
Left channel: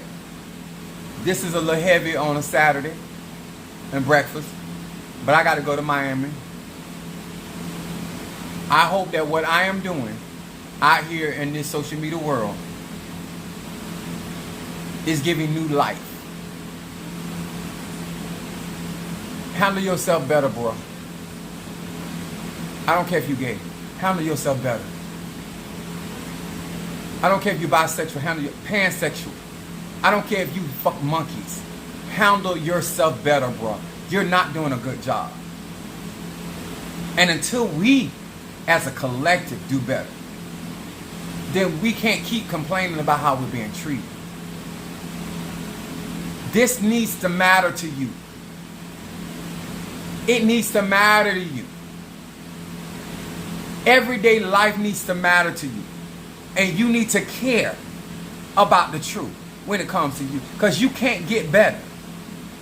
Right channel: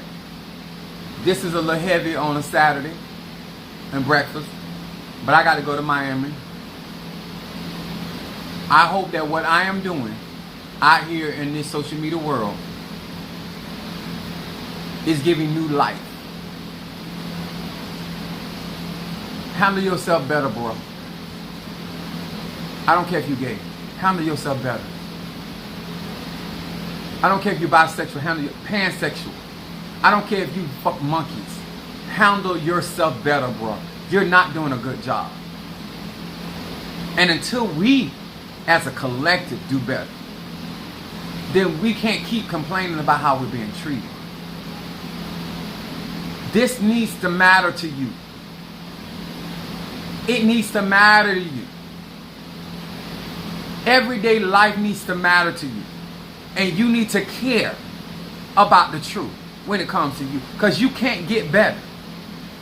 this is a little heavy on a Saturday and breakfast, but I got to go to Miami. I hope that what I am doing out here in this social media world is giving new life. Handle yourself better, bro. I don't care if you're gay. Handle yourself better. I don't care if you're bisexual, handle your pansexual. I don't care if you fuck monkeys. Handle yourself better, bro. You're not doing a good job. And until we, as a collective, do better, then we can't keep complaining about how we're being treated. This needs to matter to you. It needs to matter to you. Everyday life needs to matter to you. And you need to care about the truth when it comes to you. Because you can't get better.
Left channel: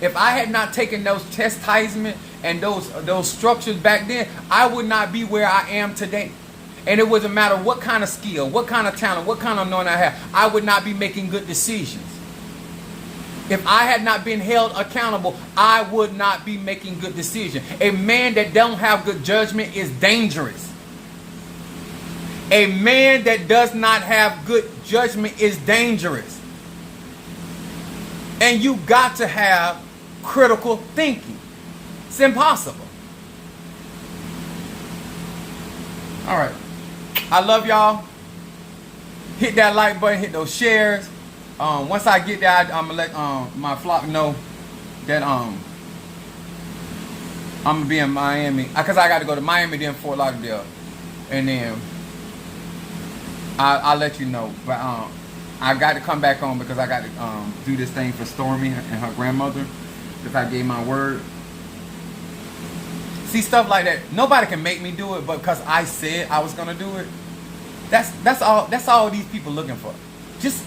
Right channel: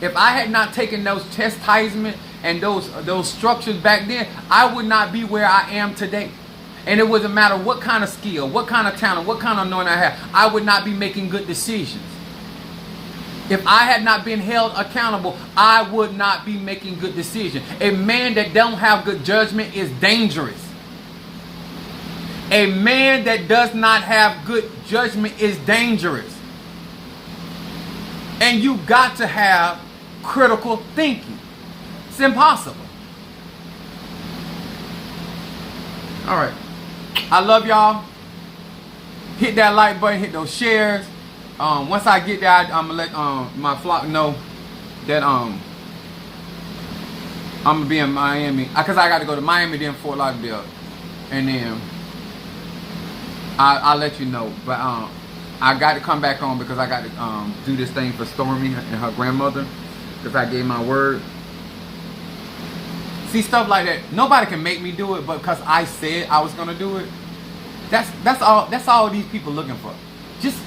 If I had not taken those chastisement and those structures back then, I would not be where I am today. And it wouldn't matter what kind of skill, what kind of talent, what kind of anointing I have. I would not be making good decisions. If I had not been held accountable, I would not be making good decisions. A man that don't have good judgment is dangerous. A man that does not have good judgment is dangerous. And you got to have critical thinking. It's impossible. All right. I love y'all. Hit that like button. Hit those shares. Once I get that, I'm gonna let my flock know that I'm gonna be in Miami, because I got to go to Miami, then Fort Lauderdale, and then I'll let you know. But I got to come back on because I got to do this thing for Stormy and her grandmother, because I gave my word. See, stuff like that, nobody can make me do it, but because I said I was gonna do it. That's all these people looking for. Just,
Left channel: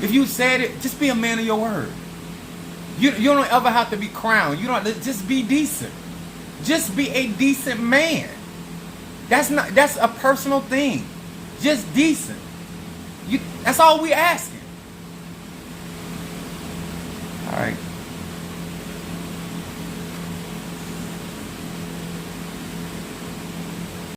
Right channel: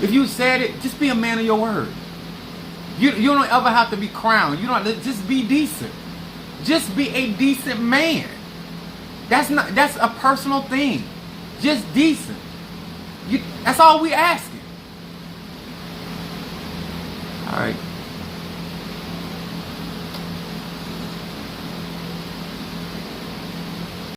if you said it, just be a man of your word. You don't ever have to be crowned. You don't have to, just be decent. Just be a decent man. That's a personal thing. Just decent. That's all we asking. All right.